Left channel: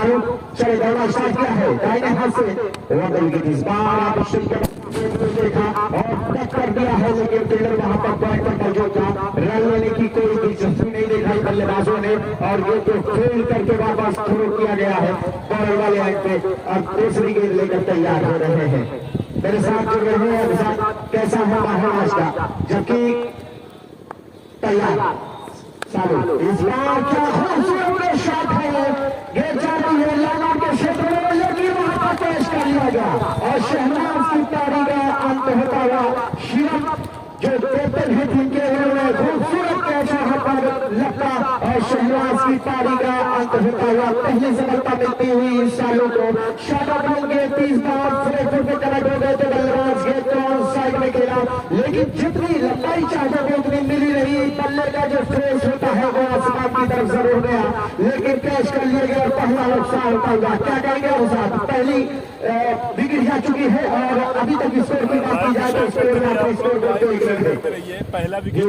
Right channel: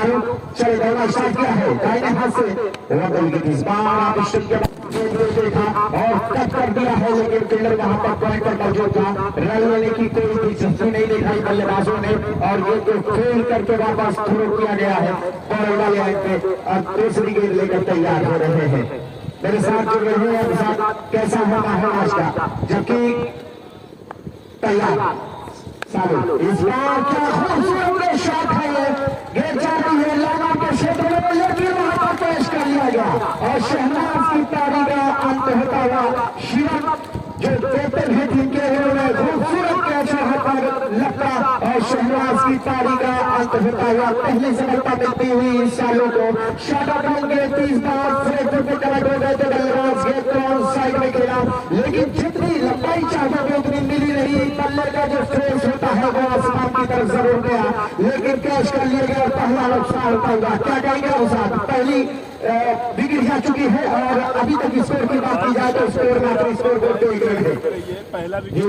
शाहरुख चले दौड़ा स्टार्ट किया है दाहिने हाथ से इस बार देखा और कट कर दिया है, लेकिन टेलर वहां पर करेक्टर मौजूद था। रन लेने की कोई दिलचस्पी नहीं दिखाई बल्लेबाजों ने और ये तो फेल करके वापस थ्रो किया गया है बॉल वाले एंड पे। अब दूसरी गेंद लेकर तैयार हो रहे हैं, मेरे साथ जुड़ रहे हैं। कैसा होगा है आज का, जबकि तैयार सालों इस बार क्या खूबसूरत शॉट है, गेंद जाती है लाइनों के क्षेत्र में, लेकिन वहां पेश कर लिया गया और शहनाज की तारी का अंत होता हुआ शिरक जो कैप्टन है टीम के उन्होंने खूबसूरत कैच पर लगता और शहनाज की तारी का अंत होता हुआ पहले से लगता मिलती हुई इस सालों को शॉट ऑन के 30 बार फ्लेक्टर पे कनेक्ट हो गए थे बल्लेबाज गेंद को साइड में खेला, लेकिन जितनी लंबाई चाहता था उतनी मिली नहीं। बल्ले का जो फोर्स होता है वो आसमान की तरफ जरूर गया, लेकिन कैच कर लिया गया और पहला नुकसान होता हुआ। क्या कहेंगे उसाद, पहली विकेट जा चुकी है और अभी तक स्कोर की बात की जाए तो स्कोर में स्कोर को कोई गिरफ्त है। पहला विकेट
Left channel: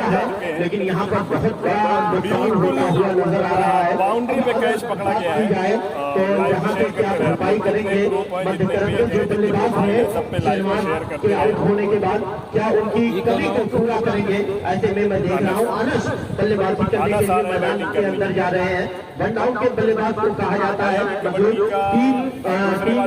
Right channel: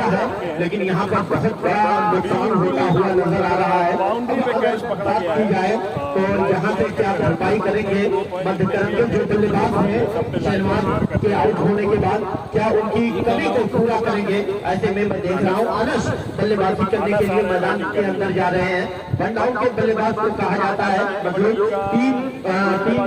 है, लेकिन यहाँ पर बहुत बड़ा नुकसान होता हुआ नजर आ रहा है। बाउंड्री पे कैच पकड़ा जाए तो यहाँ पे क्या भरपाई करेंगे मध्यकरण के जो बल्लेबाज हैं सलमान के आउट होने के बाद, क्या उनकी कमी को पूरा करेंगे? ऐसे में मैं देख रहा हूँ अनस बल्लेबाजी करने के लिए मैदान के अंदर जा रहे हैं। रन आउट के बल्लेबाज को कहा जाता है, मतलब टीम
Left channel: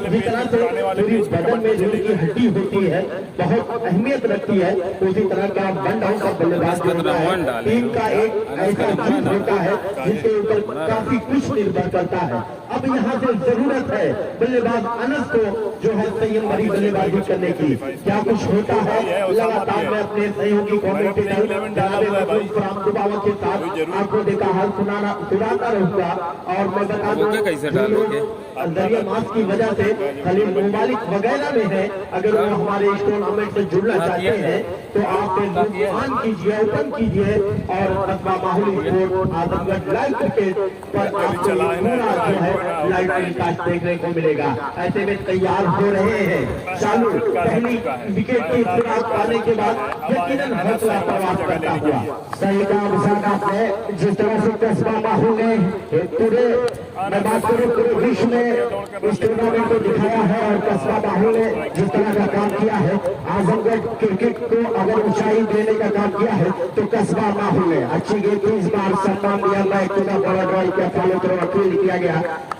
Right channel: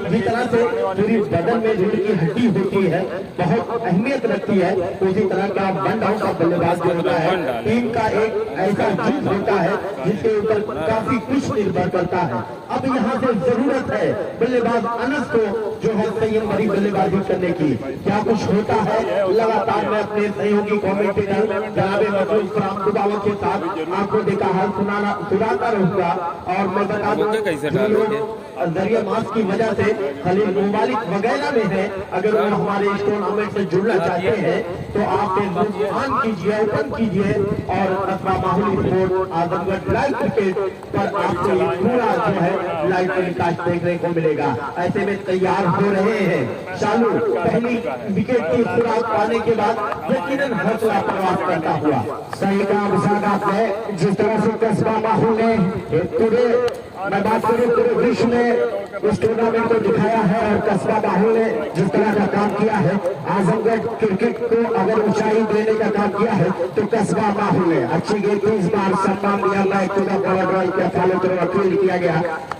जिस तरह से पूरी बदन में रीढ़ की हड्डी होती है, बहुत अहमियत रखती है, तो इसी तरह का रन आउट का बल्लेबाज होता है। टीम का एक ऐसा जुट होता है जिसके ऊपर काफी कुछ निर्भर करता है। अब यहाँ से जरूरत है बल्लेबाज अनस को जो है संयम भरी बल्लेबाजी करने की। क्या कुछ होता है लगातार मैं अपने सहयोगी कमेंटेटर के साथ आपको देखा है सुनाता रहूंगा और मैं बता दूं कैसे डालोगे दरिया मास की वजह से खाली मोबाइल वगैरह में है। अगर आप हमारे इस टूर्नामेंट से जुड़ना चाहते हैं तो आप ऑन कीजिए, ओपन कीजिए और कस्बा माहौली स्पोर्ट आजमगढ़ लाइव क्रिकेट पर आपको पूरा जो है लाइव टेलीकास्ट देखने को मिलेगा। ऐसे में तैयार हो रहे हैं चालू पहली विकेट की शुरुआत आने के बाद यकीनन हौसला प्रयास करता हुआ सही काम है। जिस तरह से कस्बा माहौल ने पूरे मैं बात करूं पूरे विश्व में इस टूर्नामेंट को दिखाया है और कस्बा माहौल ने जिस तरह का काम किया है, आजमगढ़ क्रिकेट को अगर ऊंचाई देने का काम किया है तो कस्बा माहौल ने अच्छी गेंद 30 बार सम्मान दिया। लाइक चुना बड़ा बॉल का फॉलो करो फील्ड किया गया,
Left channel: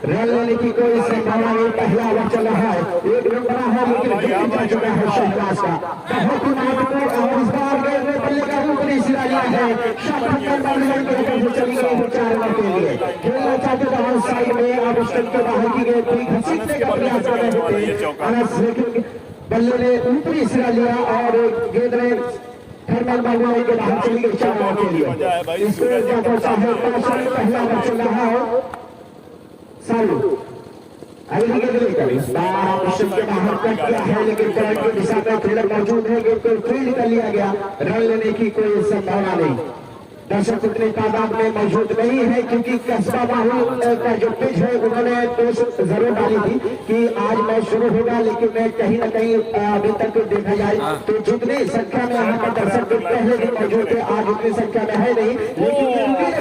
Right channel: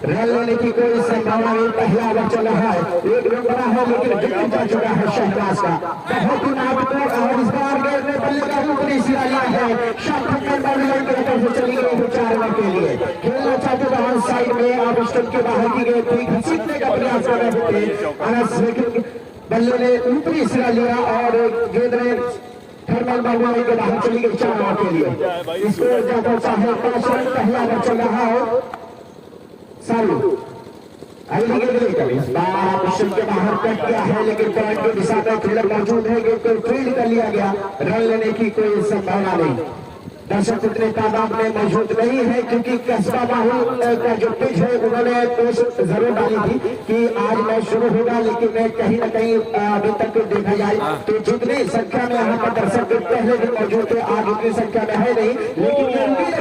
रन लेने की कोई संभावना नहीं। पहला ओवर चला है, एक रन बना है लेकिन विकेट जा चुका है शहनाज का। बहुत ही महत्वपूर्ण और इस बार गेंद में बल्लेबाज ऊपरी सिरा लिया है, शॉट कर बाउंड्री की तरफ चली गई वो 4 रन के लिए। खेलना चाहते तो साइड में आप स्टंप के बाहर की गेंद थी, घसीटने का प्रयास कर रहे थे, बल्ले ने ऊपरी सिरा लिया और गेंद में थर्मल बाउंड्री के बाहर चली गई 4 रन के लिए। इसको पहला ओवर चल रहा है सालू अगली गेंद लेकर इस बार के बाहर कट किया है, लेकिन बैट को दिशा का खेलर मौजूद है, गेंद को फील्ड कर लिया गया। रन लेने की कोई संभावना नहीं। दर्शक इतने तादाद में मौजूद नहीं है क्योंकि कस्बा माहौल का जो पिच है उन्होंने पोस्ट जरूर डाली थी कि आज मैच शुरू होगा, लेकिन कहीं न कहीं अभी तक देखा जाए तो जितनी संख्या में यहाँ पर दर्शक पहले दिन मौजूद थे आज उतनी संख्या में है नहीं, लेकिन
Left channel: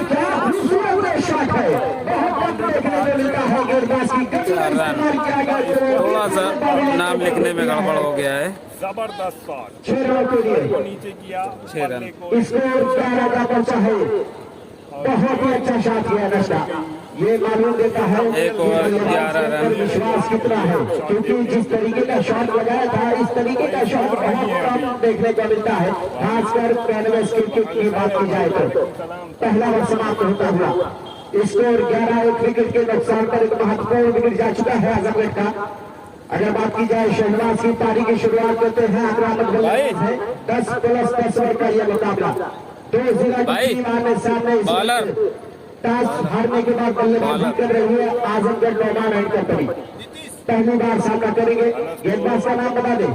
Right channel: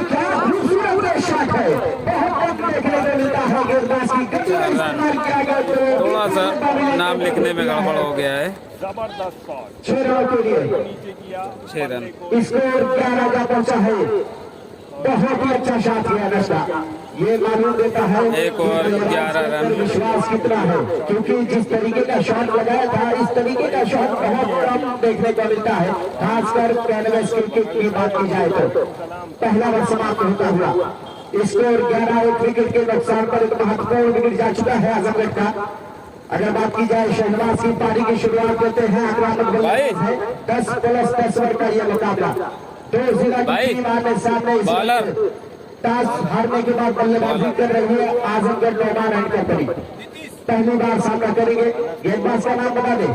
क्या खूबसूरत शॉट है, थोड़ा सा नाम लिखने में गड़बड़ हो गया है। जबरदस्त शॉट 6 रन के लिए नीचे किया 6 रन। स्कोर 11 का पहुंचा है, बहुत ही अच्छा शॉट किया नशा। ये मालूम देता है एक ओवर 11 रन। विश्वास कितना है क्योंकि जिस तरीके का शॉट लगाया था इस तरीके का शॉट बहुत कम देखने को मिलता है, खासकर कैनवस क्रिकेट की बात की जाए तो। पहला ओवर समाप्त होता हुआ स्कोर 11, एक विकेट के नुकसान पर एक महत्वपूर्ण विकेट जा चुका है आजमगढ़ का। अगर बात की जाए शहनाज की तारीख की शुरुआत करते हैं 10 प्लस 10 ओवर का यह मुकाबला 2 जिला सामने बॉलर टॉस हारने के बाद बल्लेबाजी कर रही है आजमगढ़ टूर्नामेंट के करीब पहली बार सामना करेंगे। गेंदबाज का नाम बता दें,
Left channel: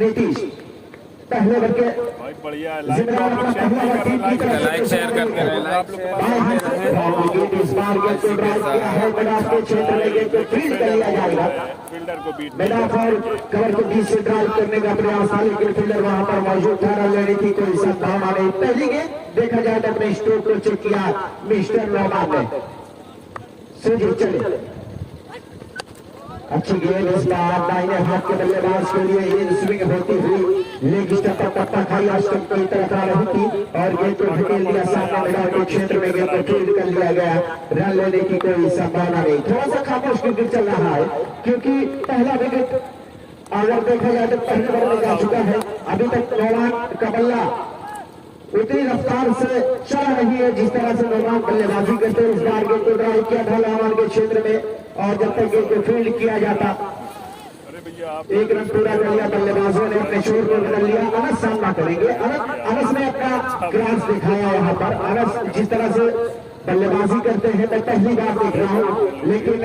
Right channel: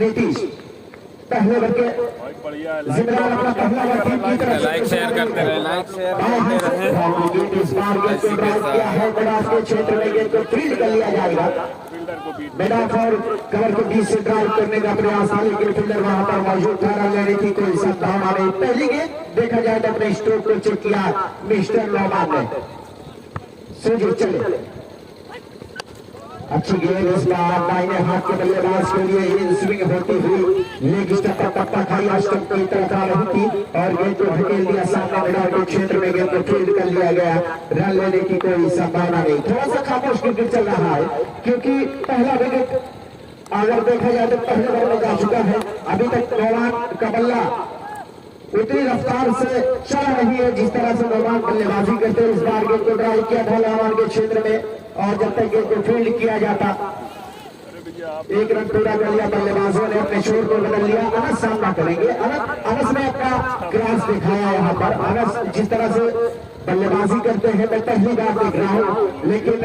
नीतीश। पहले ओवर के लाइक शेयर करते रहो, क्षेत्र में गेंद को फील्ड कर लिया जाएगा। को बीट मैदान पर कवर को बीच से ड्राइव करने का प्रयास था, लेकिन फील्डर वहां पर मौजूद था, रन लेने की कोई संभावना नहीं। पहली गेंद देखा जाए तो अपने स्ट्रोक को चेक किया मिस्टर नॉर्मन ने। सीधे चले अच्छी गेंद इसका दाहिने हाथ के बल्लेबाज के लिए ये स्विंग होती हुई लेग स्टंप पर पट्टा खाई और स्टंप की तरफ आ रही थी और गेंद को ढकेल दिया सामने मैदान के क्षेत्र में, गेंद को फील्ड कर लिया गया। रन लेने की कोई संभावना नहीं। थोड़ा सा खामोश क्रिकेट चल रहा है क्योंकि पहला विकेट अगर देखा जाए तो पहले ओवर में जा चुका है। अभी तक मेहमान का बल्ला उतनी रफ्तार से चल रही है जिस तरह से मेहमान बल्लेबाजी करते हैं। इस बार गेंद को ड्राइव किया था मेहमान के क्षेत्र में और जब तक गेंद को फील्ड किया जाता एक रन पूरा कर लिया बल्लेबाजों ने, अपने शोर को बदल लिया। अनस सामना करेंगे। अनस ने अपना क्रास दिखाया यहाँ पर। अनस जिस तरह से बल्लेबाजी करते हैं मैं पहली बार देख रहा हूँ, लेकिन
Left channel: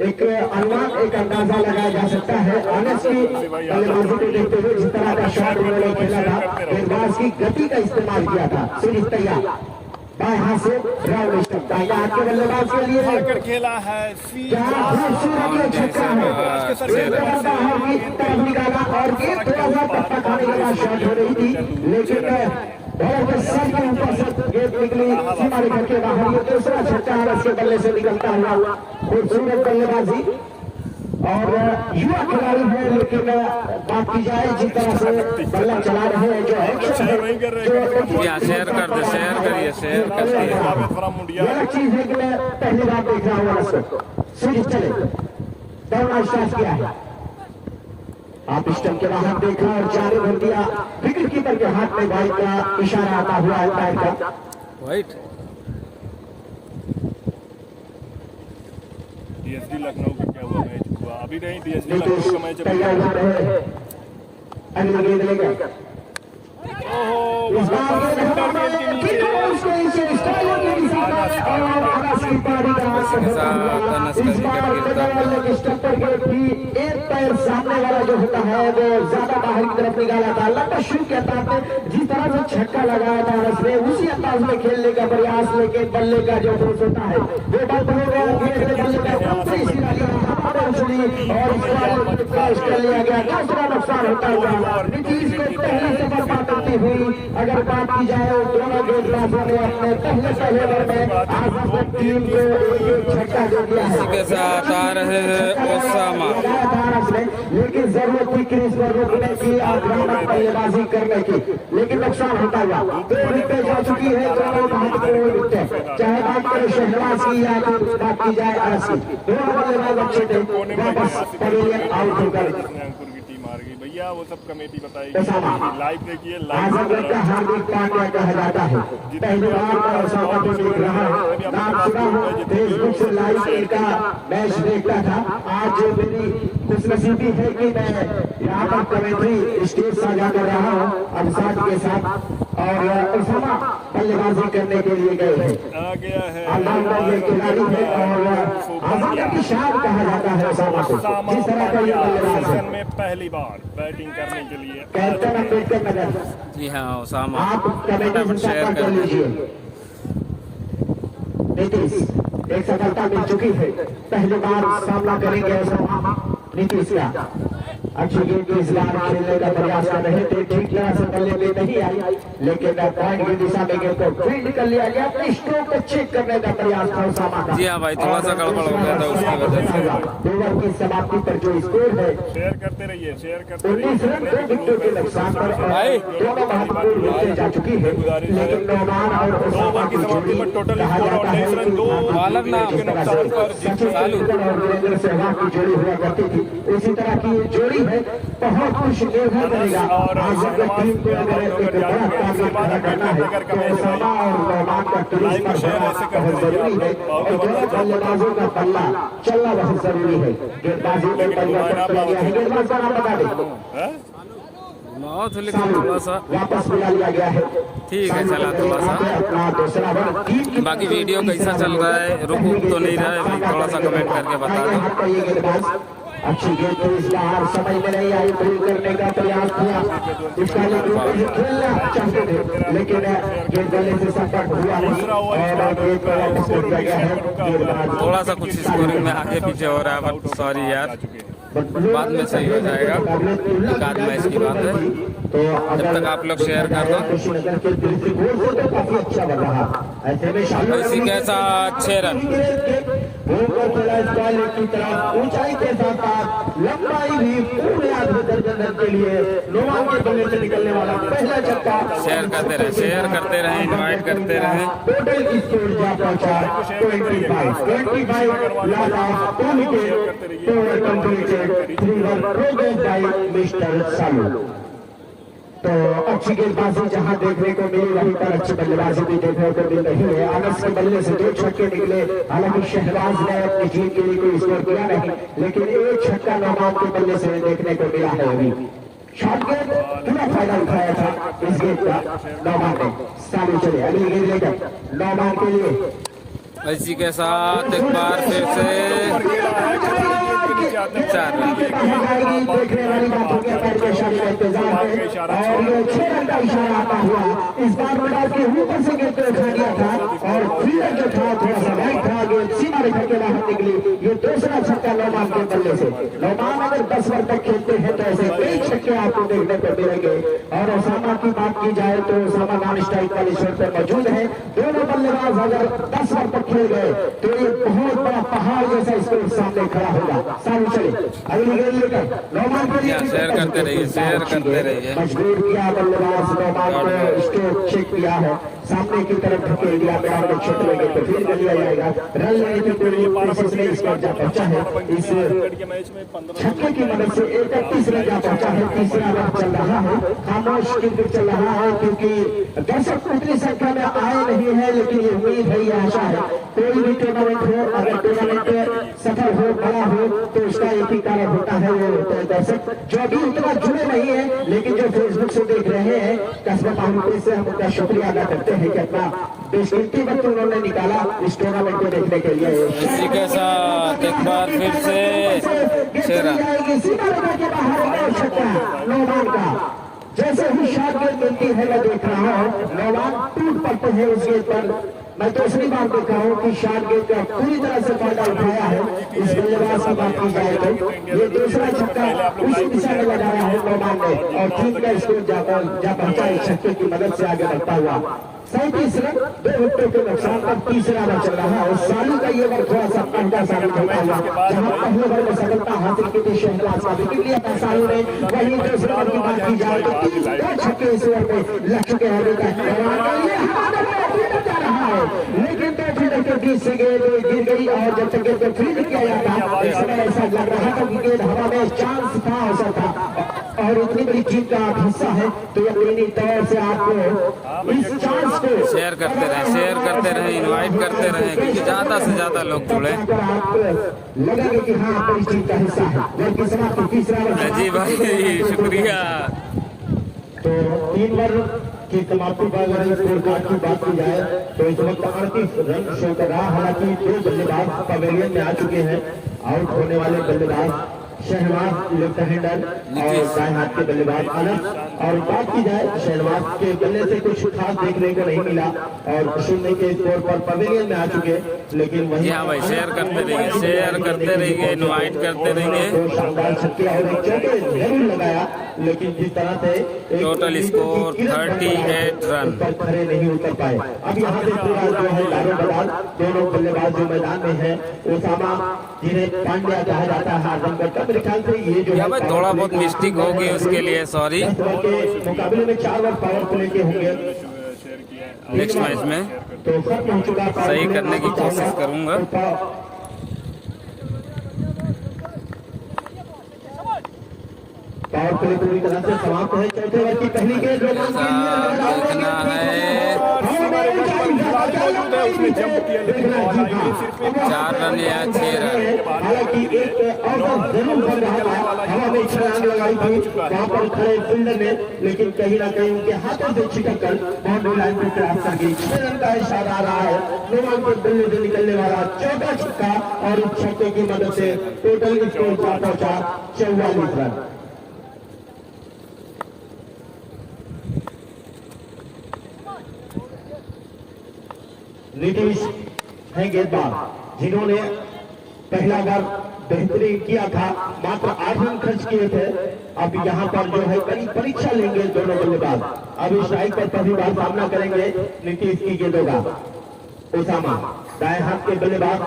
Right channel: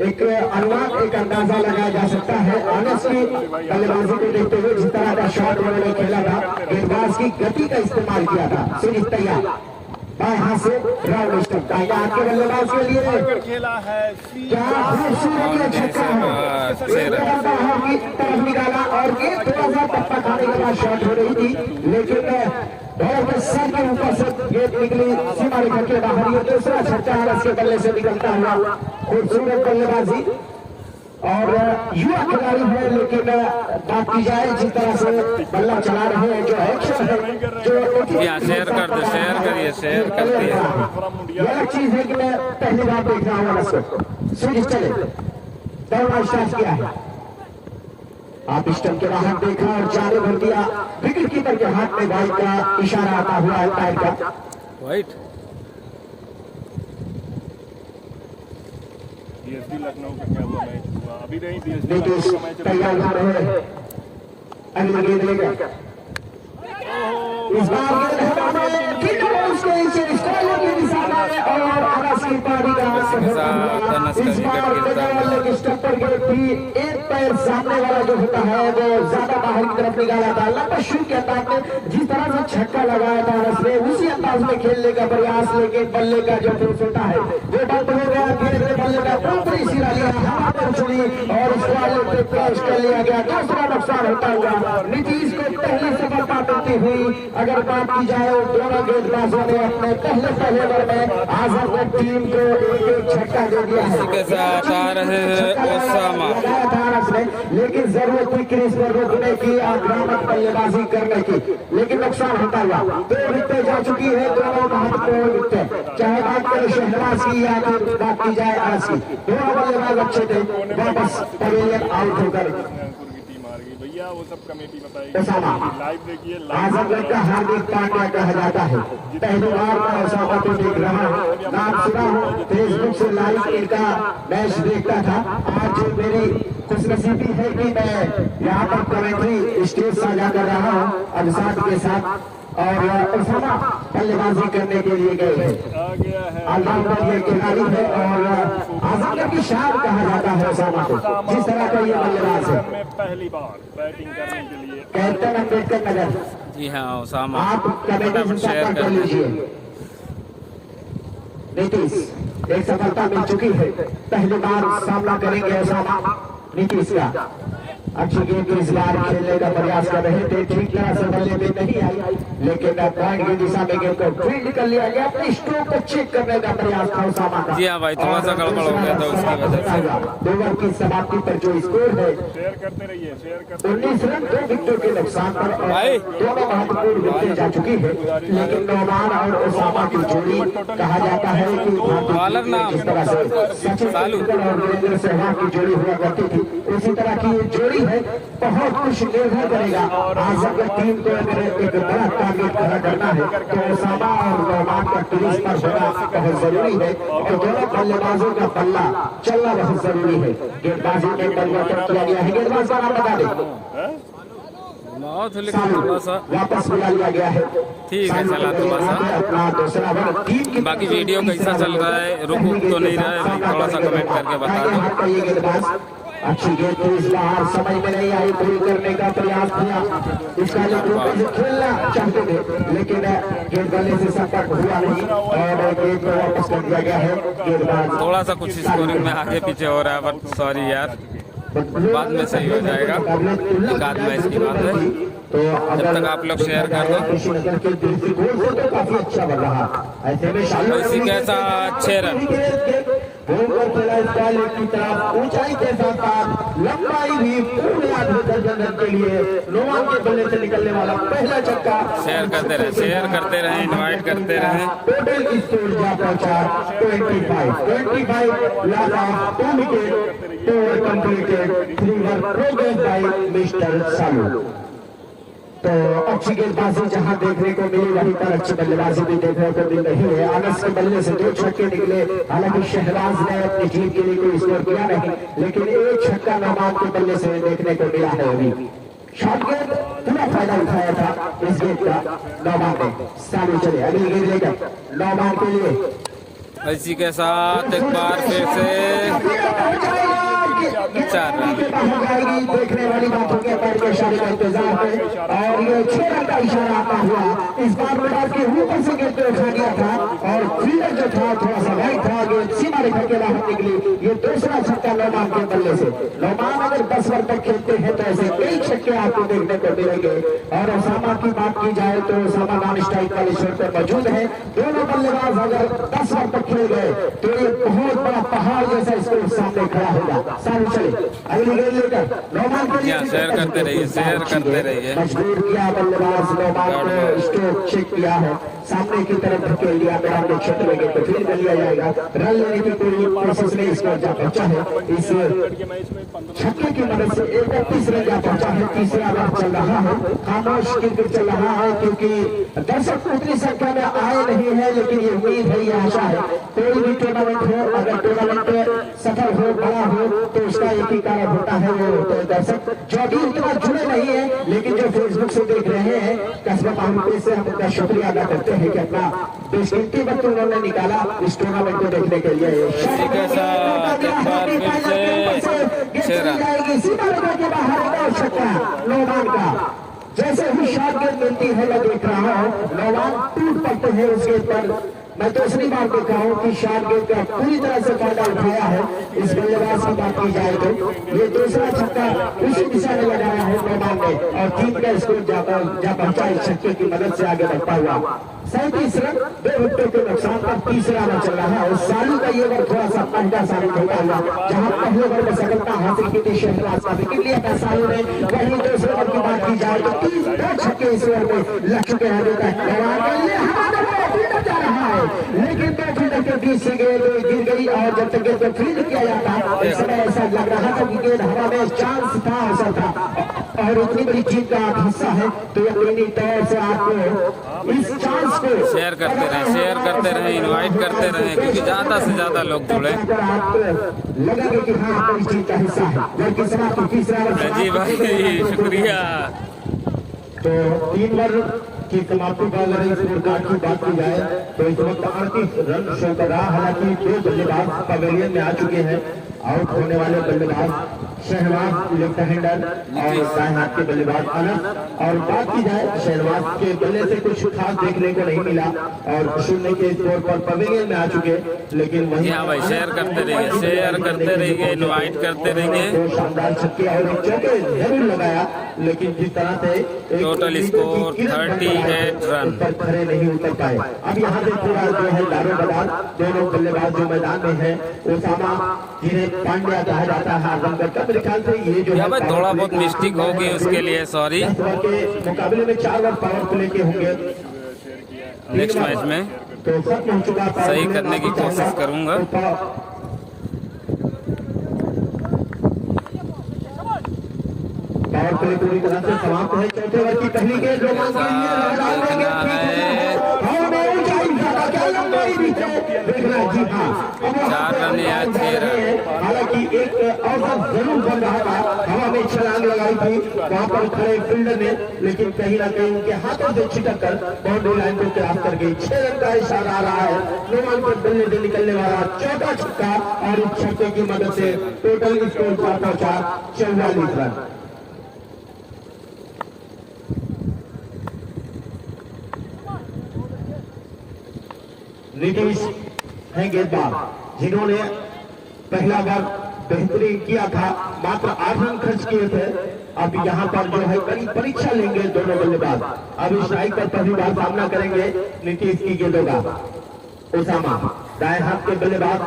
एक अनुमान एक अंदाजा लगाया जा सकता है अनस की बल्लेबाजी को देखते हुए। जिस तरह का शॉट उन्होंने खेला था, गेंदबाज की गति का इस्तेमाल किया था। सीरीज तैयार बाएं हाथ से राउंड स्टंप दाहिने हाथ के बल्लेबाज के लिए खेला है निकाला और गेंद थोड़ा सा टप्पा खाने के बाद शॉट हो रही थी, लेकिन सर के ऊपर से गेंद निकली सीमा रेखा के बाहर। ये दूसरा छक्का अनस के बल्ले से निकलता हुआ खूबसूरत बल्लेबाजी और युवा खिलाड़ी है, लेकिन बात की जाए जिस तरह से बल्ला चला रहे हैं जो एक्शन है यहाँ शेयर कर दे, शेयर करिए, शेयर कर दिए। यह चीज है कि मैं पहली बार देख रहा हूँ उसको। सीरीज चले दौड़ना स्टार्ट किया है। आप स्टंप के बाहर देखा और जाने भर दिया। विकेट कीपर के हाथ में वाइट का इशारा आता हुआ अंपायर का। वाइट डीएसडी लखनऊ का क्या हुआ मैच हुआ अभी नहीं। डीएसडी नीतीश लखनऊ का मैच तैयार हो रहे हैं। अगली गेंद लेगा इस बार के साथ अनस का विकेट गिरता हुआ। एक पैर सामने वाला जो होता है वो ज्यादा बाहर की तरफ निकाला था। लंबा शुरू के अंदाज में जिस तरह से छक्का लगाया था अनस ने, उसी अंदाज में खेलने का प्रयास, लेकिन बल्ले का जो फोर्स होता है जो डंप हो गया बल्ले का ऊपरी सिरा लिया और इसको क्रॉस कर लिया गया। दूसरा नुकसान होता हुआ नीतीश को पहले से बर्बाद करती हुई अगर बात की जाए दोनों गेंदबाजों ने अपने पहले ओवर में आजाद टीम को एक झटका दे दिया है। इसी के साथ आ रहे हैं ओसामा। लेकिन जरूरत थी क्रीज पर रोकने की, आक्रामक बल्लेबाजी करने की, लेकिन नुकसान होता हुआ। 2 विकेट जा चुकी है, दोनों महत्वपूर्ण विकेट, चाहे बात करें शहबाज की या बात की जाए आज की। दोनों बल्लेबाज अच्छे थे, वापस पवेलियन आउट होकर अंकुर की टीम हार गई भैया। वो सब कमेटी बताएगी। लाइव देखिए, लाइव हार्दिक पांड्या कहा जाता है। पहली बार ऐसा मौका देख रहा हूं। रात सुबह फेसबुक से लाइव इनका मैच देखता था। आज मेरी खुशनसीबी है कि मैं यहाँ पर कमेटी स्टेज से जाकर रहा हूँ अभिषेक के साथ और ओसामा बल्लेबाजी करने के लिए गए हैं। आ गया है ये खिलाड़ी है और आजाद की शान कहा जाता है ओसामा को। जिस तरह का ये बल्लेबाज है में पहली बार बैटिंग करने के लिए। कैप्टन अम्बेडकर नगर। जी हाँ ओसामा आप फटाफट शेयर कर दीजिए। नीतीश एक सफलता मिल चुकी है, पहली बार सामना करेंगे ओसामा नीतीश का। अच्छी गेंद इस बार खेलने का प्रयास कर रहे थे, ठीक तरह से बल्ले में नहीं आई, लेकिन पॉइंट की दिशा में गेंद को फील्ड कर लिया गया। अपनी स्ट्रोक को चेक करने का प्रयास था ओसामा का। जी हाँ भाई, थोड़ा सा गड़बड़ हो गया था उसकी वजह से। 2 ओवर की समाप्ति पर जो स्कोर है शेयर करते रहिए, शेयर करते 19 रन 2 विकेट के नुकसान पर दोनों महत्वपूर्ण विकेट जा चुकी है, लेकिन मेहमान और ओसामा की जोड़ी कहा जाता है कि जिस तरह से सचिन तेंदुलकर और वीरेंद्र सहवाग की जोड़ी हुआ करती थी, उसी तरह की ये जोड़ी है। बहुत कुछ निर्भर करेगा आजाद टीम को अगर एक बड़ा टारगेट खड़ा करना है तो ओसामा और मेहमान का क्रीज पर होना बहुत जरूरी है। दोनों बल्लेबाजों का बल्ला चलना बहुत जरूरी है। गेंदबाजी में परिवर्तन किया गया है। गेंदबाज का नाम बता दें बहुत, लेकिन थोड़ा सा वापस बुला लिया गया है। ठीक है, चला थोड़ा सा। बाकी वीडियो कैसा चल रहा है, रुक तो नहीं रहा है भाई, थोड़ा सा कमेंट करके बता दो। अच्छी गेंद तो इस बार समझ में नहीं आई, थ्रो करने का प्रयास था। इसका खेलना चाहते थे, लेकिन गेंद गले से संपर्क हुआ नहीं और गेंद को वापस कर दिया गया है। गेंदबाज थोड़ा सा कुछ स्कोरिंग में आगे पीछे हो रहा है, बट सॉरी यार। बाद में सही हो जाएगा, एक आध मैच की बात है। जब तक आप लोग शेयर कर दो। ऐसी कैसा 6 रन ऊंचाई के साथ लंबाई भी के लिए नोमान के बल्ले से निकलने वाला पहला छक्का। शेयर करते रहें, इनवाइट करते रहें। टोटल स्कोर जा पहुंचा 25 last 2 wicket, 2 over completed, 3 run progress by mister Salu. तो अच्छी गेंदबाजी जहां देखने को मिली वहीं पर अच्छी बल्लेबाजी भी देखने को मिल रही है। अनस के बल्ले से 2 छक्के निकले, हालांकि शहबाज ने अपनी टीम के लिए कोई स्कोर किया नहीं, लेकिन एक छक्का नौमान के बल्ले से देखने को मिला है। अभी शॉर्ट गेंद पूरा फायदा उठाया था इस गेंद का नौमान ने। सालू चले अगली गेंद लेकर नौमान के लिए। इसी के साथ एक बार फिर से 4 रन। देखने वाली बातों के पैर के इशारे का इंतजार है और ये 6 रन का इशारा आता हुआ इस बार बॉलर के ऊपर से गेंद को उठा दिया था और फील्डर जो था थोड़ा सा राइट था, गेंद सीमा रेखा के बाहर निकली। ये दूसरा छक्का नौमान के बल्ले से। नौमान अगर 10 ओवर तक खेलते हैं तो ऐसे कई छक्के आपको देखने को मिलेंगे। और ओसामा की बात की जाए तो ओसामा नॉन स्ट्राइक वाली शॉट पर मौजूद है। दोनों बल्लेबाज अगर 10 ओवर तक खेल गए तो ये बहुत बड़ा पहाड़ जैसा स्कोर सामने खड़ा होगा। सामने चले अगली गेंद लेकर नौमान के लिए। शेयर करते रहिए। मजबूर किया बल्लेबाज नौमान को, स्ट्रोक चेक किया है, सामने की तरफ धकेल दिया। मैदान के क्षेत्र में गेंद को फील्ड कर लिया जाएगा। रन लेने की पूरी कोशिश में स्कोर जा पहुंचा है। इस छक्के की मदद से 31 रन जा पहुंचा है। तीसरा मैच चल रहा है, खामोश क्रिकेट चल रहा है क्योंकि दर्शक उतनी संख्या में आए नहीं है, लेकिन ये उम्मीद है, ये आशा है कोई भी टूर्नामेंट हो, अगर टूर्नामेंट सफल हो, बड़ा हो तो उसका एक ही कारण होता है वो दर्शक जो अभी तक जुड़े नहीं है, लेकिन जो फेसबुक से देख रहे हैं। कस्बत अहमद से हम उनका शुक्रिया अदा करते हैं कि अपना बेशकीमती वक्त उन्होंने निकाला इस टूर्नामेंट को देखने के लिए। इसी के साथ एक बार फिर से 6 रन। जैसे ही शॉट गेंद मिलती है मैं देख रहा हूँ नौमान टूट पड़ते हैं उस गेंद पर। मैं दूसरी बार देख रहा हूँ कि शॉट गेंद का पूरी तरह से फायदा उठाया है इस बल्लेबाज की बात की जाए तो। ये दूसरा छक्का उसी दिशा में लगाया है नौमान ने और टीम का स्कोर जा पहुंचा इस छक्के की मदद से आगे बढ़ता हुआ। 37 रन, 2 विकेट के नुकसान पर तीसरा मैच चल रहा है और सालू का ये ओवर थोड़ा सा महंगा साबित होता हुआ। जहां पहले ओवर में सफलता हासिल की थी शहबाज साबित लिया था सालू ने, वहीं दूसरे ओवर की बात की जाए तो 2 छक्के इस ओवर में लग चुके हैं। लेकिन तो 20 से गेंद गिर गई और जब तक गेंद को फील्ड किया जाता इस समय ऐसा लग रहा था कि गेंद हवा में चांस था, ऐसा था और इतनी बड़ी जीत का हिस्सा है तो यकीनी तौर से आपको इस चांस को शेयर करते रहें, इनवाइट करते रहें क्योंकि ज्यादा से ज्यादा लोग जुड़े। लगेगा कि हाँ आपको इस जीत का हिस्सा है। तीसरा जी भाई शुक्रिया। तो 3 ओवर की समाप्ति पर स्कोर कार्ड की बात की जाए तो इस वक्त 38 रन चल रहा। हालांकि 2 बल्लेबाज पवेलियन में आ चुके हैं। आउट होने वाले बल्लेबाज शहबाज लेफ्ट हैंडर और दाएं हाथ के बल्लेबाज अनस। और बात की जाए शहबाज के बल्ले से कुछ खास देखने को नहीं मिला और शून्य के स्कोर पर पवेलियन में आ चुके, लेकिन जी हाँ भाई शेयर करते रहिए, इनवाइट करते रहिए। शानदार छक्के और चौके जरूर लगाया, लेकिन जिस तरह से टोटल स्कोर 38 रन। खड़े नहीं उतर पाए। अब यहाँ से पूरा जो है दारोमदार दोनों बल्लेबाज जो मैदान में है, ओसामा जिन्हें पांड्या कहा जाता है आजमगढ़, मेरे ख्याल से ये जो भाई थोड़ा बहुत मिस्टेक हो गई उसके लिए सॉरी। मुकाबले में 4 ओवर पावर प्ले के होंगे नेक्स्ट मैच में तो पहुंच चुका सही करने की कोशिश करूंगा। पावर प्ले पूरी तरह से समाप्त है। चौथे ओवर की पहली गेंद देखना है 4 रन या 6 रन। हालांकि एक अवसर जरूर बन रहा था, हवा में छलांग लगाई थी वहां पर खड़े फील्डर ने, लेकिन कहीं ना कहीं उनके हाथों से छिटक कर बाउंड्री लाइन पर क्रॉस कर गई। 6 रन का इशारा आ रहा है। नौमान के बल्ले से निकलने वाला चौथा छक्का और इस छक्के की मदद से टोटल स्कोर पर पहुंचा 44 रन। नीतीश है गेंदबाज जिन्होंने पहला बार बेहतरीन किया था, मात्र 8 रन खर्च किए थे। अब यहाँ पर जो है कड़ी परीक्षा लेंगे दोनों बल्लेबाज। अब स्ट्राइक पर पहली बार सामना करेंगे नीतीश की गेंदों का। उसामा दाएं हाथ के बल्लेबाज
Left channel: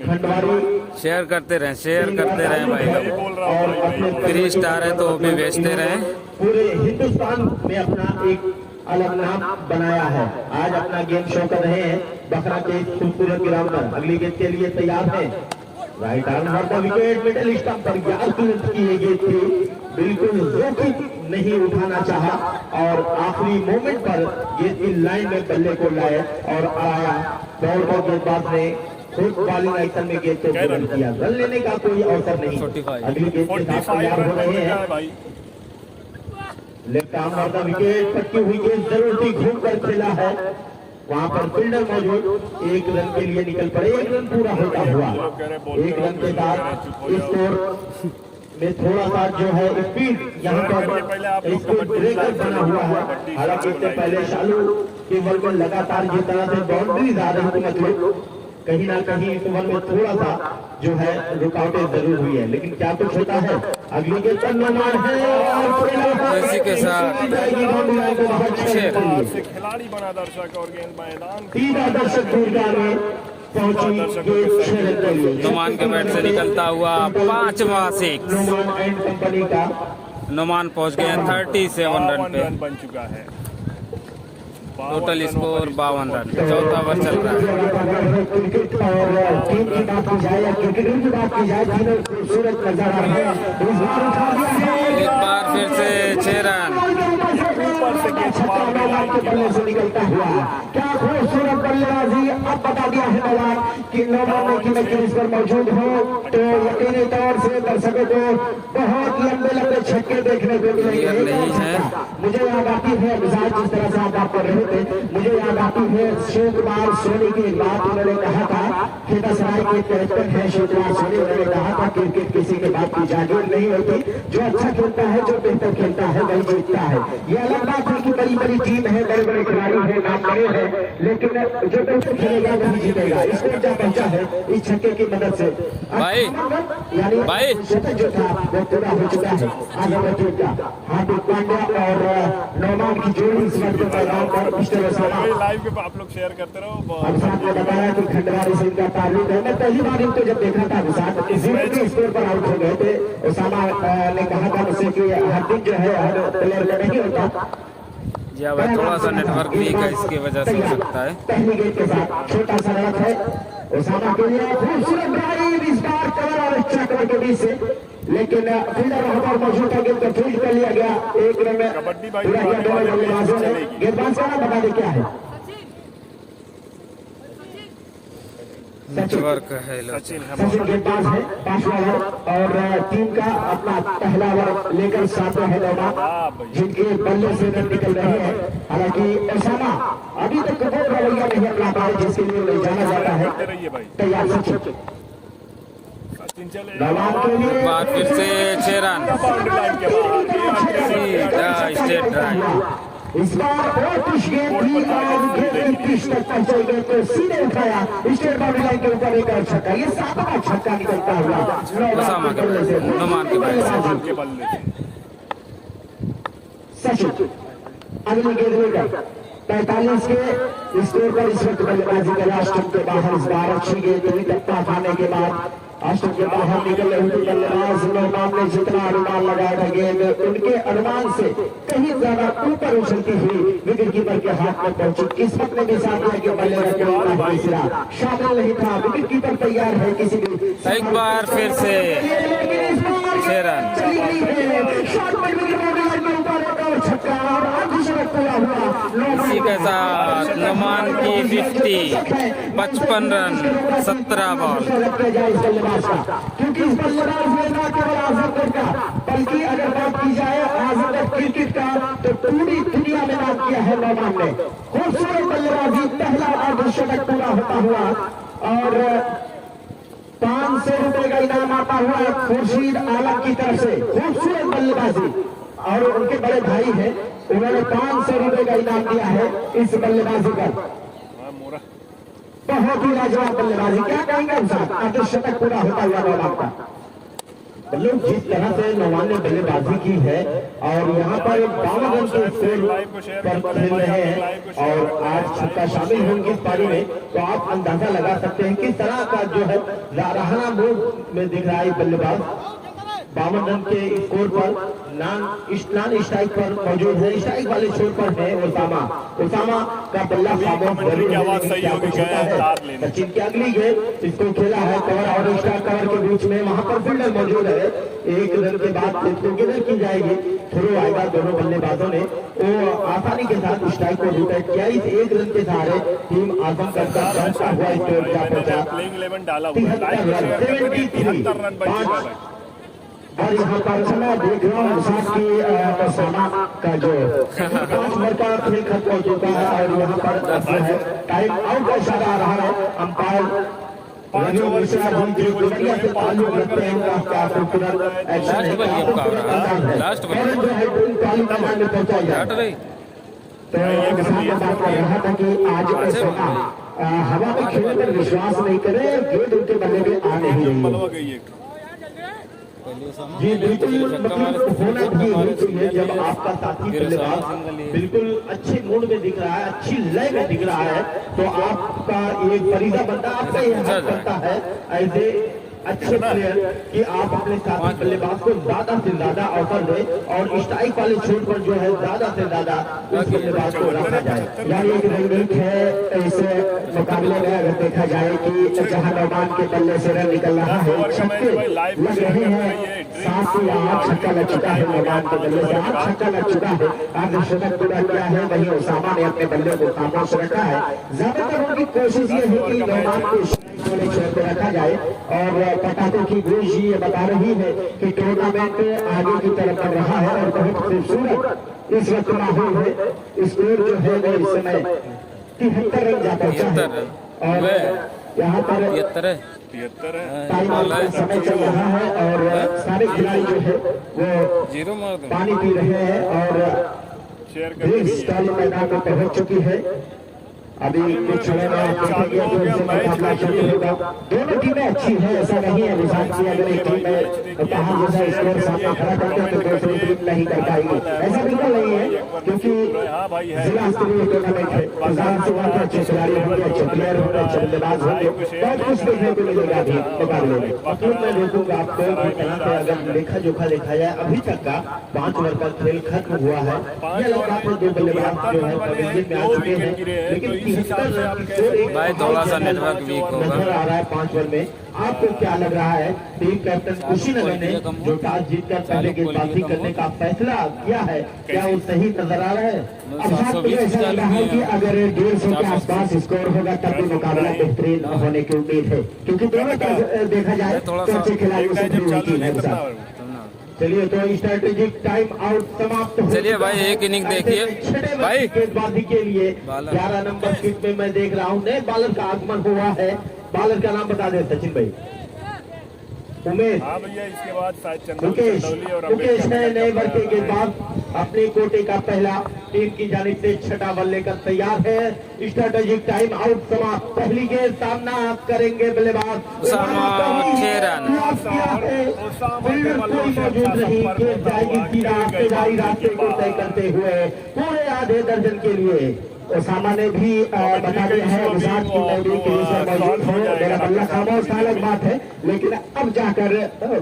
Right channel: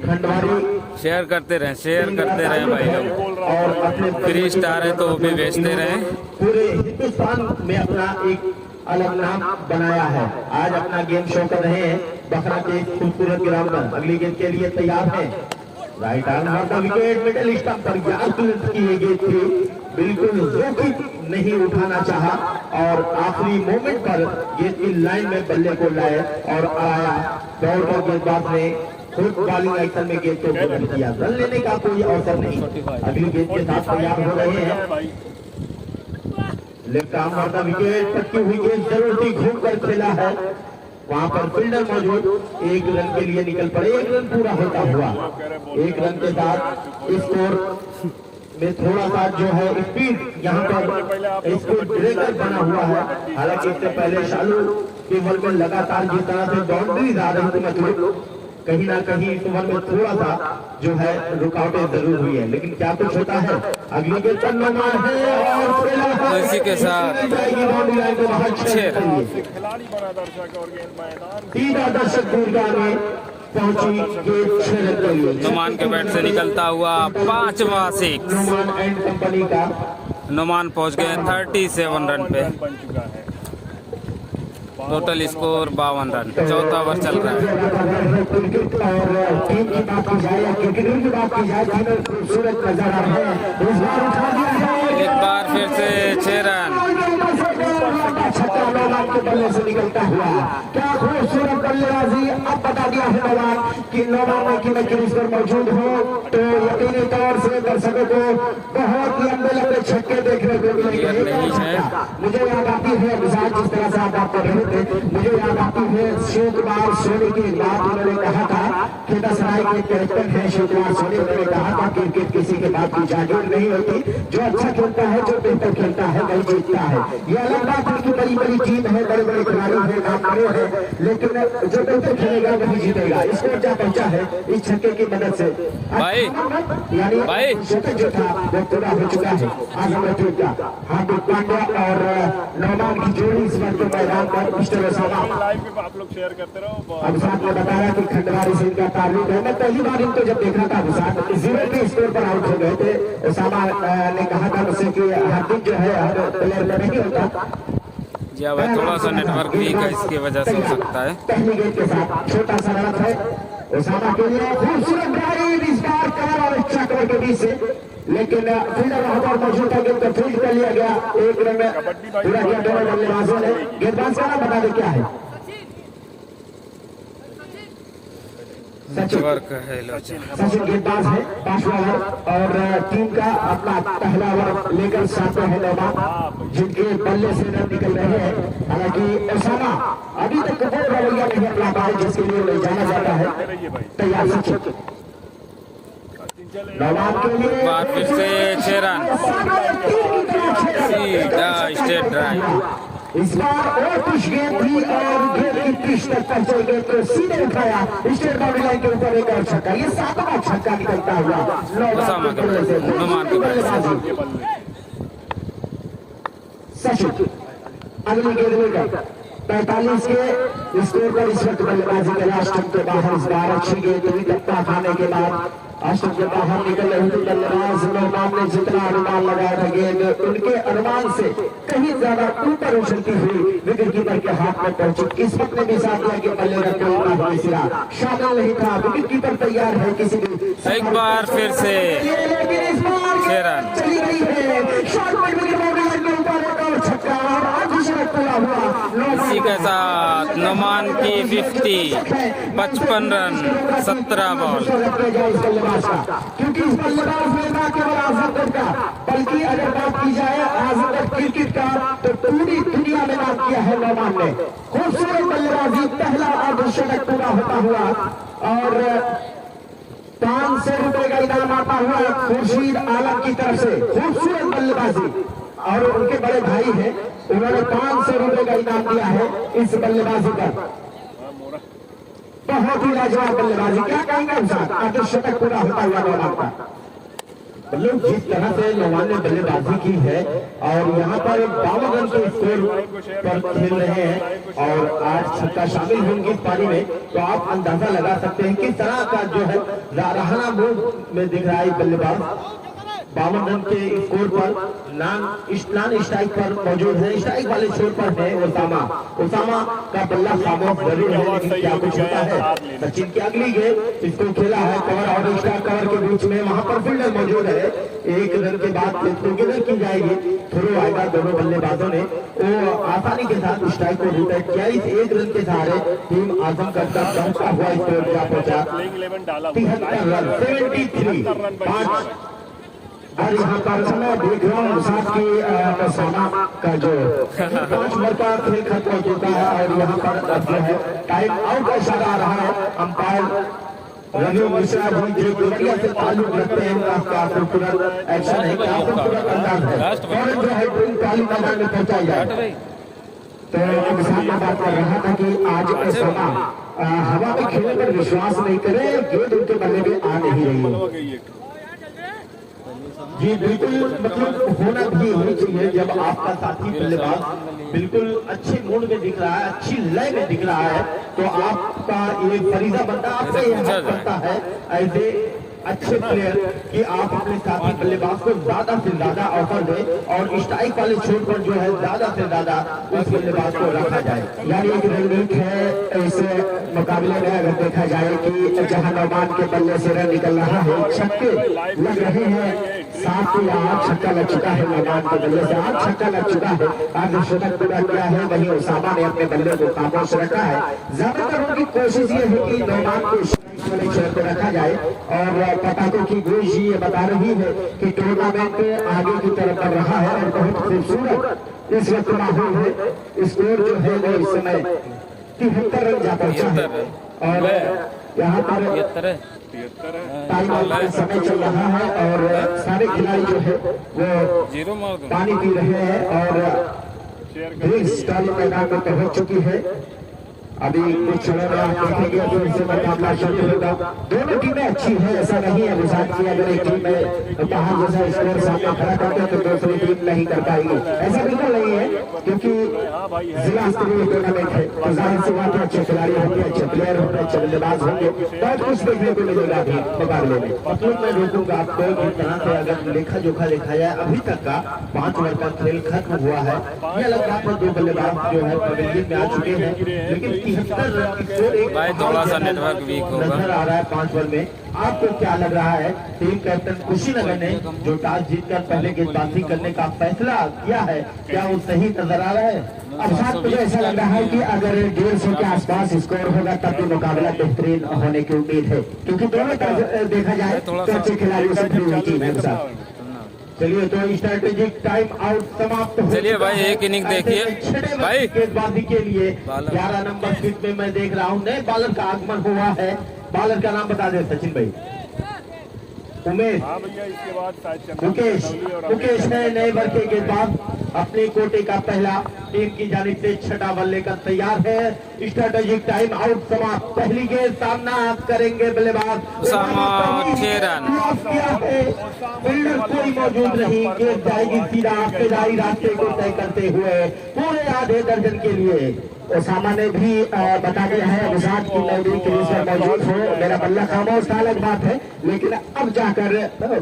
खंडवारी शेयर करते रहें भाई लोग। फ्री स्टार है तो वो भी बेचते रहें। पूरे हिंदुस्तान में अपना एक अलग नाम बनाया है। आज अपना गेम शो कर रहे हैं बखरा के खूबसूरत ग्राउंड में। अगली गेंद के लिए तैयार है। राइट आर्म का विकेट मिडिल स्टंप पर याद की ये गेंद थी, बिल्कुल जोखिम नहीं उठाना चाहा और आखिरी मोमेंट पर गेंद की लाइन में बल्ले को लाए और आया। दौड़ पर गेंदबाज ने खुद बॉलिंग एक्शन में गेंद को बदल किया। रन लेने का कोई अवसर नहीं। अगली गेंद के साथ तैयार हो रहे हैं। लेफ्ट आर्म का विकेट, पटकी हुई गेंद जरूर ही घूम कर खेला है। वहां पर फील्डर मौजूद, 1 रन के लिए निकल पड़े। 1 रन पूरा होता हुआ 1 रन के बाद स्कोर में थोड़ा सा जो है स्पीड यहाँ पर स्पीड ब्रेकर बना हुआ है। हालांकि इससे पहले शालू टेबल में लगातार जिस तरह से बाउंड्री आ रही थी, मतलब कहीं ना कहीं इस ओवर में थोड़ा सा जो है रुकावटें जरूर हुई है, लेकिन क्या कुछ होता है। अगली गेंद पर इसी के साथ खिलाड़ी बना दर्शक और गेंद मैदान सीधा दर्शक नुमान के बैट से निकलता हुआ 5वां 6। कंपनी का नुमान पहुंच गए 37 रन पे। बन चुका है। Total score 52 run. चौथा ओवर चल रहा है। क्रिकेट और टीम की बात की जाए या क्रिकेटर की बात की जाए, तीनों खूबसूरत नजारा है। एक बार फिर से 6 रन। से निकलता हुआ क्या खूबसूरत बल्लेबाजी। अब बता दिया है कि नौबान की इस पर मौजूद हो तो यकीनी तौर से दर्शकों को बहुत लंबे लंबे छक्के देखने को मिलेंगे। नहीं है। मुझे याद आती है विशाल, जिस तरह से आप बात कर रहे थे, मुझे याद आती है शिवकुमार सोनी की बात। उन्होंने कहा था कि दसराय के कैप्टन है शिवकुमार सोनी। उन्होंने कहा था क्रिकेट किसी के बात की जागीर नहीं होती, जो अच्छा खेलता है, जो बेहतर खेलता है वही जीतता है। ये अलग बात है कि बड़ी बड़ी टीम है, बड़े बड़े खिलाड़ी है, नाम बड़े हैं, लेकिन जो बेहतर खेलेगा वही जीतेगा। इसको क्या पहुंचा है इस छक्के की मदद से भाई यानी भाई जो था वो पूरा हो चुका है। आज हमें हार्दिक पांड्या और नौमान की जोड़ी इस वक्त मैदान पर इस तरह से लाइव के आप लोग शेयर करते रहो। अब साथ में बताया कि खंडवारी सिंह का तारीफ है। मैं पहली बार इनको जब देख रहा था साथ 0 के स्कोर पर आउट हो गए थे। उसामा ने कहा था मुझसे कि हार्दिक जो है हर प्लेयर में नहीं होता। जी हाँ भाई, थोड़ा सा नेटवर्क वीक है, इसकी वजह से हो सकता है। पहली गेंद के साथ छोटा सा रन है उसामा के लिए। खूबसूरत ड्राइव इस बार कवर और चक्कर के बीच से, लेकिन फील्डर वहां पर मौजूद था। गेंद को फील्ड कर लिया गया। 1 रन में पूरा किया दोनों बल्लेबाजों ने। गेंदबाज का नाम बता दे क्या है। नेटवर्क है सचिन गेंदबाज है 5वां ओवर और टीम का अपना पहला ओवर लेकर 7वां है मैदान, जिनके बल्ले से रन निकल रहे हैं। हालांकि उसामा अभी तक वो रवैया नहीं अपना पाए जिसके लिए ले जाना जाता है। तैयार सचिन के लिए एक बार फिर से 6 रन। सीधा स्ट्रेट ड्राइव। इस बार और कुछ गेंद थी और गेंद की पिच तक पहुंच गए तो सीधे उठाया स्टेट बाउंड्री लाइन के ऊपर एक और छक्का। ये 7वां छक्का निकलता हुआ उसामा के बैट से, नुमान के बैट से। सचिन अगली गेंद लेकर 45 के स्कोर पर इस वक्त बल्लेबाजी का लास्ट स्टंप के बाहर। इस बार अच्छी गेंद हुई, टप्पा खाने के बाद स्टंप के बाहर निकल रही थी बल्लेबाज। मेहमान ने जितना अनुमान लगाया था गेंद उनके अनुमान से कहीं ज्यादा ऊपर उछलती हुई विकेट कीपर के हाथ में पहुंची। किस्मत ने भी साथ दिया कि बल्ले का कोई सिरा शामिल नहीं था। विकेट कीपर तैयार है किसी भी। एक बार फिर से 6 रन। इसी के साथ नुमान की 50, 55 रन 17 बॉल। क्योंकि इस बल्लेबाज ने ना केवल आजमगढ़ का बल्कि अगर बात की जाए आजमगढ़ क्रिकेट का तो पूरी दुनिया में बात किया है नुमान ने। खूबसूरत बल्लेबाजी, पहला अर्धशतक पूरा होता हुआ और 500 रुपए का इनाम आता हुआ खुर्शीद आलम की तरफ से। खूबसूरत बल्लेबाजी और उनके बड़े भाई हैं, उन्होंने 500 रुपए का इनाम दिया है इस बल्लेबाजी पर। बहुत ही लाजवाब बल्लेबाजी। क्या जाएंगे आगे शतक पूरा होता हुआ नौमान का। मतलब जिस तरह से नौमान ने बल्लेबाजी की है और यहाँ पर 52 रन के स्कोर पर खेल रहे हैं और 8 छक्का शामिल होंगे इस पारी में, तो आप अंदाजा लगा सकते हैं किस तरह का जो है राहना मूड में दिख रहा है बल्लेबाज। 52 रन के स्कोर पर नॉन स्ट्राइक पर मौजूद है, स्ट्राइक वाले छोर पर है ओसामा का बल्ला खामोश जरूर है, लेकिन क्या कुछ होता है। सचिन की अगली गेंद इसको खेला है कवर और स्ट्राइक कवर के बीच में, वहां पर फील्डर मौजूद है। 1 रन के बाद इसको गिनर की जाएगी, थ्रो आएगा दोनों बल्लेबाजों ने तो आसानी के साथ स्ट्राइक को रिटाइट किया। इस 1 रन के सहारे टीम आजम करता हुआ स्कोर क्या पहुंचा 73 रन 73 और यहाँ पर समय देख रहा हूँ साथ की सोना का जो 5 ओवर का खेल खत्म हो चुका है और यहाँ पर टाइम आउट का इशारा आ रहा है। अंपायर रवि मिश्रा जी जो गुजरिया से ताल्लुक रखते हैं उसका खूबसूरत एक्शन है, जो है पहली मैदान में पहुंचा गया। तो किसान को बात कर रहा था कि आज सोना हवा के खेल पर विश्वास नहीं करे, गेंद उनके बल्ले में आ नहीं रही है। जी बिल्कुल, मतलब होना भी नहीं चाहिए जब आपका साथी बल्लेबाज बिल्कुल अच्छे मूड में दिख रहा है, अच्छी लय में दिख रहा है, तो आपका ये फरीजा बनता आपका ये बनता है ऐसे अच्छे प्लेयर कि आप अपने साथी बल्लेबाज को ज्यादा से ज्यादा अवसर दें और स्ट्राइक वाले छोर पर जो है ज्यादा से ज्यादा उस बल्लेबाज को रखा जाए। यानी एक रणनीति है इस मुकाबले में। अगर देखा जाए कि जहां नौमान के बल्ले से रन निकल रहा है, छक्के लग रहे हैं, 7 से 8 छक्का लग चुका है नौमान के बल्ले से, 8 छक्का लग चुका है। आज शतक पूरा किया है, वहीं ओसामा ने अपने बल्ले को खामोश रखा है। ज्यादातर उनकी कोशिश ये है कि नौमान को छोर पर रखा जाए और पटाखों की गूंज ये बता रही है कि टूर्नामेंट आगे की तरफ बढ़ रहा है और बहुत खूबसूरत इस वक्त माहौल है। स्कोर जो है वो इस समय 73 रन जाता है और यहाँ पर 73 है समय चल रहा है और सारे खिलाड़ी जो है वो जीरो मार दो पानी पी रहे हैं और ब्रिक्स काली मैदान में पहुंच चुकी है। अभी कुछ समय में देखेंगे तो इसे मुकाबला शुरू होगा। दोनों टीमें अच्छी हैं, ऐसा नहीं है विशाल की अगर एक टीम में कहा जैसा स्कोर सामना खड़ा करते हैं तो दूसरी टीम नहीं कर पाएगी, ऐसा बिल्कुल नहीं है क्योंकि जिला स्तरीय टूर्नामेंट है। जाहिर सी बात है अच्छे खिलाड़ी होंगे, अच्छे प्लेयर होंगे, अच्छे बल्लेबाज होंगे, बहुत कुछ देखने को मिलेगा भी मुकाबले में। अब मैं रोकूंगा आपको यहाँ पे अगर लेखा जोखा देखा जाए अभी तक का 5 ओवर का खेल खत्म हुआ है। ये अलग बात है 2 बल्लेबाज जो है पवेलियन में आ चुके हैं, लेकिन भाई थोड़ा सा नेटवर्क वीक होगा। आ रहा है 5 ओवर में। आपको क्या लग रहा है टीम कैप्टन कुशीनगर ने जो टॉस जीतकर पहले गेंदबाजी करने का फैसला किया है, क्या वो सही नजर आ रहा है? अर्थात तो ऐसा लग रहा है कि अगर 150 के आसपास स्कोर होगा तब भी मुकाबला बेहतरीन होने की उम्मीद है, क्योंकि दोनों देखा जाए तो अच्छे खिलाड़ियों से भी टीम है। चलिए तो स्ट्रेटेजिक टाइम आउट समाप्त। चलिए भाई एक इनिंग देखिए भाई। गेंदबाजी के लिए 11 नंबर सीट में मैं देख रहा हूँ नए बॉलर का आगमन हुआ है। बॉलर का नाम बता दे सचिन भाई। उमेश। हाँ भैया, इसके बाद मुकेश ने नए वर्ग के गेंदबाज अपने कोटे का पहला टीम की जानिब से छठा बल्ले लेकर तैयार है। स्ट्रेटेजिक टाइम आउट समाप्त। पहली गेंद सामना करेंगे बल्लेबाज कोई मौजूद नहीं, गेंद जाएगी सीधा इब्तदाई रास्ते को तय करते हुए पूरे आधे दर्जन के लिए। ओसामा ने भी बता दिया है विशाल की मैं भी मौजूद हूँ, मेरा बल्ला खामोश था अलग बात है, लेकिन अब जाकर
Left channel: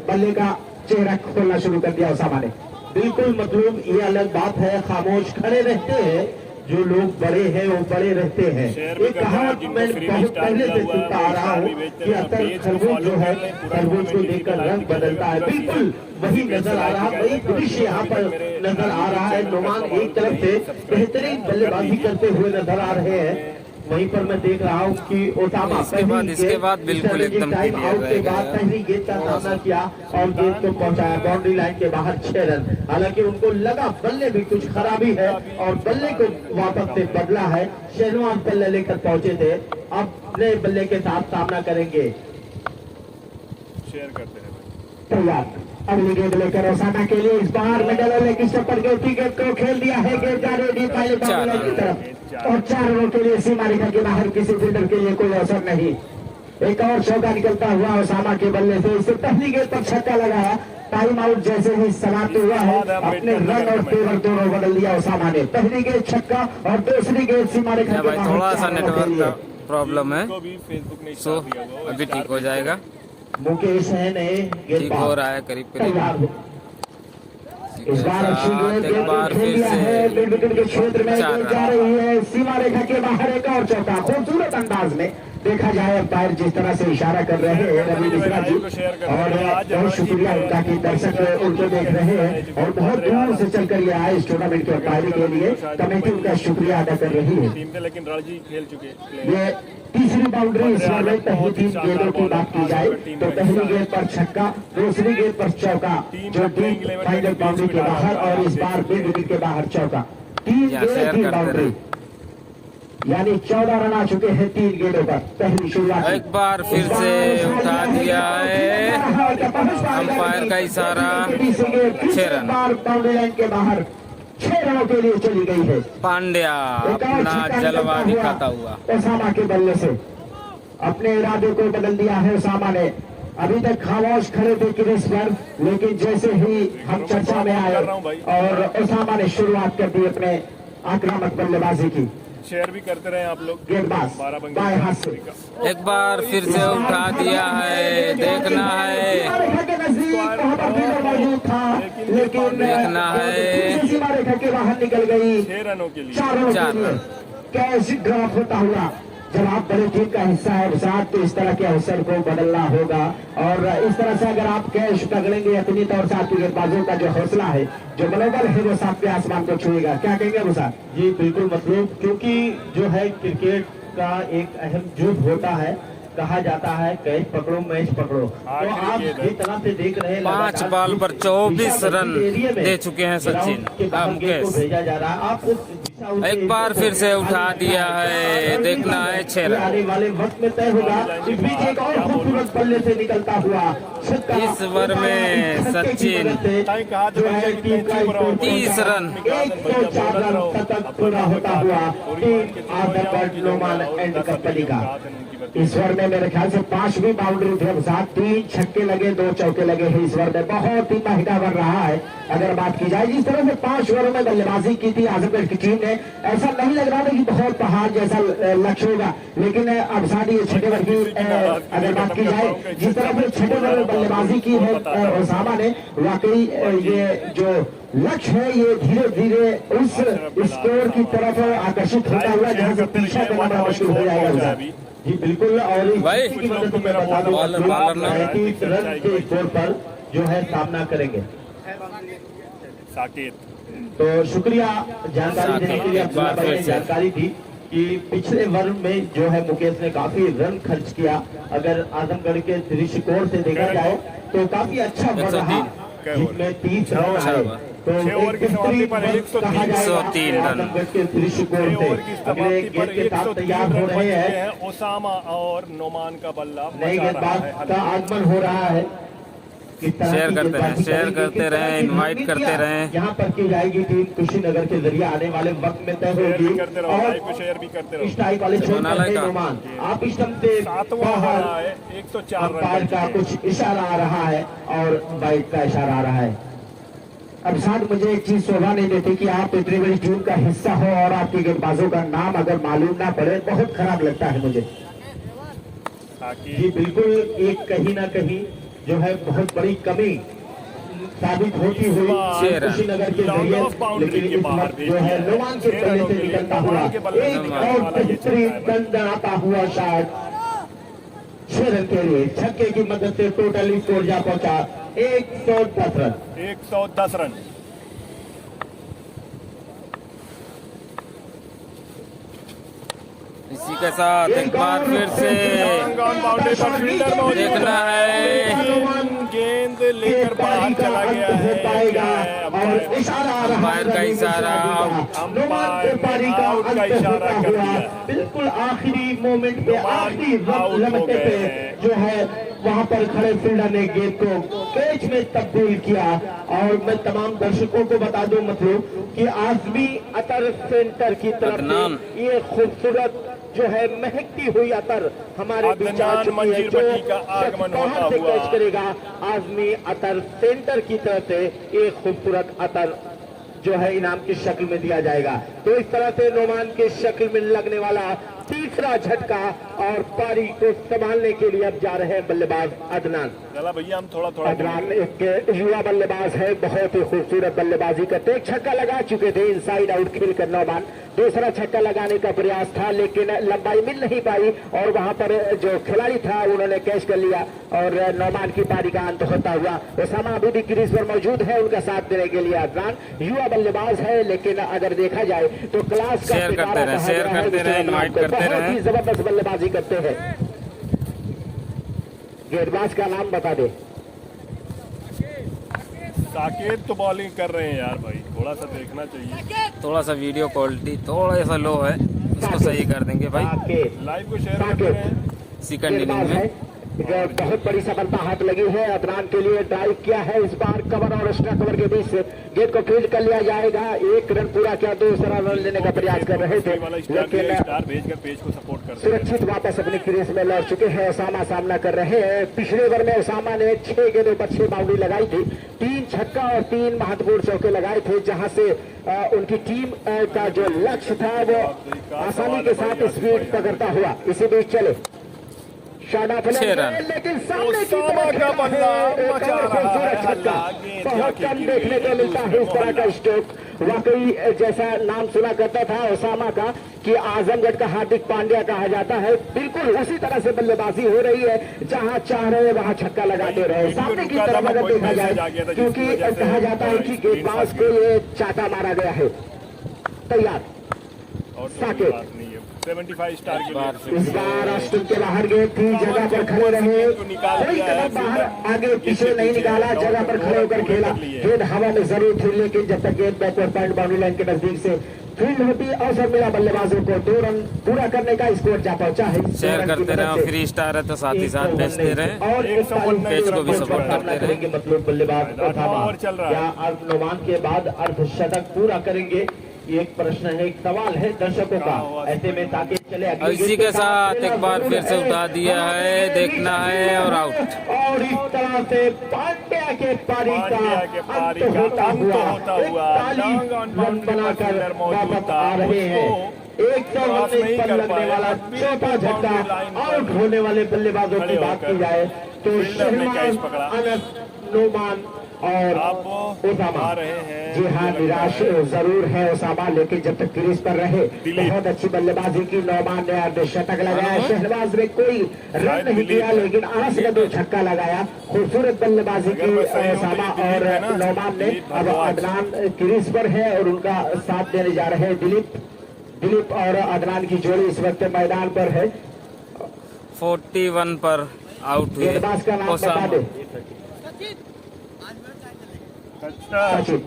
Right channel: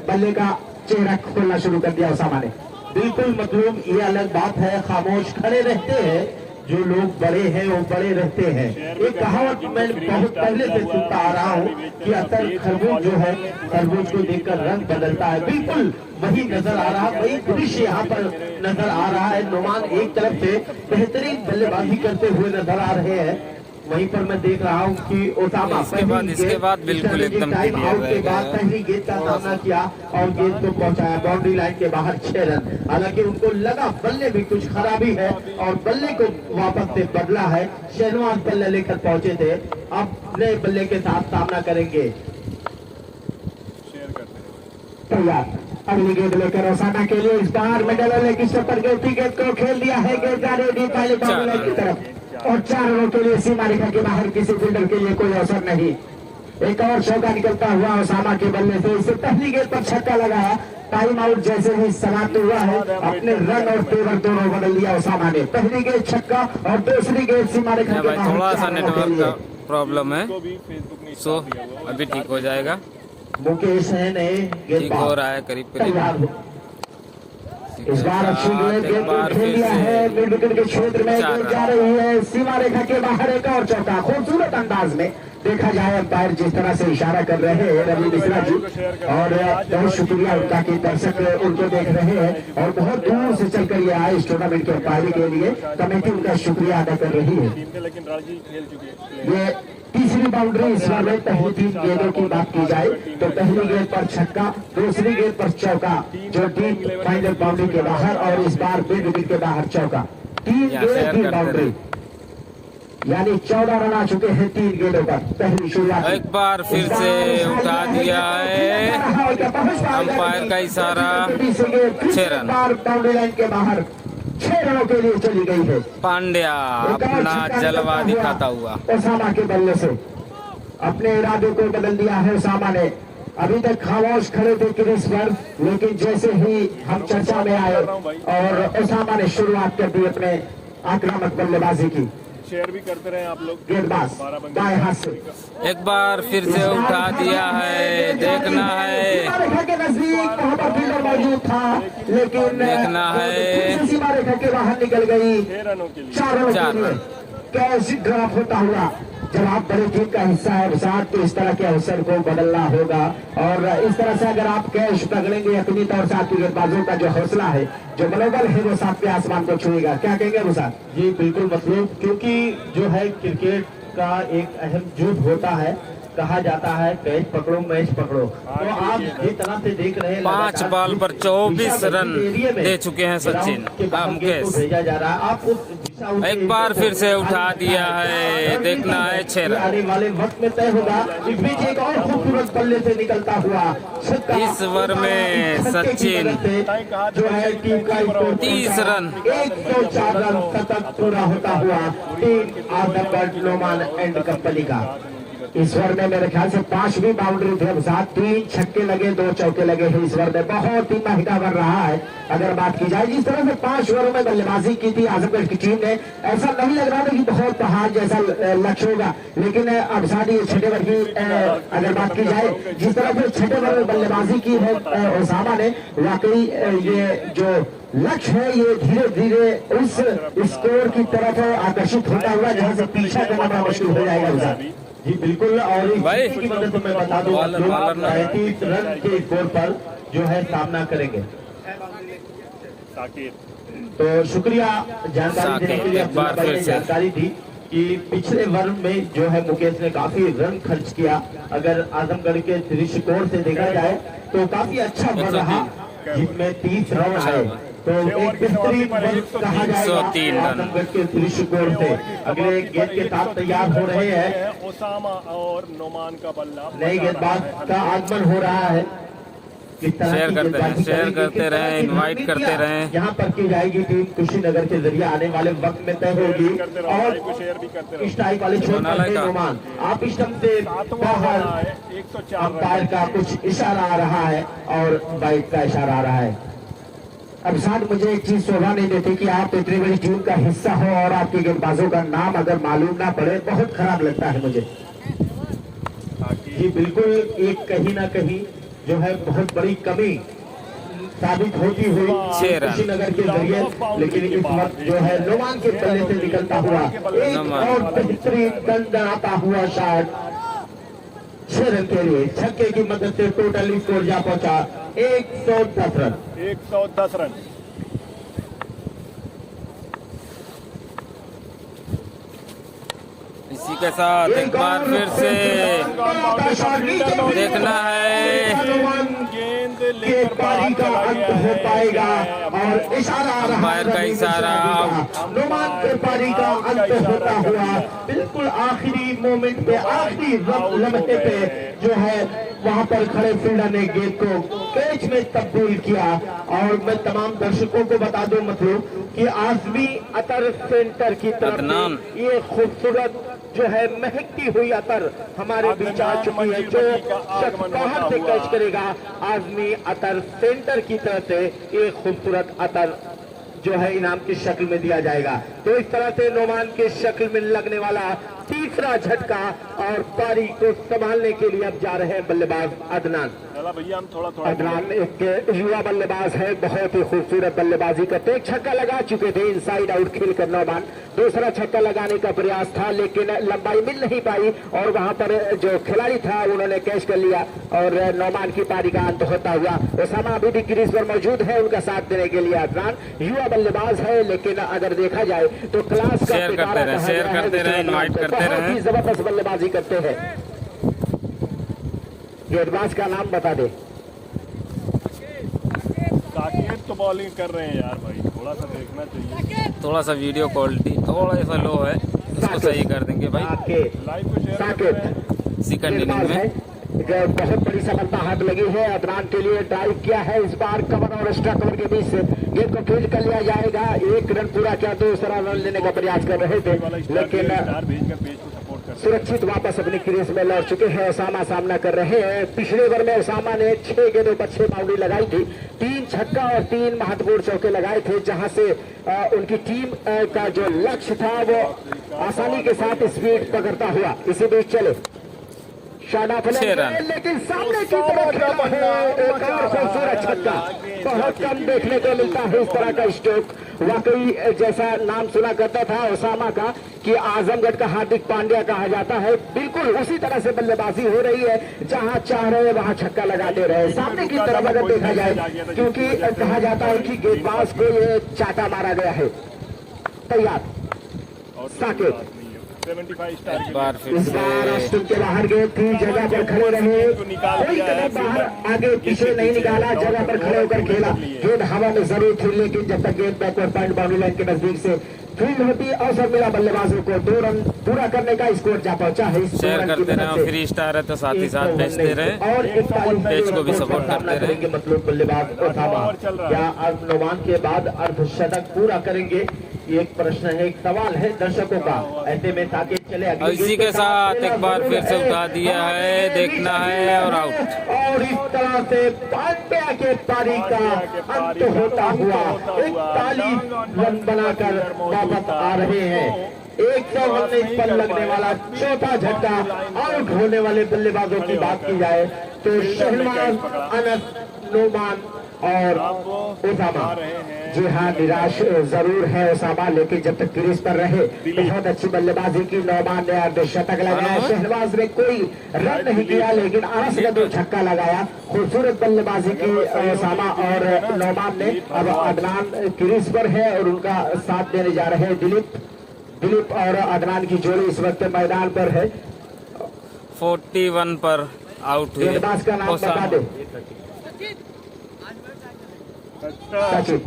बल्ले का चेहरा खोलना शुरू कर दिया ओसामा ने। बिल्कुल मतलब ये अलग बात है, खामोश खड़े रहते हैं जो लोग बड़े हैं वो बड़े रहते हैं। एक कहावत मैं बहुत पहले से सुनता आ रहा हूँ कि अक्सर खरबूज जो है खरबूज को देखकर रंग बदलता है, बिल्कुल वही नजर आ रहा है, वही दृश्य यहाँ पर नजर आ रहा है। नौमान एक तरफ से बेहतरीन बल्लेबाजी करते हुए नजर आ रहे हैं, वहीं पर मैं देख रहा हूँ कि ओसामा इसके बाद बिल्कुल एकदम पहली गेंद का सामना किया और गेंद को पहुंचाया बाउंड्री लाइन के बाहर 6 रन। हालांकि उनको लगा बल्ले भी कुछ खराबी है और बल्ले को वापस से बदला है। शहनवाज बल्ले लेकर पहुंचे थे, अब नए बल्ले के साथ सामना करेंगे। तैयार अगली गेंद लेकर ओसामा के लिए इस बार मेडल लेकिन पर गेंद को खेल दिया है, गेंद जा रही थी पहले बाउंड्री की तरफ और 4 रनों के लिए सीमा रेखा के बाहर किसी फील्डर के लिए कोई अवसर नहीं। एक और चौका निकलता हुआ ओसामा के बल्ले से। इससे पहली गेंद पर छक्का लगाया। टाइम आउट जैसे ही समाप्त हुआ है, अपने रन और तेवर दोनों बदल लिया ओसामा ने। पहली गेंद छक्का और दूसरी गेंद सीमा रेखा भाई थोड़ा सा नेटवर्क का प्रॉब्लम है, तो भी फेसबुक ने सो अभी ठीक हो जाएगा। मुकेश है ने ठीक हो रहा है करीब करीब। इस बार अच्छी गेंद एक बार फिर से मिड विकेट के क्षेत्र में चार गेंद जा रही है। सीमा रेखा के बाहर एक और चौका खूबसूरत अंदाज में। देखा जाए अंपायर जिस तरह से इशारा कर रहे हैं रवि मिश्रा जी, और बहुत शुक्रिया उनका कि दर्शक उनको देख रहे हैं और बहुत दूर से चलकर ये आए इस टूर्नामेंट के अंपायरी के लिए। कमेटी उनका शुक्रिया अदा कर रही है। टीम थे लेकिन रणजी खेल चुके। ये तीसरी बाउंड्री इस बार में पहली 3 गेंदों की बात की जाए तो पहली गेंद पर छक्का, दूसरी गेंद पर चौका जो डीप फाइनल बाउंड्री के बाहर, और इस बार मिड विकेट के बाहर चौका। 3 गेंद की बाउंड्री, यानी 14 रन आ चुके हैं 3 गेंदों पर। पहली शुरुआत एक बार फिर से उठा दिया है अंपायर का इशारा। 6 रन बाउंड्री लाइन के बाहर 6 रनों के लिए चली गई है। पांड्या अपना जलवा दिखाता हुआ ओसामा के बल्ले से अपने इरादे को बदल दिया है ओसामा ने। अभी तक खामोश खड़े थे क्रीज पर, लेकिन जैसे ही हम चर्चा में आए और ओसामा ने शुरुआत कर दी अपने आक्रामक बल्लेबाजी की। शेयर भी करते रहे आप लोग। गेंदबाज बाएं हाथ से एक बार फिर से उठा दिया है। देखना है, के नजदीक वहाँ पर फील्डर मौजूद था, लेकिन देखना है। सीमा रेखा के बाहर निकल गई। 6 रनों के लिए 4 रनों चार के लिए। रन। कैसे ड्रॉप होता हुआ। जब आप बड़े टीम का हिस्सा है साथ, तो इस तरह के अवसर को बदलना होगा, और इस तरह से अगर आप कैश पकड़ेंगे अपनी तौर से आपकी गेंदबाजों का जो हौसला है, जो मनोबल है, वो सातवें आसमान को छुएगा। क्या कहेंगे मुसाद जी? बिल्कुल मतलब, क्योंकि जो है क्रिकेट का एक अहम जुज होता है। कहा जाता है कैच पकड़ो मैच पकड़ो। तो आप जिस तरह से देख रहे हैं 5 बॉल पर 24 रन दे चुके हैं सचिन। मुकेश भेजा जा रहा है आपको। एक बार फिर से उठा दिया है। देखना है 6 रन। आने वाले वक्त में तय होगा। इस बीच एक और खूबसूरत बल्ले से निकलता हुआ इस ओवर में सचिन जो है टीम का 30 रन। 104 रन सतत पूरा होता हुआ टीम आदमगढ़ लोमान एंड कंपनी का। इस ओवर में मेरे ख्याल से 5वीं बाउंड्री थे, 3 छक्के लगे, 2 चौके लगे हैं। इस ओवर में बहुत ही महिला बन रहा है। अगर बात की जाए जिस तरह से 5 ओवरों में बल्लेबाजी की थी आजमगढ़ की टीम ने, ऐसा नहीं लग रहा था कि बहुत पहाड़ जैसा लक्ष्य होगा, लेकिन अब साथ ही 6 ओवर की अगर बात की जाए जिस तरह से 6 ओवर में बल्लेबाजी की है ओसामा ने, वाकई ये जो लक्ष्य है ये धीरे धीरे उस स्कोर की तरफ आकर्षित होता हुआ जहाँ से पीछा करना मुश्किल हो जाएगा। जी बिल्कुल। और भाई की मदद से मैं बता दूं बॉलर ना 35 रन के स्कोर पर जो है सामना करेंगे। साकेत तो शुक्रिया जानकारी देने के लिए। एक बार फिर से जानकारी दी कि पिछले ओवर में जो है मुकेश ने काफी रन खर्च किया। अगर आजमगढ़ के दृष्टिकोण से देखा जाए तो काफी अच्छा ओवर रहा, जिसमें 30 रन आए। तो एक बेहतरीन कहा जाए 103 रन के दृष्टिकोण से। अगले गेंद के साथ तैयार हो रहे हैं ओसामा और नोमान का बल्ला। नई गेंदबाज का आगमन हो रहा है। शेयर करते रहें, शेयर करते रहें, इनवाइट करते रहें। यहाँ पर की जाएगी टीम कुशीनगर के जरिए आने वाले वक्त में तय होगी। और शेयर भी करते इस टाइप वाले आप इस ढंग से बाहर अंपायर का कुछ इशारा आ रहा है और बाइक का इशारा आ रहा है। अब साथ मुझे एक चीज शोभा नहीं देती कि आप इतनी बड़ी टीम का हिस्सा हो और आपके गेंदबाजों का नाम अगर मालूम ना पड़े, बहुत खराब लगता है मुझे। जी बिल्कुल, एक कहीं ना कहीं जो है बहुत बड़ी कमी साबित होती हुई कुशीनगर के जरिए, लेकिन इस वक्त जो है लोमान के पल्ले से निकलता हुआ एक और बेहतरीन दंडनाता हुआ शॉट 6 रन के लिए। छक्के की मदद से टोटल स्कोर जा पहुंचा 110 रन। 110 रन। इसी के साथ एक बार फिर से देखना है। गेंद लेकर बाहर चला गया है और इशारा अंपायर का इशारा पारी का अंत होता हुआ बिल्कुल आखिरी मोमेंट पे, आखिरी लम्हे पे जो है वहाँ पर खड़े फील्डर ने गेंद को कैच में तब्दील किया। और मैं तमाम दर्शकों को बता दूं मतलब कि आजमी अतर सेंटर की तरफ से ये खूबसूरत जो है महकती हुई अतर हमारे बीच आ चुकी है, जो बाहर से कैच करेगा आजमी अतर सेंटर की तरफ से एक खूबसूरत अतर जो है इनाम की शक्ल में दिया जाएगा। तो इस तरह से नोमान के शक्ल में लगने वाला तीसरा झटका और पारी को संभालने के लिए अब जा रहे हैं बल्लेबाज अदनान। भैया हम थोड़ा अदनान एक युवा बल्लेबाज है, बहुत ही खूबसूरत बल्लेबाजी करते, एक छक्का लगा चुके थे इनसाइड आउट खेल कर नौमान। दूसरा छक्का लगाने का प्रयास था लेकिन लंबाई मिल नहीं पाई और वहां पर जो खिलाड़ी था उन्होंने कैच कर लिया और नौमान की पारी का अंत होता हुआ। ओसामा अभी भी क्रीज पर मौजूद है उनका साथ देने के लिए। अदनान युवा बल्लेबाज है लेकिन अगर देखा जाए तो क्लास शेयर करते रहे, इनवाइट करते रहे, जबरदस्त बल्लेबाजी करते हैं। गेंदबाज का नाम बता दे। साकेत तो बॉलिंग कर रहे हैं यार भाई, थोड़ा सा देखना चाहिए। थोड़ा सा वीडियो क्वालिटी थोड़ा सा लो है, उसको सही कर देंगे भाई। लाइव को शेयर सेकंड इनिंग में बहुत बड़ी सफलता हाथ लगी है। अदनान के लिए ड्राइव किया है, इस बार कवर और एक्स्ट्रा कवर के बीच से गेंद को फील्ड कर लिया जाएगा। एक रन पूरा किया, दूसरा रन लेने का प्रयास कर रहे थे लेकिन सुरक्षित वापस अपनी क्रीज में लौट चुके हैं। ओसामा सामना कर रहे हैं। पिछले ओवर में ओसामा ने 6 गेंदों पर 6 बाउंड्री लगाई थी, 3 छक्का और 3 महत्वपूर्ण चौके लगाए थे, जहां से उनकी टीम का जो लक्ष्य था वो आसानी के साथ स्पीड पकड़ता हुआ इसी बीच चले 6 रन। लेकिन सामने की तरफ एक और खूबसूरत छक्का, बहुत कम देखने को मिलता है इस तरह का स्ट्रोक। वाकई जैसा नाम सुना करता था ओसामा का कि आजमगढ़ का हार्दिक पांड्या कहा जाता है, बिल्कुल उसी तरह से बल्लेबाजी हो रही है, जहां चाह रहे वहां छक्का लगाते रहे। सामने की तरफ अगर देखा जाए क्योंकि कहा जाता है कि गेंदबाज को ये चाटा मारा गया है। तैयार साकेत 75 स्टार इस बार स्टूल के बाहर गए थे, जगह पर खड़े रहे, कोई कदम बाहर आगे पीछे नहीं निकाला, जगह पर खड़े होकर खेला। गेंद हवा में जरूर थी लेकिन जब तक गेंद बैकवर्ड पॉइंट बाउंड्री लाइन के नजदीक से फील्ड होती अवसर मिला बल्लेबाजों को 2 रन पूरा करने का स्कोर जा पहुंचा है। शेयर करते रहे, फ्री स्टार है तो साथ ही साथ भेजते रहे और पेज को भी सपोर्ट करते रहे। मतलब बल्लेबाज ओसामा क्या नौमान के बाद अर्धशतक पूरा करेंगे? एक प्रश्न है, एक सवाल है दर्शकों का, ऐसे में ताकि चले इसी के साथ एक बार फिर से उठा दिया है, देखना है और आउट। और इस तरह से पांड्या के पारी का अंत होता हुआ 41 रन बनाकर वापस आ रहे हैं। 119 पर लगने वाला चौथा झटका आउट होने वाले बल्लेबाजों की बात की जाए तो शहनाज, अनस, नोमान और ओसामा। जी हाँ, निराश जरूर है ओसामा लेकिन जब तक क्रीज पर रहे बहुत अच्छी बल्लेबाजी की। नौमान ने अर्धशतक लगाया, शहनवाज ने कोई रन नहीं किया लेकिन 8 का 2 छक्का लगाया। खूबसूरत बल्लेबाजी की ओसामा और नौमान ने। अब अदनान क्रीज पर है और उनका साथ देने जा रहे हैं दिलीप और अदनान की जोड़ी इस वक्त मैदान पर है। 41 पर आउट हुए ओसामा। सचिन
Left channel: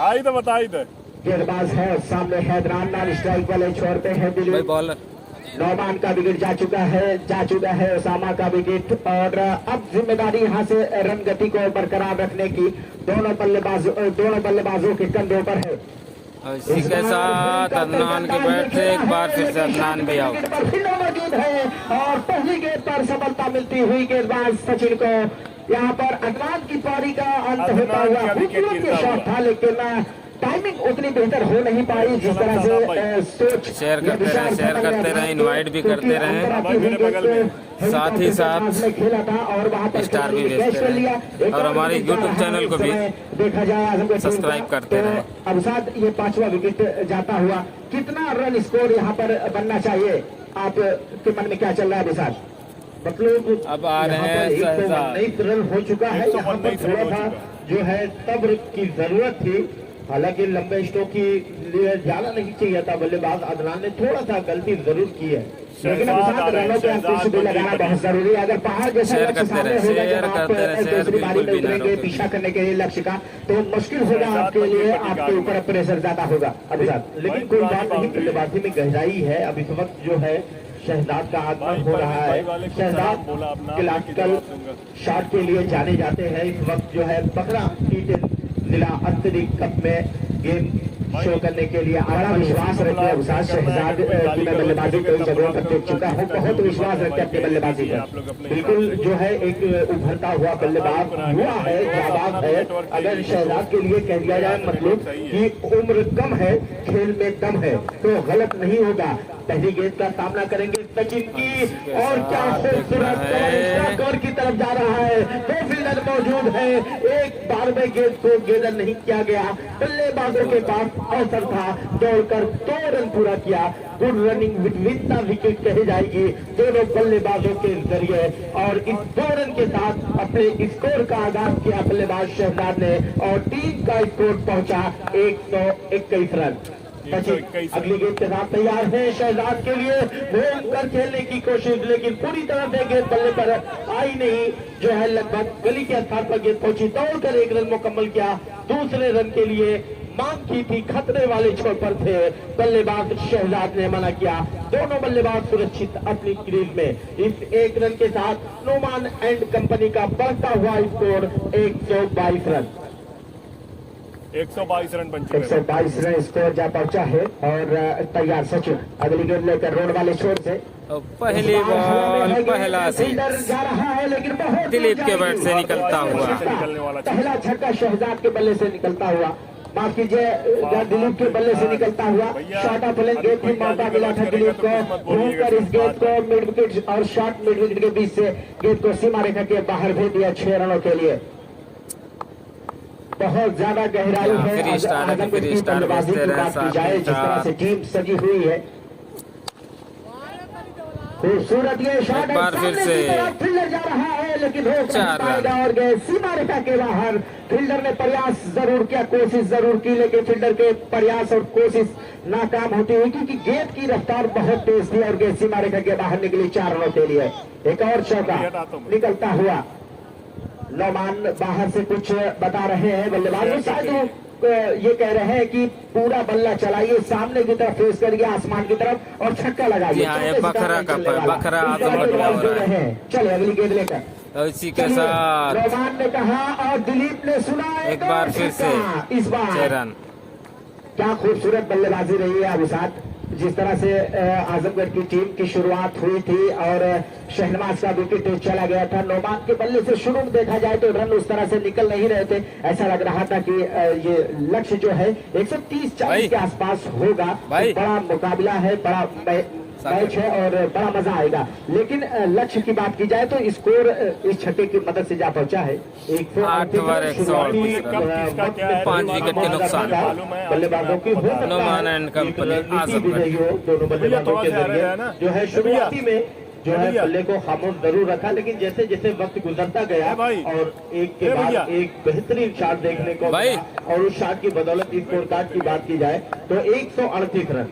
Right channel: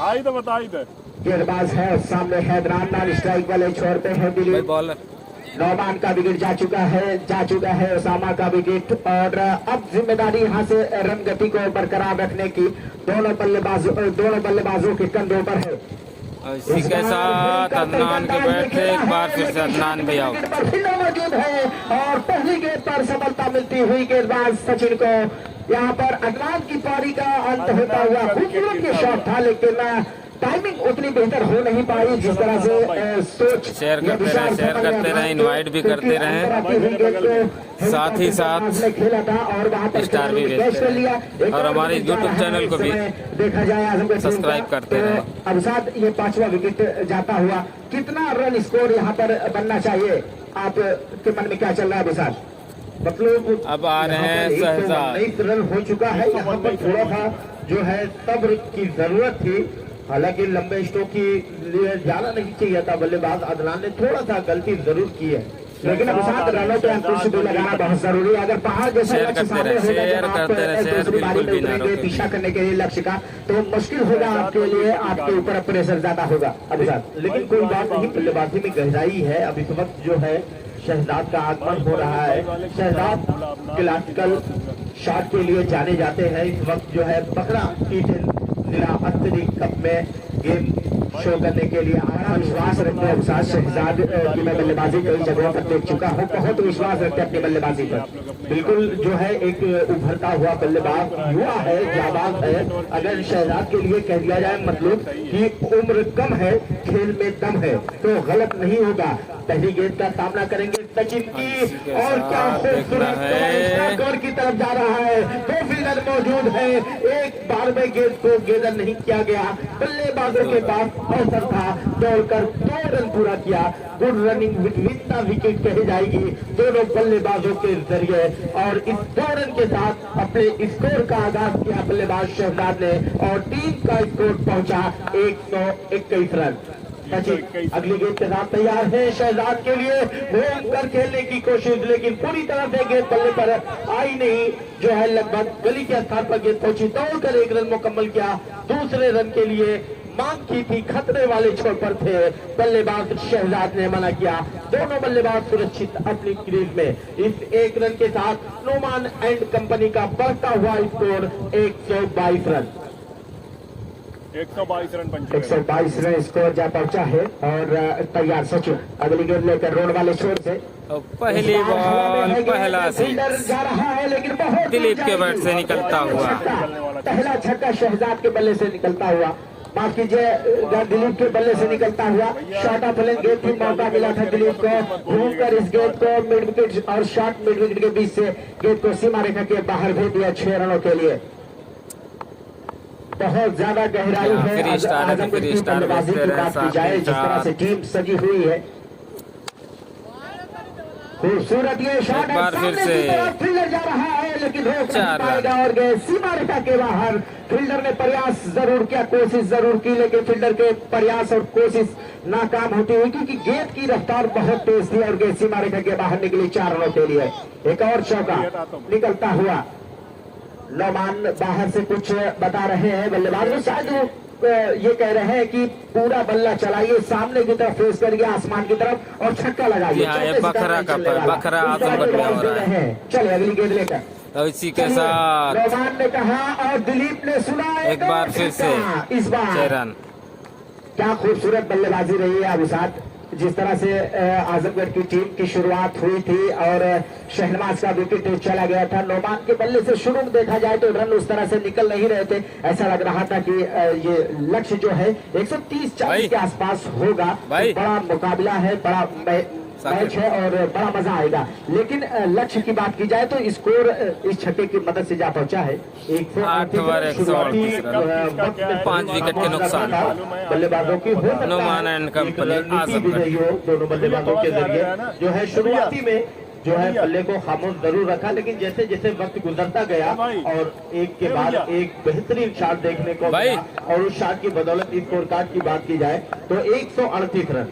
आई तो बताई थे गेंदबाज है, सामने हैदराबाद नाम स्ट्राइक वाले छोर पे है दिलीप। बॉलर नौमान का विकेट जा चुका है ओसामा का विकेट और अब जिम्मेदारी यहाँ से रन गति को बरकरार रखने की दोनों बल्लेबाजों के कंधों पर है। इसी के साथ अदनान के बैट से एक बार फिर से अदनान भी आउट मौजूद है और पहली गेंद पर सफलता मिलती हुई गेंदबाज सचिन को। यहाँ पर अदनान की पारी का अंत होता हुआ खूबसूरत के शॉट था लेकिन टाइमिंग उतनी बेहतर हो नहीं पाई जिस तरह से सोच। शेयर करते रहे, इनवाइट भी करते रहे, साथ ही साथ स्टार भी भेजते रहे और हमारे YouTube चैनल को भी देखा जाए सब्सक्राइब करते रहे। अब साथ ये 5वां विकेट जाता हुआ कितना रन स्कोर यहाँ पर बनना चाहिए आपके मन में क्या चल रहा है विशाल? मतलब अब आ रहे हैं एक रन हो चुका है, यहाँ पर थोड़ा सा जो है सब्र की जरूरत थी। हालांकि लंबे स्ट्रोक के लिए जाना नहीं चाहिए था, बल्लेबाज अदनान ने थोड़ा सा गलती जरूर की है लेकिन अभी साथ रनों पे अंकुश भी लगाना बहुत जरूरी है। अगर पहाड़ जैसे शेयर करते रहे, पीछा करने के लिए लक्ष्य का तो मुश्किल होगा आपके लिए, आपके ऊपर प्रेशर ज्यादा होगा अभी साथ। लेकिन कोई बात नहीं, बल्लेबाजी में गहराई है। अब इस वक्त जो है शहजाद का आगमन हो रहा है। शहजाद क्लासिकल शॉट के लिए जाने जाते हैं। इस वक्त जो है बकरा जिला अंतरिक्ष कप में गेम शो करने के लिए बड़ा विश्वास रखते हैं उस्ताद शहजाद की मैं बल्लेबाजी कई जगहों पर देख चुका हूँ, बहुत विश्वास रखते हैं अपनी बल्लेबाजी पर। बिल्कुल जो है एक उभरता हुआ बल्लेबाज युवा है, जाबाज है। अगर शहजाद के लिए कह दिया जाए मतलब कि उम्र कम है खेल में दम है तो गलत नहीं होगा। पहली गेंद का सामना करेंगे सचिन की और क्या खूबसूरत की तरफ जा रहा है, दो फील्डर मौजूद है, एक बार में गेंद को गेंदर नहीं किया गया, बल्लेबाजों के पास अवसर था, दौड़कर 2 रन पूरा किया। Good running with the wicket कही जाएगी दोनों बल्लेबाजों के जरिए और इस 2 रन के साथ अपने स्कोर का आगाज किया बल्लेबाज शहजाद ने और टीम का स्कोर पहुंचा 121 रन। सचिन अगली गेंद के साथ तैयार है शहजाद के लिए, घूम कर खेलने की कोशिश लेकिन पूरी तरह से गेंद बल्ले पर आई नहीं, जो है लगभग गली के स्थान पर गेंद पहुंची, दौड़कर 1 रन मुकम्मल किया। दूसरे रन के लिए मांग की थी, खतरे वाले छोर पर थे, बल्लेबाज शहजाद ने मना किया। दोनों बल्लेबाज सुरक्षित अपनी क्रीज में। इस 1 रन के साथ नोमान एंड कंपनी का बढ़ता हुआ score 122 run. 122 run 122 run score जा पहुंचा है और तैयार सचिन अगली गेंद लेकर रोड वाले छोर से पहली बॉल पहला सीट जा रहा है लेकिन बहुत दिलीप के बैट से निकलता हुआ पहला छक्का शहजाद के बल्ले से निकलता हुआ, माफ कीजिए दिलीप के बल्ले से निकलता हुआ। शॉर्ट ऑफ लेंथ गेंद थी, मौका मिला था दिलीप को घूमकर इस गेंद को मिड विकेट और शॉर्ट मिड विकेट के बीच से गेंद को सीमा रेखा के बाहर भेज दिया 6 रनों के लिए। बहुत ज्यादा गहराई है, फ्री स्टार है तो फ्री स्टार बेचते रहे साथ ही जिस तरह से टीम सजी हुई है। खूबसूरत ये शॉट एक बार फिर से फील्डर जा रहा है लेकिन 4 रन और गए सीमा रेखा के बाहर। फील्डर ने प्रयास जरूर किया, कोशिश जरूर की लेकिन फील्डर के प्रयास और कोशिश नाकाम होती हुई क्योंकि गेंद की रफ्तार बहुत तेज थी और गेंद सीमा रेखा के बाहर निकली 4 रनों के लिए। एक और चौका निकलता हुआ, नौमान बाहर से कुछ बता रहे हैं बल्लेबाज को, शायद ये कह रहे हैं कि पूरा बल्ला चलाइए, सामने की तरफ फेस करिए आसमान की तरफ और छक्का लगाइए। ये बखरा का बखरा आजमगढ़ में हो रहा है। चले अगली गेंद लेकर और इसी के साथ नौमान ने कहा और दिलीप ने सुना एक बार फिर से इस बार 6 रन। क्या खूबसूरत बल्लेबाजी रही है अभिषाद, जिस तरह से आजमगढ़ की टीम की शुरुआत हुई थी और शहनवाज का विकेट चला गया था। नौमान के बल्ले से शुरू में देखा जाए तो रन उस तरह से निकल नहीं रहे थे, ऐसा लग रहा था कि ये लक्ष्य जो है 130-40 के आसपास होगा। बड़ा मुकाबला है, बड़ा मैच है और बड़ा मजा आएगा। लेकिन लक्ष्य की बात की जाए तो स्कोर इस छक्के की मदद से जा पहुंचा है 8 ओवर 138 रन 5 विकेट के नुकसान पर बल्लेबाजों की नोमान एंड कंपनी आजमगढ़ दोनों बल्लेबाजों के जरिए जो है शुरुआती में जो है बल्ले को खामोश जरूर रखा, लेकिन जैसे जैसे वक्त गुजरता गया और एक के बाद एक बेहतरीन शॉट देखने को और उस शॉट की बदौलत स्कोर कार्ड की बात की जाए तो 138 रन।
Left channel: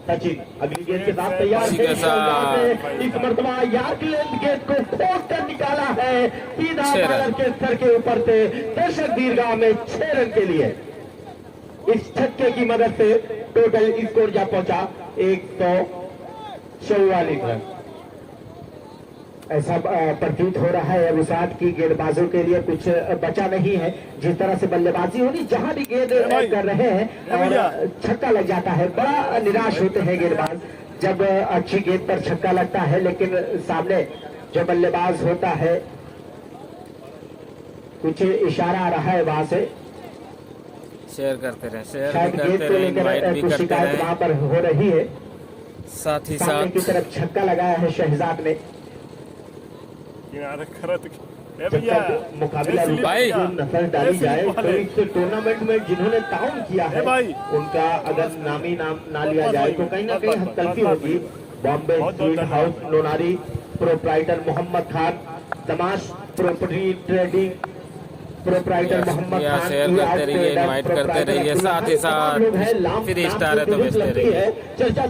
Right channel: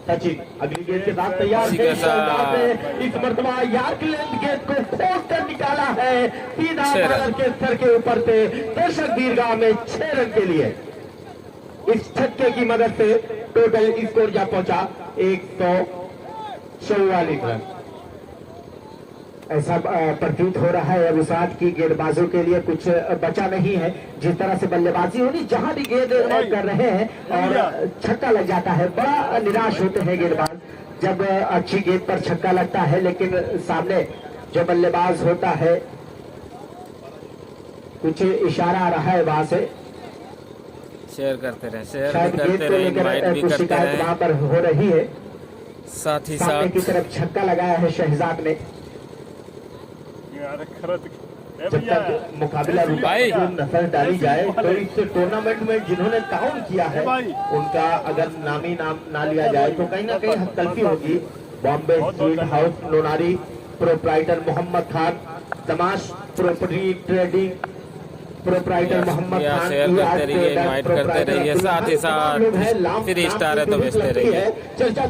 सचिन अगली गेंद के साथ तैयार है, इस मरतबा यार्क लेंथ गेंद को खोद कर निकाला है सीधा के सर के ऊपर से दर्शक दीर्घा में 6 रन के लिए। इस छक्के की मदद से टोटल स्कोर जा पहुंचा 144 रन। ऐसा प्रतीत हो रहा है अभिषाद की गेंदबाजों के लिए कुछ बचा नहीं है। जिस तरह से बल्लेबाजी होनी, जहां भी गेंद कर रहे हैं और छक्का लग जाता है, बड़ा निराश होते हैं गेंदबाज जब अच्छी गेंद पर छक्का लगता है, लेकिन सामने जो बल्लेबाज होता है कुछ इशारा आ रहा है वहां से। शेयर करते रहे, शेयर भी करते रहे, इनवाइट भी करते रहे। वहां पर हो रही है, साथ ही साथ की तरफ छक्का लगाया है शहजाद ने। मुकाबला भाई नजर डाली जाए तो इस टूर्नामेंट में जिन्होंने काम किया है उनका अगर नामी नाम ना लिया जाए तो कहीं ना कहीं हस्तक्षेप होगी। Bombay sweet house Lonari proprietor Mohammad Khan, तमाश property trading proprietor Mohammad Khan, share करते रहिए, इनवाइट करते रहिए, साथ ही साथ 3 स्टार है तो भेजते रहिए।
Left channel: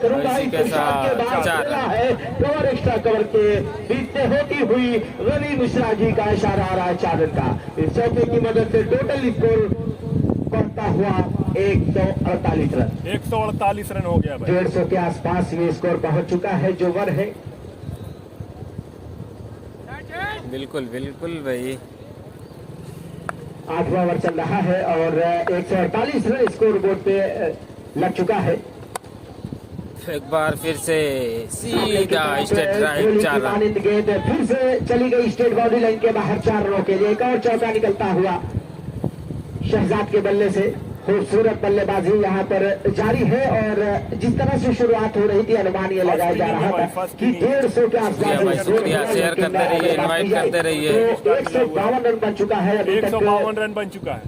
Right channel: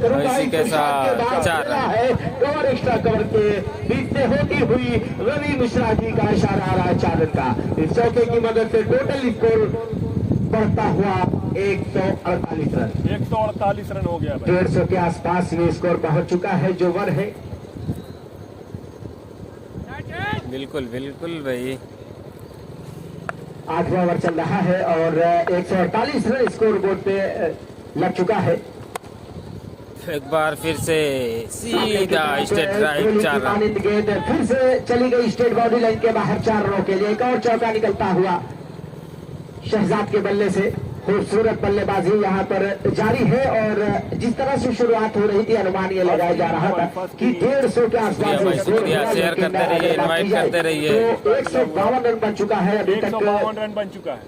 और इसी के साथ 4 रन कवर एक्स्ट्रा कवर के बीच से होती हुई रवि मिश्रा जी का इशारा आ रहा है 4 रन का। इस चौके की मदद से टोटल स्कोर बढ़ता हुआ 148 रन। 148 रन हो गया भाई। 150 के आसपास ये स्कोर पहुंच चुका है जो वर है। बिल्कुल बिल्कुल भाई। 8वां ओवर चल रहा है और 148 रन स्कोर बोर्ड पे लग चुका है। एक बार फिर से सीधा स्ट्रेट राइट 4 रन। गेंद फिर से चली गई स्टेट बाउंड्री लाइन के बाहर 4 रनों के लिए। एक और चौका निकलता हुआ शहजाद के बल्ले से। खूबसूरत बल्लेबाजी यहाँ पर जारी है और जिस तरह से शुरुआत हो रही थी अनुमान ये लगाया जा रहा था कि 150 के शुक्रिया भाई, शुक्रिया। शेयर करते रहिए, इनवाइट करते रहिए। 152 रन बन चुका है अभी तक। 152 रन बन चुका है।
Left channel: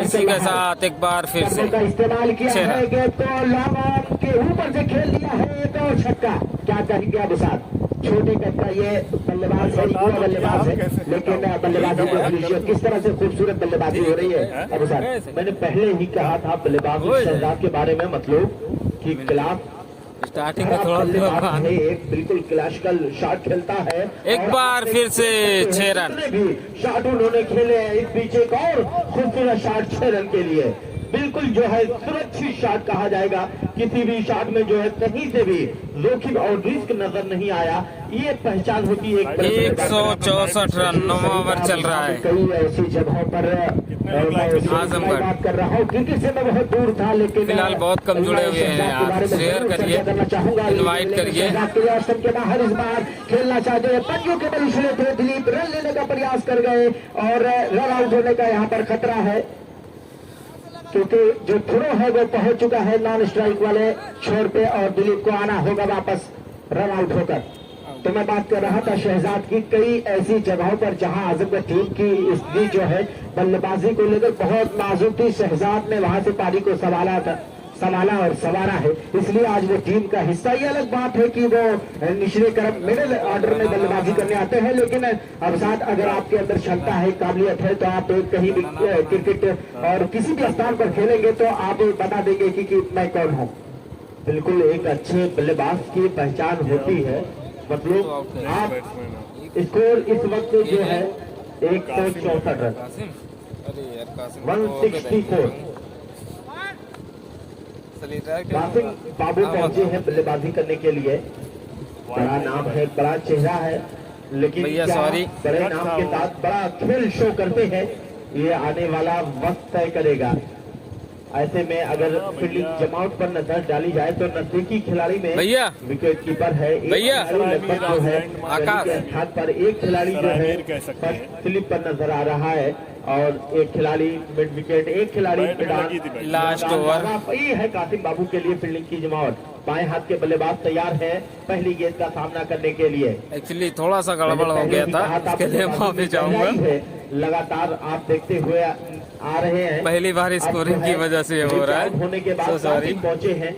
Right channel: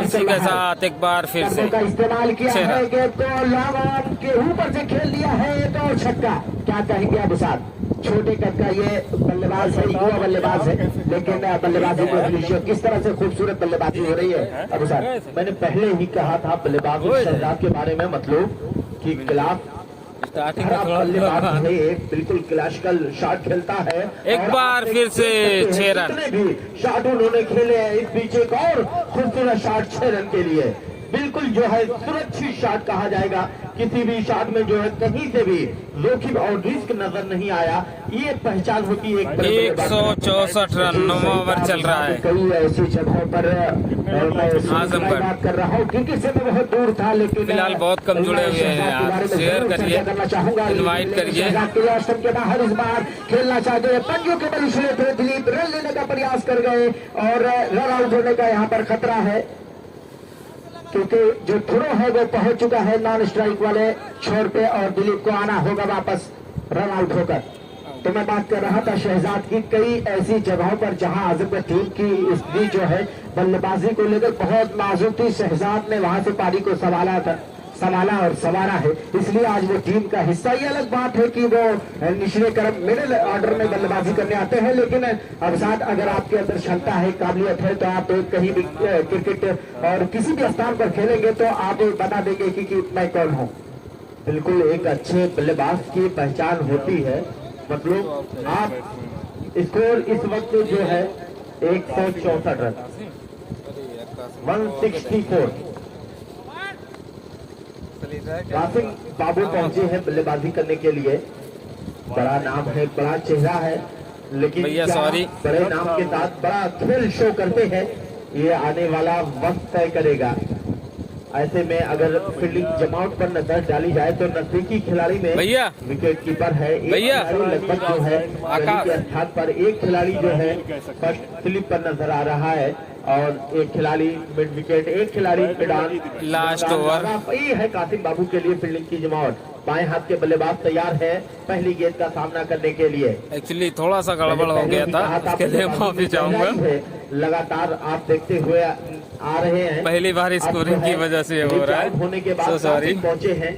इसी के साथ एक बार फिर से का इस्तेमाल किया 6 है रन। तो लॉन्ग के ऊपर से खेल दिया है तो छक्का। क्या कहेंगे अब साथ छोटे कद का ये बल्लेबाज है, युवा बल्लेबाज है, लेकिन बल्लेबाजी को दृश्य किस तरह से खूबसूरत बल्लेबाजी हो रही है। अब साथ मैंने पहले ही कहा था बल्लेबाज शहजाद के बारे में, मतलब कि क्लास स्टार्टिंग में थोड़ा बिल्कुल क्लासिकल शॉट खेलता है। एक बार फिर से 6 रन। भी शॉट उन्होंने खेले हैं इस बीच एक और खूबसूरत शॉट 6 रन के लिए। बिल्कुल जो है सुरक्षित शॉट कहा जाएगा। किसी भी शॉट में जो है कहीं से भी जोखिम और रिस्क नजर नहीं आया। ये पहचान होती है 164 रन 9वां ओवर चल रहा है। कई ऐसी जगहों पर आजमगढ़ बात कर रहा हूँ क्योंकि से मैं बहुत दूर था, लेकिन फिलहाल बहुत कम जुड़े हुए हैं यार। शेयर करिए, इनवाइट करिए। के बाहर इस बार खेलना चाहते हैं पंजों के बलिशले थे। दिलीप रन लेने का प्रयास कर गए और रन आउट होने का यहाँ पर खतरा है क्योंकि जो थ्रो है वो पहुंच चुका है नॉन स्ट्राइक वाले छोर पे और दिलीप को आना होगा वापस रन आउट होकर। तो मैं बात कर रहा था शहजाद की कई ऐसी जगहों पर जहां आजमगढ़ टीम की स्थिति जो है बल्लेबाजी को लेकर बहुत नाजुक थी। शहजाद ने वहां से पारी को संभाला और संवारा है, इसलिए आज वो टीम का हिस्सा। ये अलग बात है कि वो निचले क्रम मिडिल ऑर्डर में बल्लेबाजी करने आते हैं, लेकिन अब साथ अगर आपके अंदर क्षमता है, काबिलियत है, तो आप कहीं भी क्रिकेट और किसी भी स्थान पर खेलेंगे तो आप बता देंगे कि मैं कौन हूँ। बिल्कुल एक अच्छे बल्लेबाज की पहचान होती है, मतलब आप स्कोर इस वक्त जो है 164 रन 164। कासिम बाबू पहुंचे हैं बल्लेबाजी करने के लिए। बड़ा नाम है, बड़ा चेहरा है, लेकिन भैया सॉरी, बड़े नाम के साथ बड़ा खेल शो करते हैं। ये आने वाला वक्त तय करेगा। ऐसे में अगर फील्डिंग जमावट पर नजर डाली जाए तो नजदीकी खिलाड़ी में भैया विकेट कीपर है भैया लगभग जो है आकाश स्थान पर एक खिलाड़ी जो है फर्स्ट स्लिप पर नजर आ रहा है और एक खिलाड़ी मिड विकेट, एक खिलाड़ी लास्ट ओवर। ये है कासिम बाबू के लिए फील्डिंग की जमावट। बाएं हाथ के बल्लेबाज तैयार है पहली गेंद का सामना करने के लिए। एक्चुअली थोड़ा सा गड़बड़ हो गया था, उसके लिए माफी चाहूंगा। लगातार आप देखते हुए आ रहे हैं, पहली बार स्कोरिंग की वजह से हो रहा है। होने के सो बाद सॉरी। पहुंचे हैं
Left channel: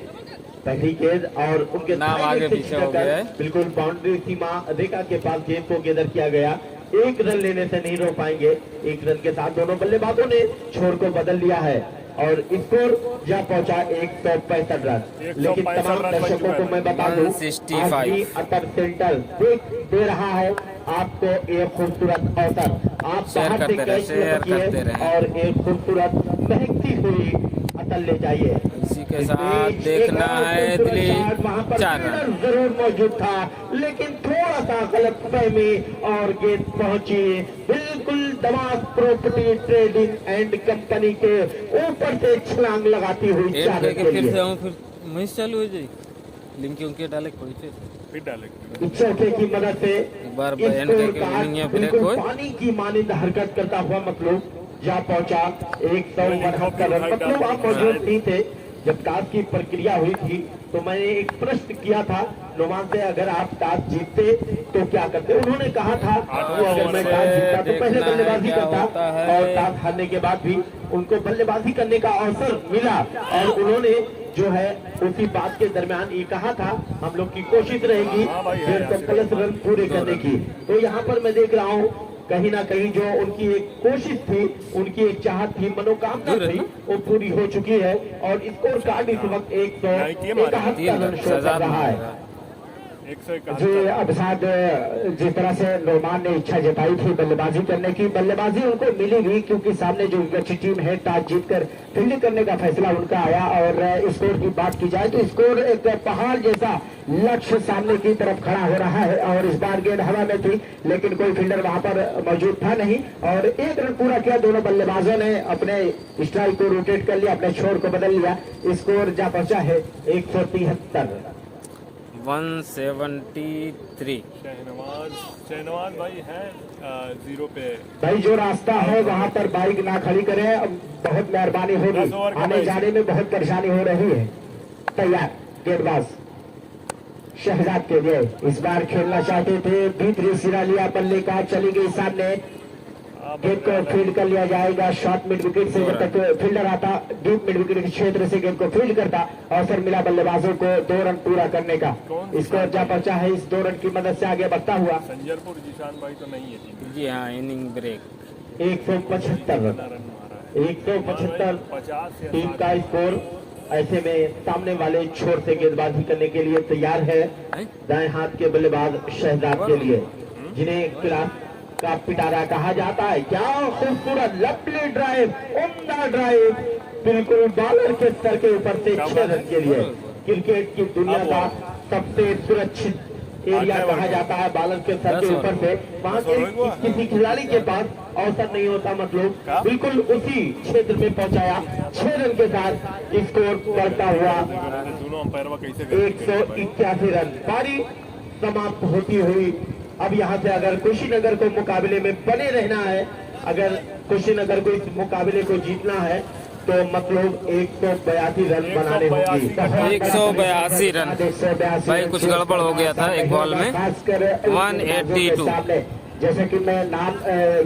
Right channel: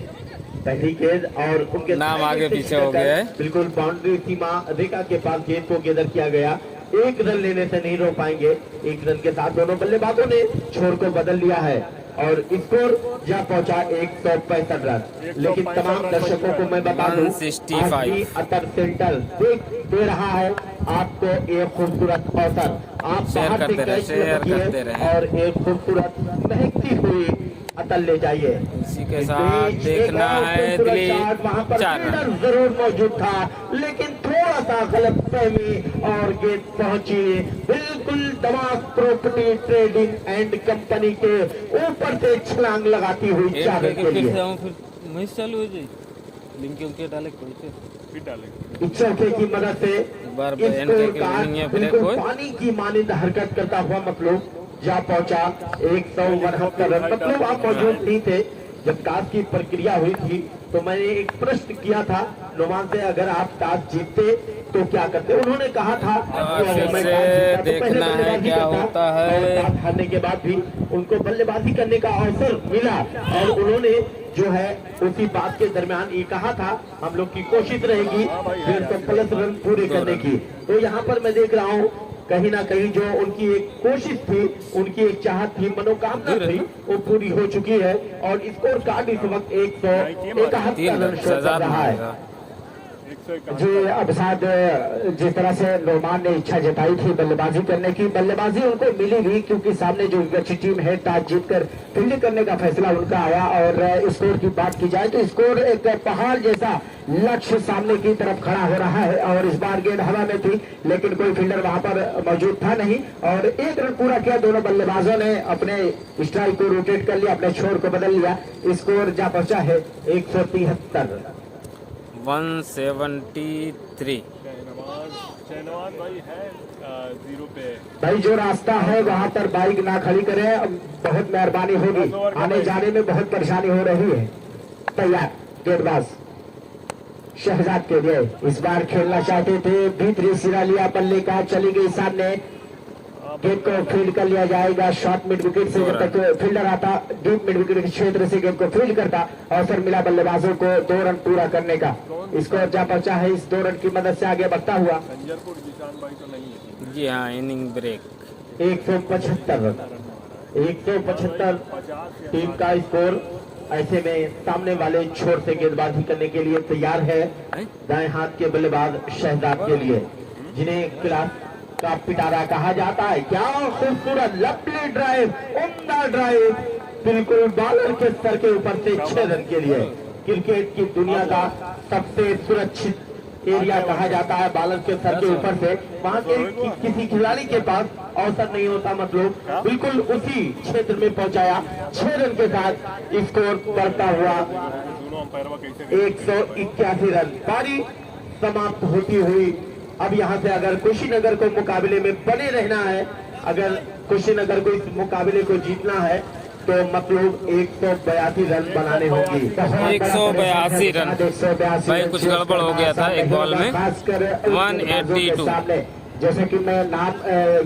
पहली गेंद और उनके नाम आगे पीछे हो गया है। बिल्कुल बाउंड्री सीमा रेखा के पास गेंद को गेंदर किया गया। एक रन लेने से नहीं रोक पाएंगे। एक रन के साथ दोनों बल्लेबाजों ने छोर को बदल लिया है और स्कोर जा पहुंचा 165 रन। लेकिन तमाम दर्शकों को मैं बता दूं 165 अतर सेंटर दे रहा है आपको एक खूबसूरत अवसर। आप शेयर करते रहे, शेयर करते रहे और एक खूबसूरत महकती हुई अतल ले जाइए। इसी के साथ देखना है दिलीप 4 रन। जरूर मौजूद था, लेकिन थोड़ा सा गलत फहमी और गेंद पहुंची बिल्कुल दमाग प्रॉपर्टी ट्रेडिंग एंड कंपनी के ऊपर से छलांग लगाती हुई 4 रन के लिए। फिर मैच चालू हो जाएगी। लिंक उनके डाले फिर डालेंगे चौके की मदद से एक बार एंड करके विनिंग है ब्रेक हो। पानी की मानिंद हरकत करता हुआ मतलब जा पहुंचा 172 रन। मतलब आप मौजूद नहीं थे जब टॉस की प्रक्रिया हुई थी, तो मैंने एक प्रश्न किया था नुमान से, अगर आप टॉस जीतते तो क्या करते। उन्होंने कहा था कि अगर मैं टॉस जीतता तो पहले बल्लेबाजी करता, और टॉस हारने के बाद भी उनको बल्लेबाजी करने का अवसर मिला और उन्होंने जो है उसी बात के दरमियान ये कहा था हम लोग की कोशिश रहेगी 150 रन पूरे करने की। तो यहाँ पर मैं देख रहा हूँ कहीं ना कहीं जो उनकी एक कोशिश थी, उनकी एक चाहत थी, मनोकामना थी, वो पूरी हो चुकी है और स्कोर कार्ड इस वक्त 171 रन शो कर रहा है। जी अब साथ जिस तरह से नोमान ने इच्छा जताई थी बल्लेबाजी करने की, बल्लेबाजी उनको मिली भी क्योंकि सामने जो अच्छी टीम है टॉस जीतकर फील्डिंग करने का फैसला उनका आया। और स्कोर की बात की जाए तो स्कोर एक पहाड़ जैसा लक्ष्य सामने की तरफ खड़ा हो रहा है। और इस बार गेंद हवा में थी लेकिन कोई फील्डर वहां पर मौजूद था नहीं और 1 रन पूरा किया। दोनों बल्लेबाजों ने अपने स्ट्राइक को रोटेट कर लिया, अपने छोर को बदल लिया। स्कोर जा पहुंचा है 173 173। शहनवाज भाई है 0 पे। भाई जो रास्ता है वहां पर बाइक ना खड़ी करें, अब बहुत मेहरबानी होगी, आने जाने में बहुत परेशानी हो रही है। तैयार गेंदबाज शहजाद के लिए इस बार खेलना चाहते थे, भीतरी सिरा लिया, बल्ले का चली गई सामने, गेंद को फील्ड कर लिया जाएगा। शॉर्ट मिड विकेट से जब तक फील्डर आता डीप मिड विकेट के क्षेत्र से गेंद को फील्ड करता, अवसर मिला बल्लेबाजों को 2 रन पूरा करने का। स्कोर जा पहुंचा है इस 2 रन की मदद से आगे बढ़ता हुआ। संजरपुर जिशान भाई तो नहीं है। जी हाँ, इनिंग ब्रेक 175 टीम का स्कोर। ऐसे में सामने वाले छोर से गेंदबाजी करने के लिए तैयार है दाएं हाथ के बल्लेबाज शहजाद के लिए, जिन्हें क्लास का पिटारा कहा जाता है। क्या खूबसूरत लंबी ड्राइव, उम्दा ड्राइव, बिल्कुल बॉलर के सर के ऊपर से 6 रन के लिए। क्रिकेट की दुनिया का सबसे सुरक्षित एरिया कहा जाता है बॉलर के सर के ऊपर से। वहां से किसी खिलाड़ी के पास अवसर नहीं होता, मतलब बिल्कुल उसी क्षेत्र में पहुंचाया। 6 रन के साथ स्कोर बढ़ता हुआ 181 रन। पारी समाप्त होती हुई अब यहाँ से अगर कुशीनगर को मुकाबले में बने रहना है, अगर कुशीनगर को इस मुकाबले को जीतना है तो मतलब 182 रन बनाने होंगे। 182 रन। भाई कुछ गड़बड़ हो गया था एक बॉल में। 182। जैसे कि मैं नाम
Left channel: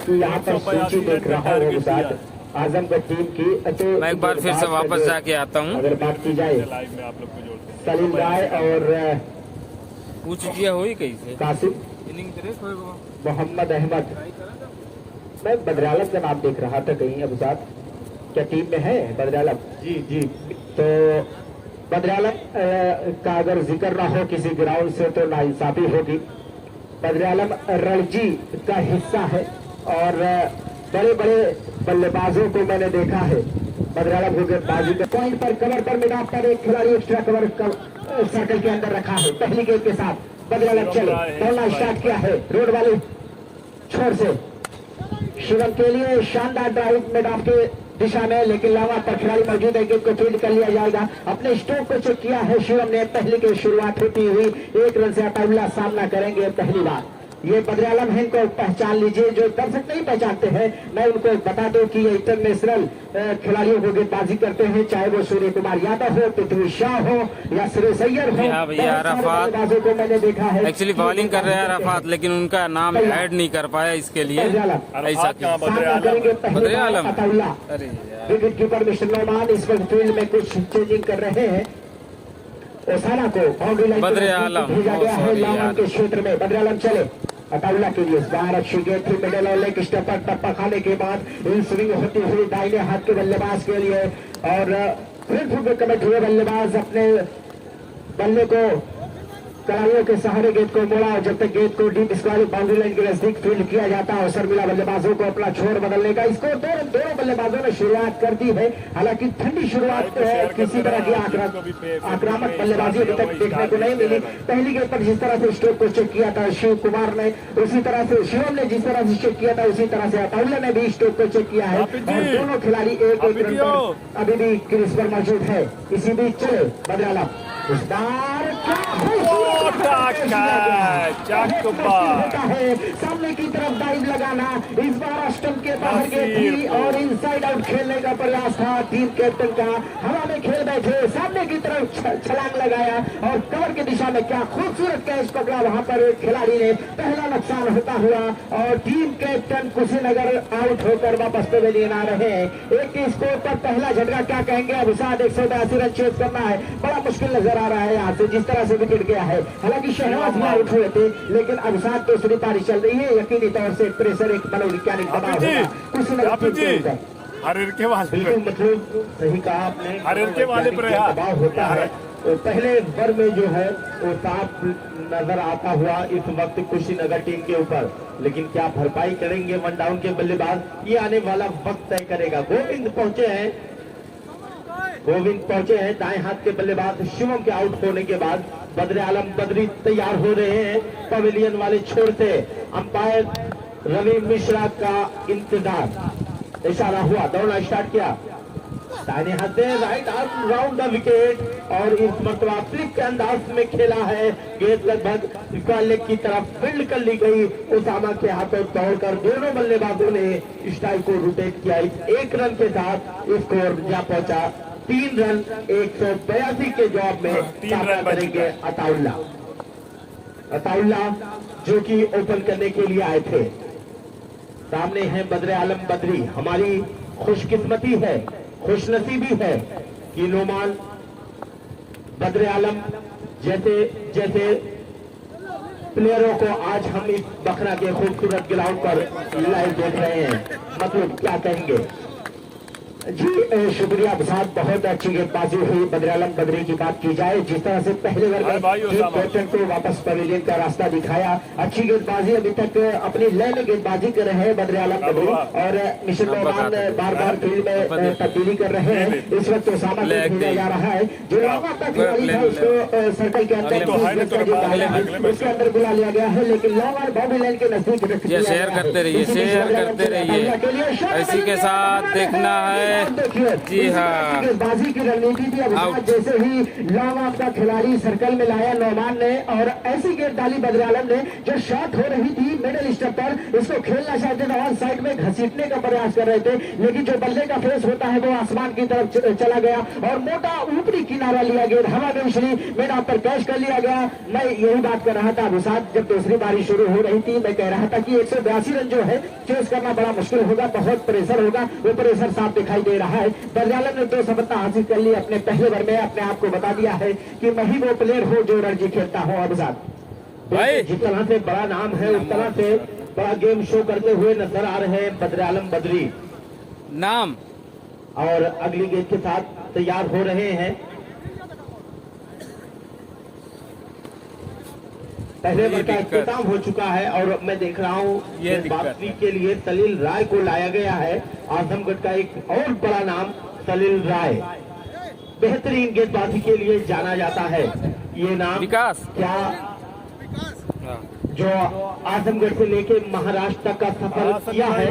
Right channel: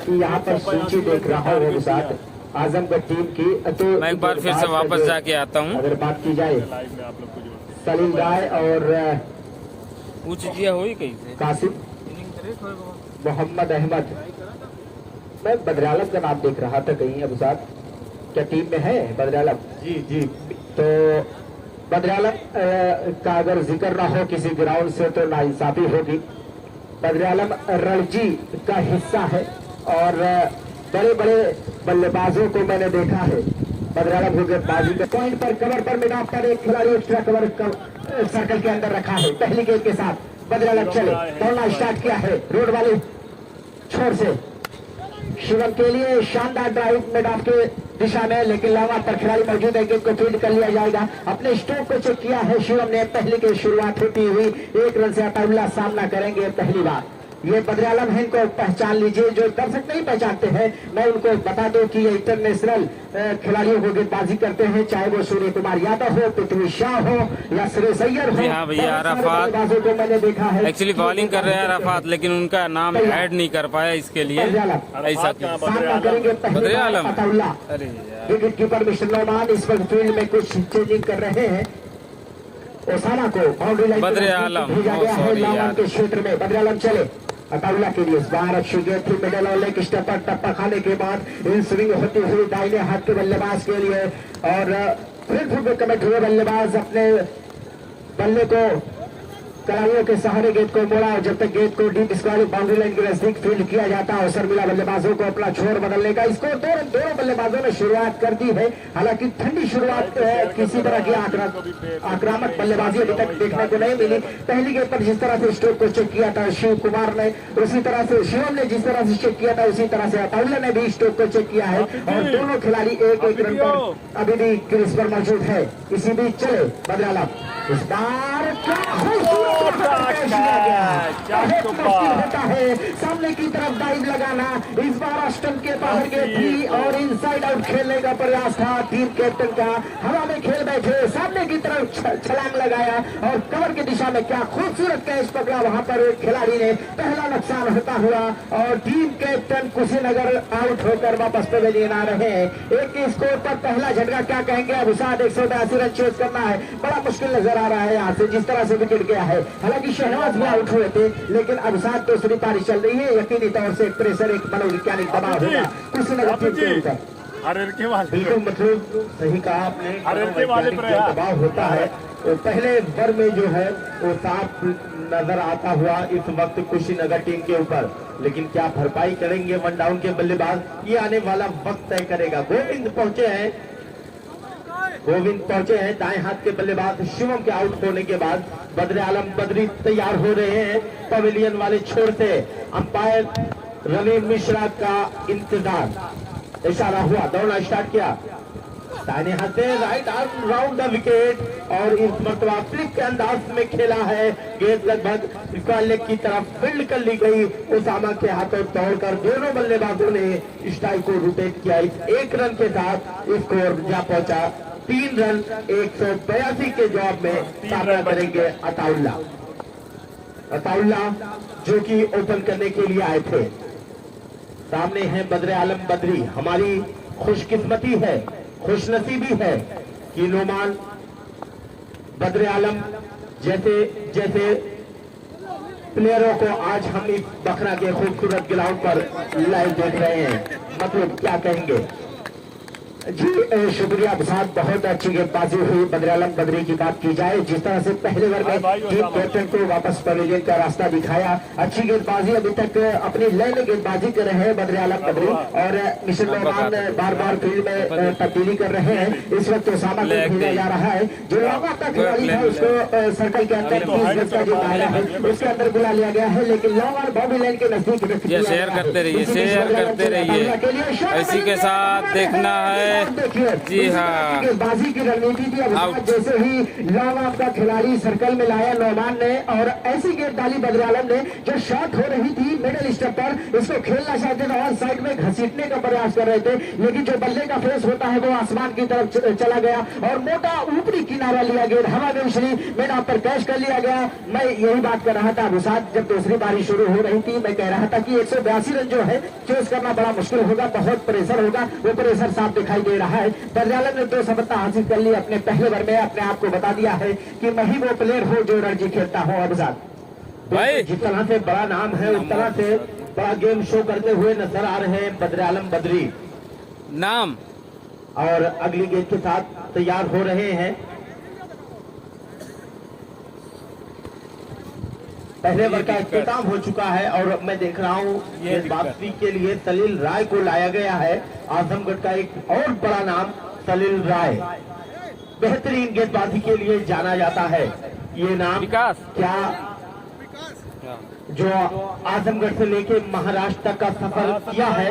की यहाँ पर सूची देख रहा हूँ साथ आजमगढ़ टीम की, तो मैं एक बार फिर से वापस जाके आता हूँ। अगर बात की जाए सलीम राय और पूछ दिया हुई कैसे कासिम मोहम्मद अहमद, मैं बद्रालम का नाम देख रहा था कहीं। अब साथ क्या टीम में है बद्रालम? जी जी, तो बद्रालम का अगर जिक्र ना हो किसी ग्राउंड से तो नाइंसाफी होगी। बद्रालम रणजी का हिस्सा है और बड़े बड़े बल्लेबाजों को मैंने देखा है बद्रालम हो गए बाजी का पॉइंट पर कवर पर मैदान पर एक खिलाड़ी एक्स्ट्रा कवर सर्कल के अंदर रखा है। पहली गेंद के साथ बद्रालम चले, दौड़ना स्टार्ट किया है रोड वाले छोर से शिवम के लिए शानदार ड्राइव मैदान के दिशा में, लेकिन लगातार खिलाड़ी मौजूद है। गेंद को फील्ड कर लिया जाएगा। अपने स्ट्रोक को चेक किया है शिवम ने। पहले की शुरुआत होती हुई 1 रन से अकेला सामना करेंगे पहली बार। ये बद्रालम है, इनको पहचान लीजिए। जो दर्शक नहीं पहचानते हैं मैं उनको बता दूं कि ये इंटरनेशनल खिलाड़ियों को गेंदबाजी करते हैं, चाहे वो सूर्य कुमार यादव हो, पृथ्वी शाह हो या सुरेश अय्यर हो। भैया अराफात को मैंने देखा है एक्चुअली बॉलिंग कर रहे हैं अराफात, लेकिन उनका नाम ऐड नहीं कर पाया, इसके लिए ऐसा क्यों? बद्रालम। अरे विकेट कीपर मिस्टर नौमान इस वक्त फील्ड में कुछ चेंजिंग कर रहे हैं। ओसाना को बाउंड्री लाइन बद्रालम, सॉरी यार, के क्षेत्र में बद्रालम चले अकाउला के लिए। बाहर अच्छी गेंद थी, मिडल और लेग स्टेप पर टप्पा खाने के बाद इन स्विंग होती हुई दाहिने हाथ के बल्लेबाज के लिए और फिर कमेंट हुए बल्लेबाज अपने बल्ले को खिलाड़ियों के सहारे गेंद को मोड़ा। जब तक गेंद को डीप स्क्वायर बाउंड्री लाइन के नजदीक फील्ड किया जाता है, अवसर मिला बल्लेबाजों को अपना छोर बदलने का। इसको दोनों बल्लेबाजों ने शुरुआत कर दी है, हालांकि ठंडी शुरुआत किसी तरह की आक्रामक बल्लेबाजी अभी तक देखने को नहीं मिली। पहली गेंद पर जिस तरह से स्ट्रोक को चेक किया था शिव कुमार ने, उसी तरह से शिवम ने जिस तरह से चेक किया था उसी तरह से अकाउला ने भी स्ट्रोक को चेक किया है और दोनों खिलाड़ी एक रन पर अभी भी क्रीज पर मौजूद है। इसी बीच चले बद्रालम इस बार होता है सामने की तरफ डाइव लगाना। इस बार स्टंप के बाहर गई थी और इनसाइड आउट खेलने का प्रयास था टीम कैप्टन का। हवा में खेल बैठे, सामने की तरफ छलांग लगाया और कवर की दिशा में क्या खूबसूरत कैच पकड़ा वहां पर एक खिलाड़ी ने। पहला नुकसान होता हुआ और टीम कैप्टन कुशीनगर आउट होकर वापस पवेलियन आ रहे हैं। एक के स्कोर पर पहला झटका क्या कहेंगे? अब 182 रन चेस करना है, बड़ा मुश्किल नजर आ रहा है यहाँ से जिस तरह से विकेट गया है। हालांकि शहनाज भी आउट हुए थे, लेकिन अब साथ दूसरी पारी चल रही है। यकीनी तौर से प्रेशर एक मनोवैज्ञानिक दबाव होगा कुशीनगर टीम के ऊपर। हर के वाले बिल्कुल मतलब सही कहा आपने। हर के वाले पर दबाव होता है तो पहले ओवर में जो है वो साफ नजर आता हुआ इस वक्त कुशीनगर टीम के ऊपर, लेकिन क्या भरपाई करेंगे वन डाउन के बल्लेबाज, ये आने वाला वक्त तय करेगा। गोविंद पहुंचे हैं दाएं हाथ के बल्लेबाज शिवम के आउट होने के बाद बद्र आलम बद्री तैयार हो रहे हैं पवेलियन वाले छोर से। अंपायर रवि मिश्रा का इंतजार, इशारा हुआ, दौड़ना स्टार्ट किया, दाहिने हाथ से right arm round the wicket और इस मरतबा फ्लिक के अंदाज में खेला है। गेंद लगभग स्क्वायर लेग की तरफ फील्ड कर ली गई। उसामा के हाथों दौड़कर दोनों बल्लेबाजों ने स्ट्राइक को रोटेट किया। इस एक रन के साथ स्कोर जा पहुंचा 3 रन 182 के जवाब में सामना करेंगे अताउल्ला जो कि ओपन करने के लिए आए थे। सामने है बद्र आलम बद्री। हमारी खुशकिस्मती है, खुशनसीबी है कि नोमान बद्र आलम जैसे प्लेयरों को आज हम इस बखरा के खूबसूरत ग्राउंड पर लाइव देख रहे हैं। मतलब क्या कहेंगे जी। शुक्रिया साहब, बहुत अच्छी गेंदबाजी हुई। बद्र आलम बद्री की बात की जाए, जिस तरह से पहले ओवर में टीम कैप्टन को वापस पवेलियन का रास्ता दिखाया, अच्छी गेंदबाजी अभी तक अपनी लय में गेंदबाजी कर रहे हैं बद्र आलम बद्री और मिशन मेहमान बार बार फील्ड में तब्दीली कर रहे हैं। इस वक्त तो सामने खेला जा रहा है जो सर्कल के अंदर उसके अंदर बुला लिया गया है, लेकिन लॉन्ग और बाउंड्री लाइन के नजदीक शेयर करते रहिए इसी के साथ देखना है जी हाँ। गेंदबाजी की रणनीति थी अब जैसे ही लॉन्ग ऑफ का खिलाड़ी सर्कल में लाया नौमान ने और ऐसी गेंद डाली बद्र आलम ने जो शॉट हो रही थी मिडिल स्टेप पर, उसको खेलना चाहते थे और साइड में घसीटने का प्रयास कर रहे थे, लेकिन जो बल्ले का फेस होता है वो आसमान की तरफ चला गया और मोटा ऊपरी किनारा लिया गया, हवा में उछली, मैदान पर कैच कर लिया गया। मैं यही बात कर रहा था अनुसार, जब दूसरी बारी शुरू हो रही थी मैं कह रहा था कि 182 रन जो है चेस करना बड़ा मुश्किल होगा, बहुत प्रेशर होगा, वो प्रेशर साफ दिखाई दे रहा है। बद्र आलम ने 2 सफलता हासिल कर ली अपने पहले ओवर में, अपने आप को बता दिया है कि मैं ही वो प्लेयर हूँ जो रणजी खेलता हूँ। अब भाई जिस तरह से बड़ा नाम है उस तरह से बड़ा गेम शो करते हुए नजर आ रहे हैं बद्र आलम बद्री नाम, और अगली गेंद के साथ तैयार हो रहे हैं। पहले ओवर का इख्तिताम हो चुका है और मैं देख रहा हूँ गेंदबाजी के लिए सलील राय को लाया गया है। आजमगढ़ का एक और बड़ा नाम सलील राय, बेहतरीन गेंदबाजी के लिए जाना जाता है। ये नाम विकास क्या जो आजमगढ़ से लेके महाराष्ट्र तक का सफर किया है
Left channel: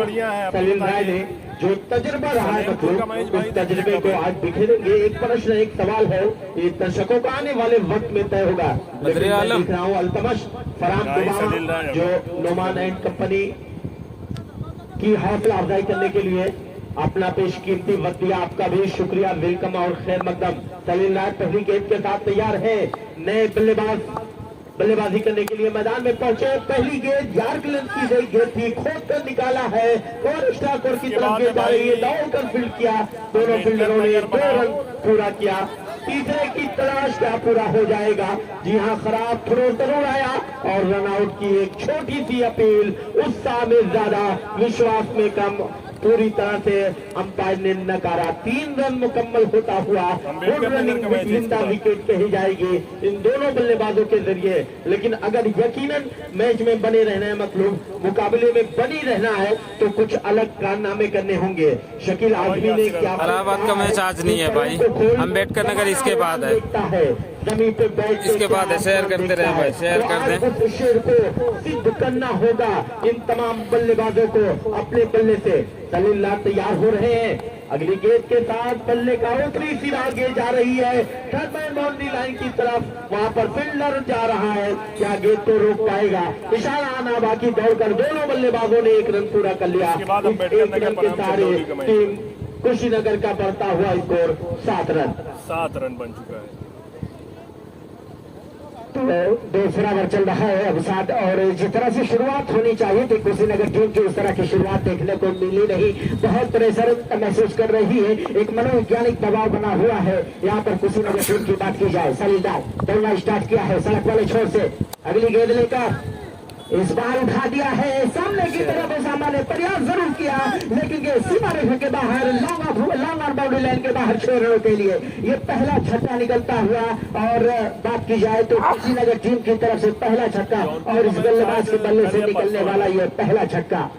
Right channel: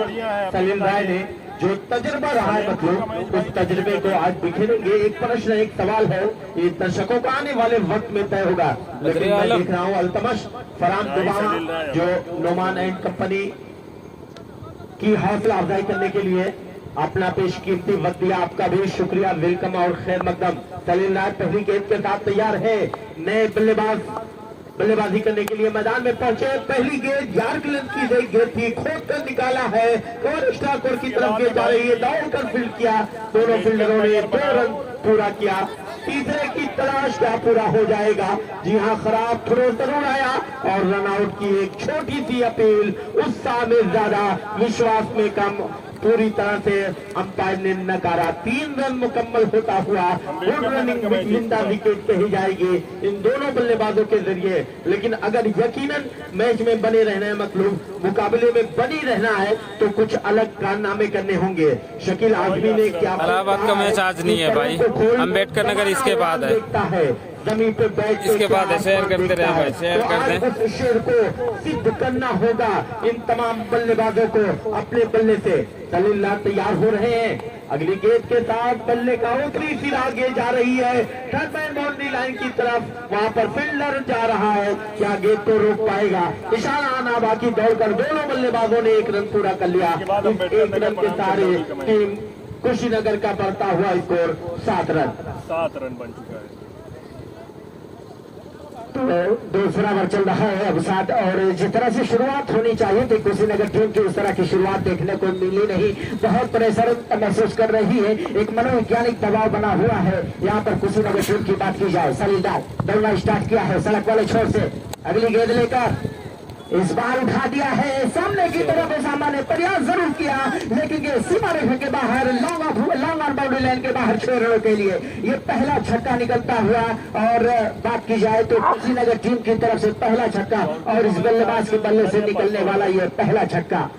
सलील राय ने, जो तजुर्बा रहा है, मतलब उस तजुर्बे को आज बिखेरेंगे। एक प्रश्न एक सवाल है, ये दर्शकों का आने वाले वक्त में तय होगा। लेकिन मैं देख रहा हूँ अल्तमश फरहान दुबा जो नोमान एंड कंपनी की हौसला अफजाई करने के लिए अपना पेशकीमती वक्त दिया, आपका भी शुक्रिया, वेलकम और खैर मकदम। सलील राय पहली गेंद के साथ तैयार है, नए बल्लेबाजी करने के लिए मैदान में पहुंचे। पहली गेंद यार्क लेंथ की गई गेंद थी, खोद कर निकाला है और स्टार्टर की तरफ गेंद जा रही है, दौड़कर फील्ड किया, दोनों फील्डरों ने 2 रन पूरा किया। तीसरे की तलाश क्या पूरा हो जाएगा? जी हाँ, खराब थ्रो जरूर आया और रन आउट की एक छोटी सी अपील, उत्साह में ज्यादा विश्वास में कम, पूरी तरह से अंपायर ने नकारा। 3 रन मुकम्मल होता हुआ गुड रनिंग जिंदा विकेट पे ही जाएगी इन दोनों बल्लेबाजों के जरिए। लेकिन अगर यकीनन मैच में बने रहना है, मतलब मुकाबले में बनी रहना है, तो कुछ अलग कारनामे करने होंगे। शकील आजमी ने क्या, इलाहाबाद का मैच आज नहीं है भाई, अम्बेडकर नगर इसके बाद है, जमीन पे बैठ इसके बाद है। शेयर करते रहे भाई, शेयर कर दें। शेर को सिद्ध करना होगा इन तमाम बल्लेबाजों को अपने बल्ले से। सलील राय तैयार हो रहे हैं, अगली गेंद के साथ बल्ले का ऊपरी सिरा गेंद जा रही है थर्ड बाउंड्री लाइन की तरफ, वहां पर फील्डर जा रहा है, क्या गेंद को रोक पाएगा? इशारा आना बाकी, दौड़कर दोनों बल्लेबाजों ने 1 रन पूरा कर लिया। 1 रन के सारे टीम कुशीनगर का बढ़ता हुआ स्कोर 7 रन बन चुका है। तो दूसरा ओवर चल रहा है अब साथ, और जिस तरह से शुरुआत होनी चाहिए थी कुशीनगर टीम की, उस तरह की शुरुआत देखने को मिली नहीं। बहुत प्रेशर महसूस कर रही है, एक मनोवैज्ञानिक दबाव बना हुआ है यहाँ पर कुशीनगर टीम की बात की जाए। सलील राय दौड़ना स्टार्ट किया है सड़क वाले छोर से, अगली गेंद लेकर इस बार उठा दिया है सामने की तरफ। सामान्य प्रयास जरूर किया लेकिन ये सीमा रेखा के बाहर लॉन्ग ऑन बाउंड्री लाइन के बाहर 6 रनों के लिए ये पहला छक्का निकलता हुआ। और बात की जाए तो कुशीनगर टीम की तरफ से पहला छक्का और इस बल्लेबाज के बल्ले से निकलने वाला ये पहला छक्का।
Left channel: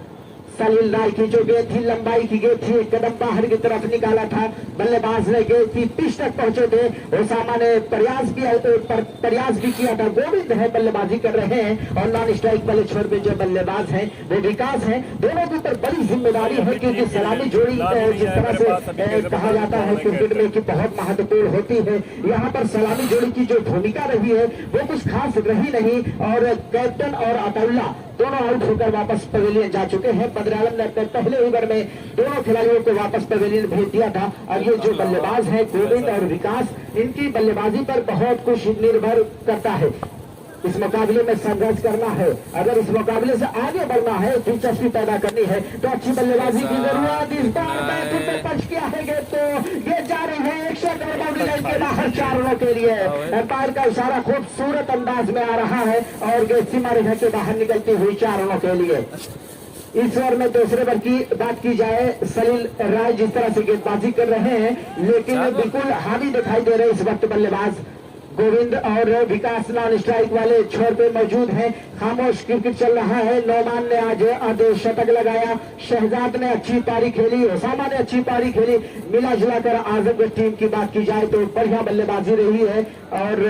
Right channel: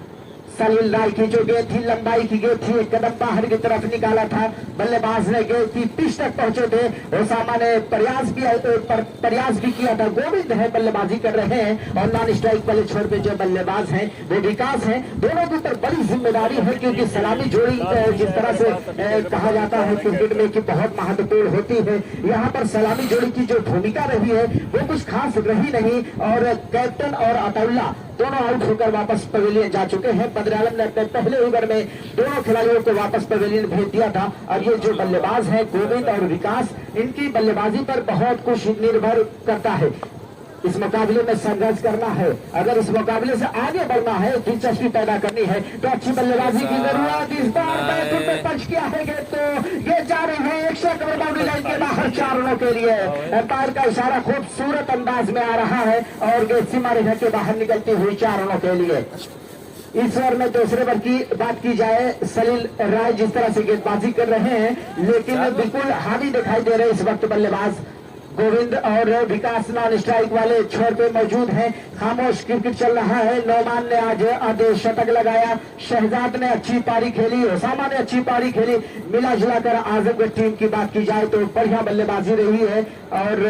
सलील राय की जो गेंद थी लंबाई की गेंद थी, एक कदम बाहर की तरफ निकाला था, बल्लेबाज ने गेंद की पिच तक पहुंचे थे। ओसामा ने प्रयास भी किया था। गोविंद है बल्लेबाजी कर रहे हैं और नॉन स्ट्राइक वाले छोर पे जो बल्लेबाज हैं वे विकास हैं। दोनों के ऊपर बड़ी जिम्मेदारी है क्योंकि सलामी जोड़ी जिस तरह से कहा जाता है क्रिकेट में कि बहुत महत्वपूर्ण होती है, यहाँ पर सलामी जोड़ी की जो भूमिका रही है वो कुछ खास रही नहीं। और कैप्टन और अतौल्ला दोनों आउट होकर वापस पवेलियन जा चुके हैं। बद्र आलम ने अपने पहले ओवर में दोनों खिलाड़ियों को वापस पवेलियन भेज दिया था। और ये जो बल्लेबाज है गोविंद और विकास, इनकी बल्लेबाजी पर बहुत कुछ निर्भर करता है। इस मुकाबले में संघर्ष करना है, अगर इस मुकाबले से आगे बढ़ना है, दिलचस्पी पैदा करनी है तो अच्छी बल्लेबाजी की जरूरत। इस बार पंच किया है तो ये जा रहे हैं 100 बाउंड्री लाइन के बाहर 4 रनों के लिए। एम्पायर का इशारा खूबसूरत अंदाज में आ रहा है और गेंद सीमा रेखा के बाहर निकलती हुई 4 रनों के लिए। इस ओवर में दूसरे ओवर की बात की जाए, सलील राय जिस तरह से गेंदबाजी कर रहे हैं लेकिन बिल्कुल हावी दिखाई दे रहे इस वक्त बल्लेबाज गोविंद और विकास नॉन स्ट्राइक वाले छोर पे मौजूद हैं। खामोश क्रिकेट चल रहा है। नौमान ने आज शतक लगाया, शहजाद ने अच्छी पारी खेली, ओसामा ने अच्छी पारी खेली। मिला जुलाकर आजमगढ़ टीम की बात की जाए तो बढ़िया बल्लेबाजी रही है और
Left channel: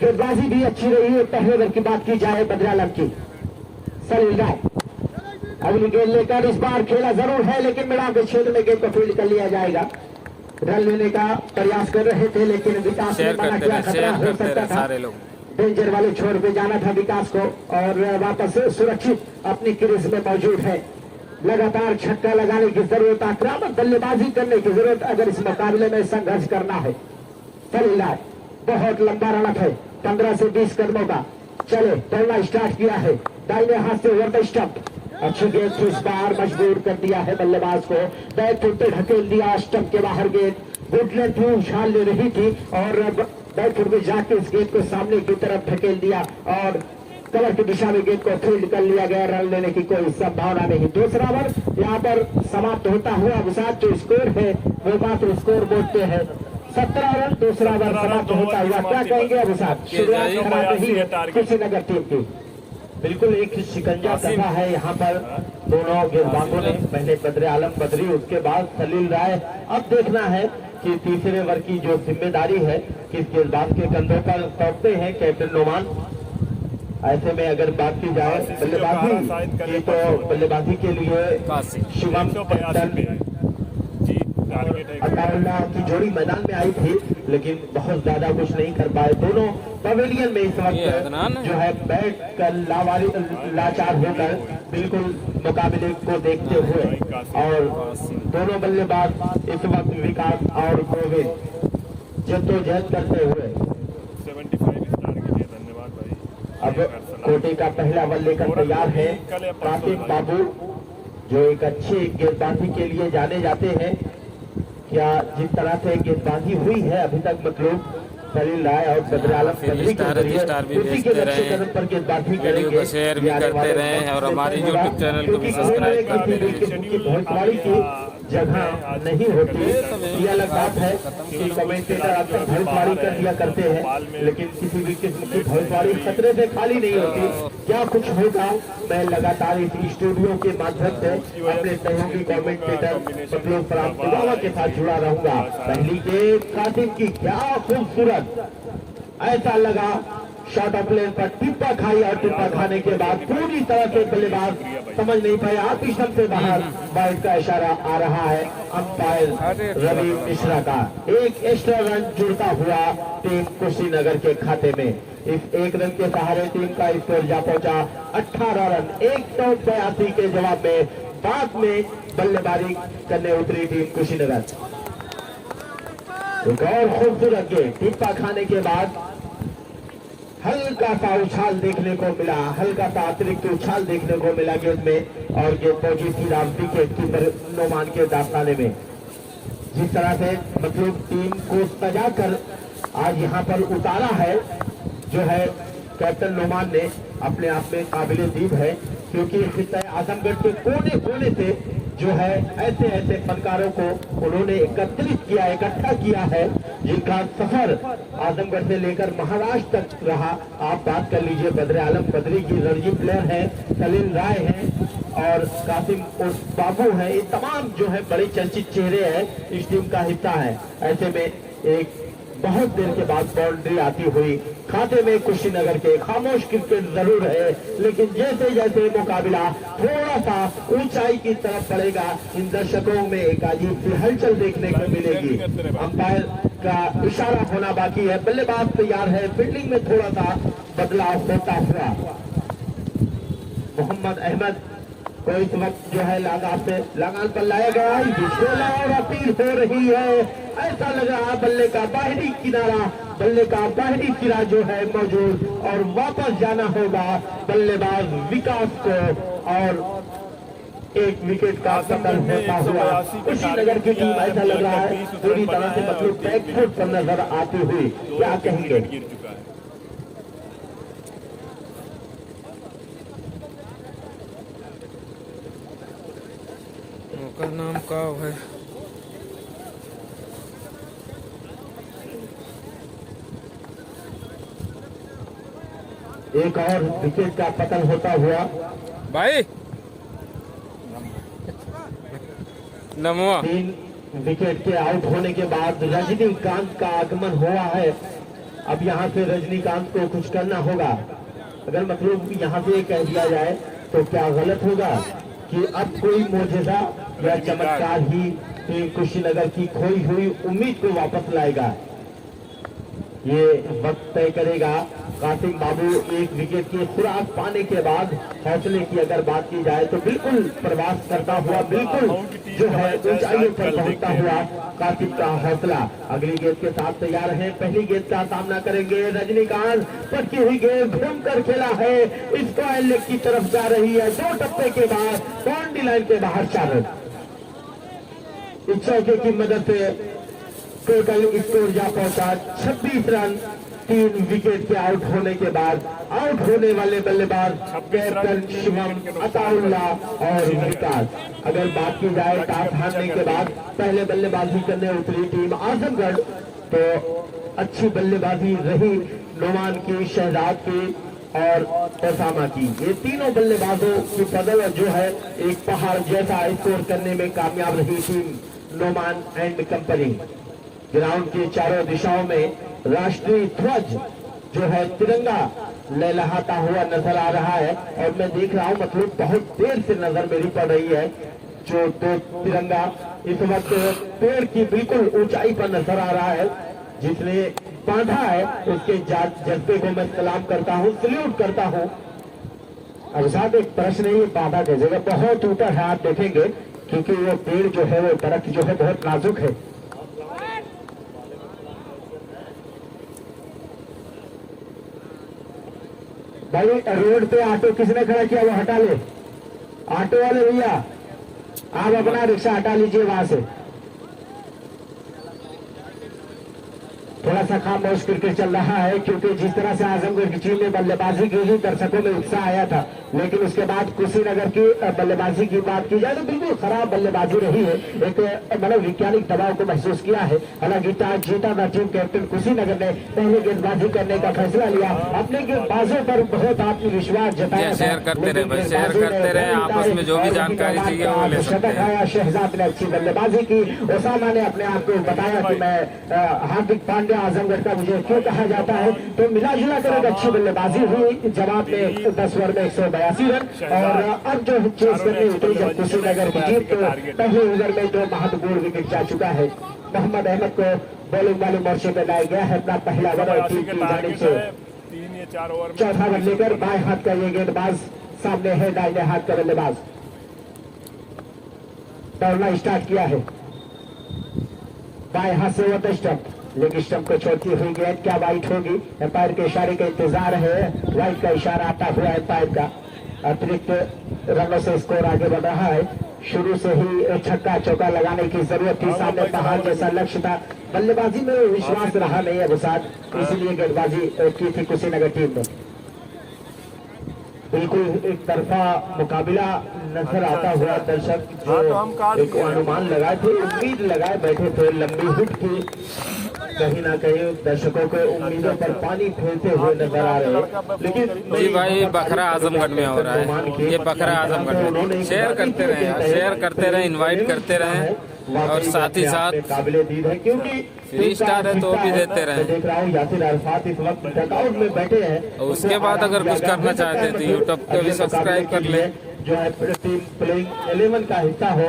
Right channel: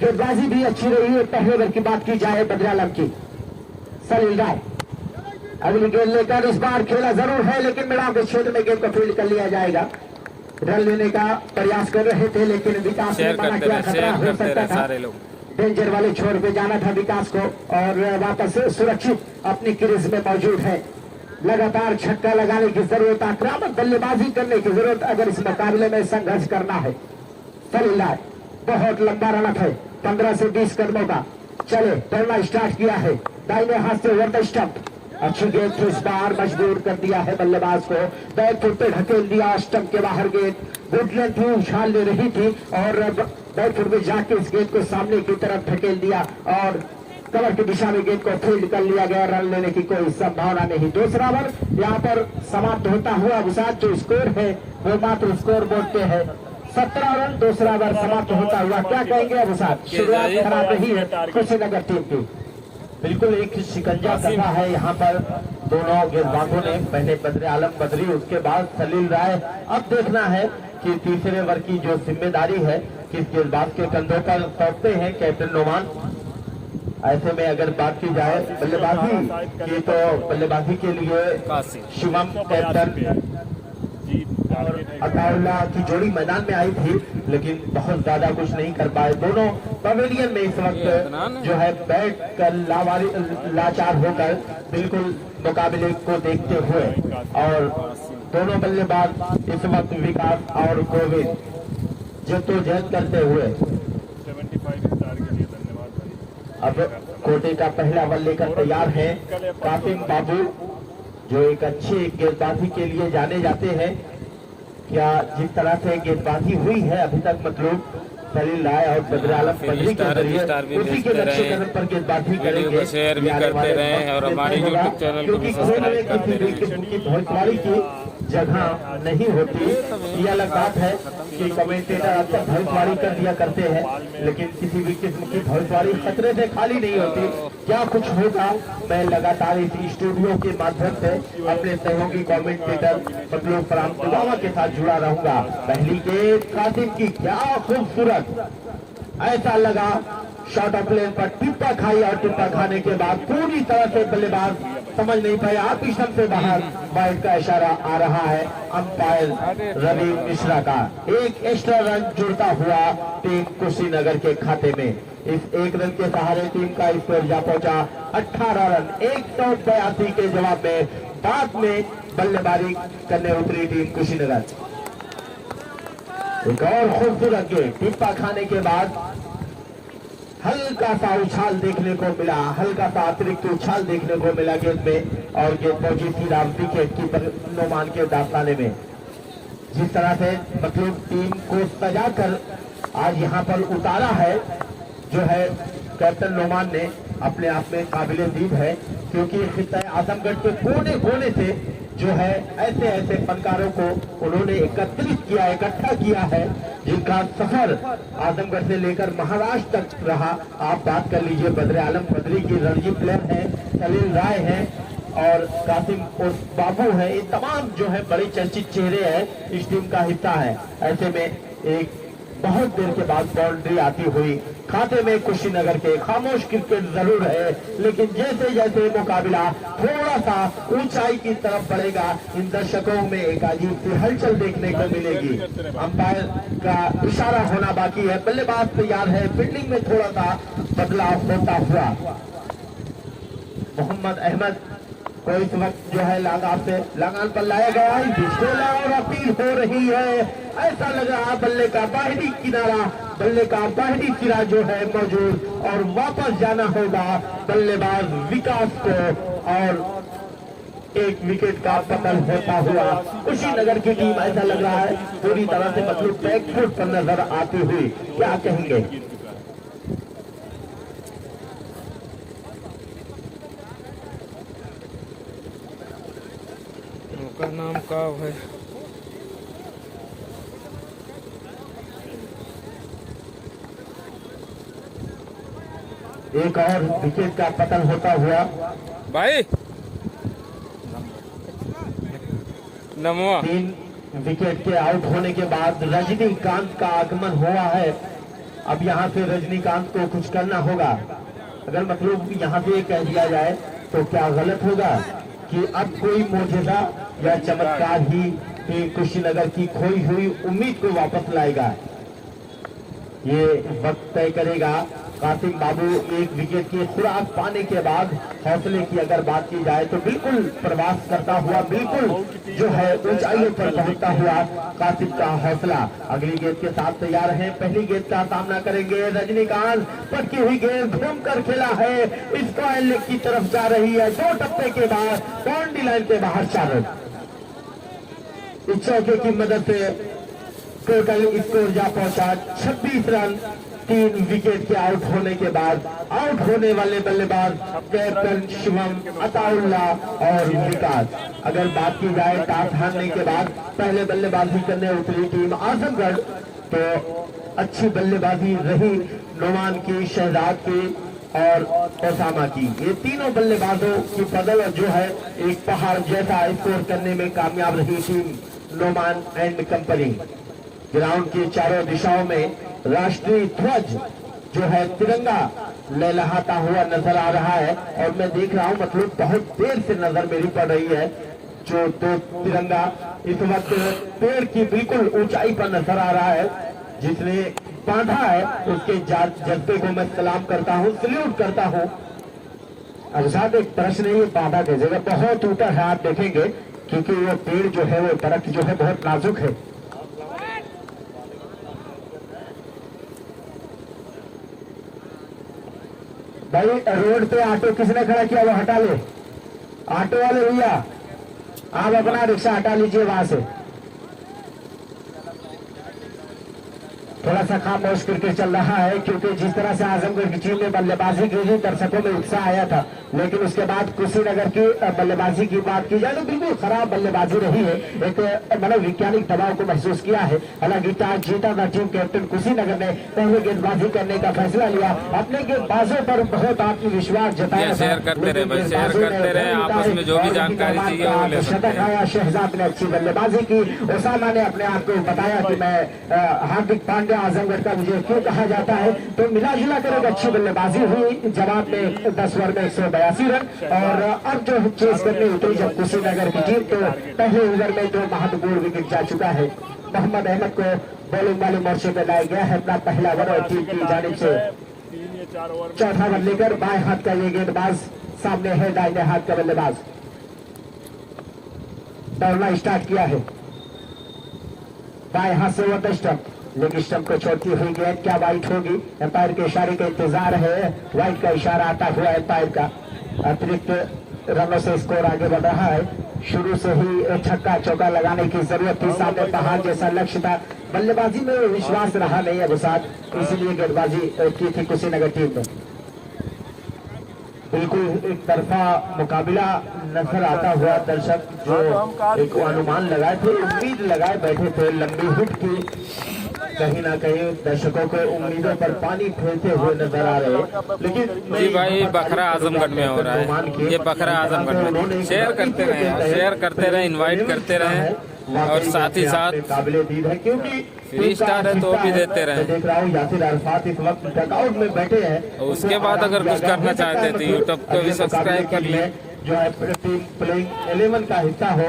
गेंदबाजी भी अच्छी रही है। पहले ओवर की बात की जाए बद्र आलम की, सलील राय अगली गेंद लेकर इस बार खेला जरूर है लेकिन मैदान के क्षेत्र में गेंद को फील्ड कर लिया जाएगा। रन लेने का प्रयास कर रहे थे लेकिन विकास शेयर करते रहे सारे लोग। डेंजर वाले छोर पे जाना था विकास को और वापस सुरक्षित अपनी क्रीज में मौजूद है। लगातार छक्का लगाने की जरूरत, आक्रामक बल्लेबाजी करने की जरूरत अगर इस मुकाबले में संघर्ष करना है। सलील राय बहुत लंबा रन है, 15 से 20 कदमों का। चले दौड़ना स्टार्ट किया है, दाहिने हाथ से ओवर द स्टंप। अच्छी गेंद से इस बार मजबूर कर दिया है बल्लेबाज को, बैट फुट पे ढकेल दिया, स्टंप के बाहर गेंद गुडलैंड थी, उछाल ले रही थी और बैट फुट पे जाके इस गेंद को सामने की तरफ ढकेल दिया और कवर की दिशा में गेंद को फील्ड कर लिया गया। रन लेने की कोई संभावना नहीं। दूसरा ओवर यहाँ पर समाप्त होता हुआ विशाल जो स्कोर है वो मात्र स्कोर बोर्ड पे है 17 रन। दूसरा ओवर समाप्त होता हुआ क्या कहेंगे विशाल? शुरुआत खराब रही कुशीनगर टीम की, बिल्कुल एक शिकंजा कसा है यहाँ पर दोनों गेंदबाजों ने। पहले बद्र आलम बद्री, उसके बाद सलील राय। अब देखना है कि तीसरे ओवर की जो जिम्मेदारी है किस गेंदबाज के कंधों पर सौंपते हैं कैप्टन नोमान। ऐसे में अगर बात की जाए बल्लेबाजी की तो बल्लेबाजी के लिए शिवम कैप्टन अतौल्ला की जोड़ी मैदान में आई थी लेकिन बहुत ज्यादा कुछ नहीं कर पाए। दोनों पवेलियन में इस वक्त जो है बैठ कर लाचार होकर बिल्कुल मुकाबले को देखते हुए और दोनों बल्लेबाज इस वक्त विकास और गोविंद जद्दोजहद करते हुए 75 स्टार के लिए धन्यवाद भाई। अब कोटे का पहला बल लेकर तैयार है कासिम बाबू जो एक अच्छे गेंदबाजी के लिए जाने जाते हैं। क्या जिस तरह से गेंदबाजी हुई है अभी तक मतलब सलील राय और बद्र आलम स्टार भी भेजते रहे, वीडियो को शेयर भी करते रहे और हमारे यूट्यूब चैनल को भी सब्सक्राइब करते रहे। जगह नहीं होती ये अलग बात है कि कमेंटेटर अपना भविष्यवाणी कर दिया करते हैं लेकिन किसी भी किस्म की भविष्यवाणी खतरे से खाली नहीं होती। क्या कुछ होगा, मैं लगातार इस स्टूडियो के माध्यम से अपने सहयोगी कमेंटेटर मतलब फराम पुलावा के साथ जुड़ा रहूंगा। पहली गेंद कासिम की, क्या खूबसूरत, ऐसा लगा शॉट ऑफ लेन पर टिप्पा खाई और टिप्पा खाने के बाद पूरी तरह से बल्लेबाज समझ नहीं पाया, आतिशम से बाहर बाइट का इशारा आ रहा है अंपायर रवि मिश्रा का। एक एक्स्ट्रा रन जुड़ता हुआ टीम कुशीनगर के खाते में। इस एक रन के सहारे टीम का स्कोर जा पहुंचा 18 रन 182 के जवाब में। बाद में बल्लेबाजी करने उतरी टीम कुशीनगर। एक और खूबसूरत गेंद टिप्पा खाने के बाद हल्का सा उछाल देखने को मिला, हल्का सा अतिरिक्त उछाल देखने को मिला गेंद में और गेंद पहुंची थी राम विकेट कीपर नोमान के दास्ताने में। जिस तरह से मतलब टीम को सजा कर आज यहाँ पर उतारा है जो है कैप्टन नोमान ने अपने आप में काबिले दीद है, क्योंकि आजमगढ़ के कोने कोने से जो है ऐसे ऐसे फनकारों को उन्होंने एकत्रित किया, इकट्ठा किया है, जिनका सफर आजमगढ़ से लेकर महाराष्ट्र तक रहा। आप बात कर लीजिए बद्र आलम बद्री की, रणजी प्लेयर है, सलील राय है और कासिम बाबू है, ये तमाम जो है बड़े चर्चित चेहरे हैं, इस टीम का हिस्सा है। ऐसे में एक बहुत देर के बाद बाउंड्री आती हुई खाते में कुशीनगर के। खामोश क्रिकेट जरूर है, लेकिन जैसे जैसे मुकाबला थोड़ा सा ऊंचाई की तरफ बढ़ेगा, इन दर्शकों में एक अजीब सी हलचल देखने को मिलेगी। अंपायर का इशारा होना बाकी है, बल्लेबाज तैयार है, फील्डिंग में थोड़ा सा बदलाव होता हुआ। मोहम्मद अहमद को इस वक्त जो है लगान पर लाया गया है और अपील हो रही है। ऐसा लग रहा बल्ले का बाहरी किनारा, बल्ले का बाहरी सिरा जो है मौजूद और वापस जाना होगा बल्लेबाज विकास को, और एक विकेट का कतल होता हुआ कुशीनगर की टीम ऐसा लग रहा है पूरी तरह से मतलब बैकफुट पर नजर आती हुई। क्या कहेंगे? का नाम का है एक और विकेट का पतन होता हुआ भाई नमो। 3 विकेट के आउट होने के बाद रजनीकांत का आगमन हुआ है। अब यहां से रजनीकांत को कुछ करना होगा। अगर मतलब यहां से कह दिया जाए तो क्या गलत होगा कि अब कोई मोजज़ा या चमत्कार ही कुशीनगर की खोई हुई उम्मीद को वापस लाएगा? ये वक्त तय करेगा। कासिम बाबू एक विकेट की खुराक पाने के बाद हौसले की अगर बात की जाए तो बिल्कुल प्रवास करता हुआ, बिल्कुल जो है ऊंचाइयों पर पहुंचता हुआ कासिम का हौसला अगली गेंद के साथ तैयार है। पहली गेंद का सामना करेंगे रजनीकांत। पटकी हुई गेंद घूमकर खेला है, स्क्वायर लेग की तरफ जा रही है। 2 टप्पे के बाद बाउंड्री लाइन के बाहर 4 रन। इस चौके की मदद से टोटल स्कोर जा पहुंचा 26 रन। 3 विकेट के आउट होने के बाद आउट होने वाले बल्लेबाज कैप्टन शिवम, अताउल्ला और विकास। अगर बात की जाए टॉस हारने के बाद पहले बल्लेबाजी करने उतरी टीम आजमगढ़, तो अच्छी बल्लेबाजी रही नोमान की, शहजाद की और ओसामा की। ये तीनों बल्लेबाजों की बदौलत जो है एक पहाड़ जैसा स्कोर करने में कामयाब रही team Noman and company. Ground की चारों दिशाओं में राष्ट्रीय ध्वज जो है तिरंगा लहलहाता हुआ नजर आ रहा है, और मैं देख रहा हूं मतलब बहुत देर से नजर मेरी पड़ रही है जो 2 तिरंगा इस वक्त पेड़ की बिल्कुल ऊंचाई पर नजर आ रहा है। जिसने बांधा है उसके जज्बे को मैं सलाम करता हूं, सल्यूट करता हूं। अब साथ एक प्रश्न है, ये बांधा की जगह बहुत ऊपर है, आप देखेंगे क्योंकि वो पेड़ जो है वो दरख्त जो है बहुत नाजुक है। भाई रोड पे ऑटो किसने खड़ा किया वो हटा ले। ऑटो वाले भैया आप अपना रिक्शा हटा लीजिए वहां से। थोड़ा सा खामोश क्रिकेट चल रहा है, क्योंकि जिस तरह से आजमगढ़ की टीम में बल्लेबाजी की थी दर्शकों में उत्साह आया था, लेकिन उसके बाद कुशीनगर की बल्लेबाजी की बात की जाए तो बिल्कुल खराब बल्लेबाजी रही है। एक मनोवैज्ञानिक दबाव को महसूस किया है। हालांकि टॉस जीता था टीम कैप्टन कुशीनगर ने पहले गेंदबाजी करने का फैसला लिया, अपने गेंदबाजों पर बहुत आत्मविश्वास जताया। शेयर करते रहे भाई, शेयर करते रहे, आपस में जो भी जानकारी चाहिए वो ले सकते हैं। शहजाद ने अच्छी बल्लेबाजी की। ओसामा ने अपने आप को बताया कि मैं हार्दिक पांड्या आजमगढ़ का मुझे क्यों कहा जाता है, तो मिला जुला कर एक अच्छी बल्लेबाजी हुई। जवाब में 10 ओवर में 182 रन, और अब जो चेस करने उतरी जब कुशीनगर की टीम, तो पहले ओवर में 2 महत्वपूर्ण विकेट जा चुका है। मोहम्मद अहमद को बॉलिंग वाले मोर्चे पर लाया गया है। अपना पहला ओवर टीम की जानिब से 4था ओवर लेकर बाएं हाथ का ये गेंदबाज सामने है, दाहिने हाथ का बल्लेबाज दौड़ना स्टार्ट किया है। बाएं हाथ से ओवर स्टंप, लेकिन स्टंप को छोड़ती हुई गेंद क्या वाइट होगी? एम्पायर के इशारे का इंतजार है। वाइट का इशारा आता हुआ एम्पायर का। अतिरिक्त रनों से स्कोर आगे बढ़ रहा है। शुरू से ही छक्का चौका लगाने की जरूरत थी, सामने पहाड़ जैसा लक्ष्य था। बल्लेबाजी में विश्वास रहा नहीं है साथ, इसीलिए गेंदबाजी की थी कुशीनगर टीम ने। बिल्कुल एक तरफा मुकाबला नजर आता हुआ दर्शक जो एक अनुमान लगाए थे, उम्मीद लगाए बैठे थे लंबी हिट की, कहीं ना कहीं दर्शकों के उम्मीदों पर पानी फेरते हुए नजर आ रहे हैं। लेकिन जी भाई बखरा आजमगढ़ में हो रहा है, ये बखरा आजमगढ़ में। शेयर करते रहे यार, शेयर करते रहे, इनवाइट करते रहे और साथ ही साथ काबिल-ए-दीद है क्योंकि 3 स्टार है तो भी देते रहे। देख रहा हूँ यासिर अरफात इस वक्त डगआउट में बैठे हैं। और उसके बाद अगर कुछ करना चाहते हैं तो यूट्यूब को भी सब्सक्राइब कर लें। जो है टीम प्लेइंग 11 का हिस्सा हो,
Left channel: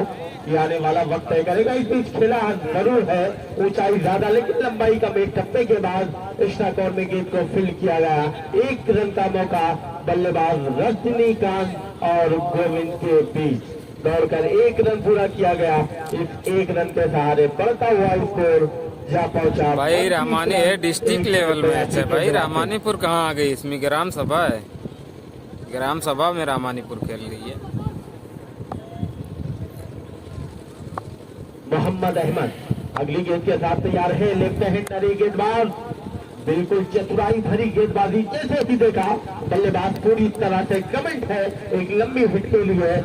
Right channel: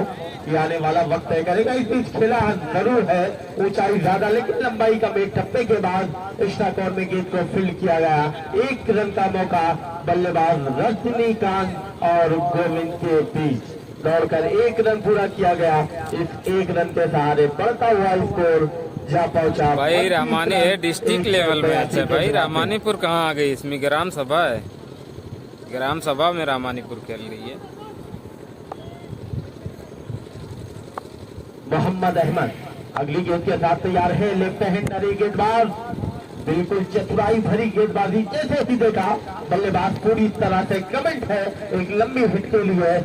ये आने वाला वक्त तय करेगा। इस बीच खेला जरूर है, ऊंचाई ज्यादा लेकिन लंबाई का एक टप्पे के बाद एक्स्ट्रा कॉर्नर गेंद को फील्ड किया गया। 1 रन का मौका बल्लेबाज रजनीकांत और गोविंद के बीच दौड़कर 1 रन पूरा किया गया। इस 1 रन के सहारे बढ़ता हुआ स्कोर जा पहुंचा। भाई रामानी है, डिस्ट्रिक्ट लेवल मैच है भाई। रामानीपुर कहाँ आ गई, इसमें ग्राम सभा है, ग्राम सभा में रामानीपुर खेल रही है। मोहम्मद अहमद अगली गेंद के साथ तैयार है, लेफ्ट हैंडर गेंदबाज, बिल्कुल चतुराई भरी गेंदबाजी जैसे भी देखा। बल्लेबाज पूरी तरह से कमेंट है, एक लंबी हिट के लिए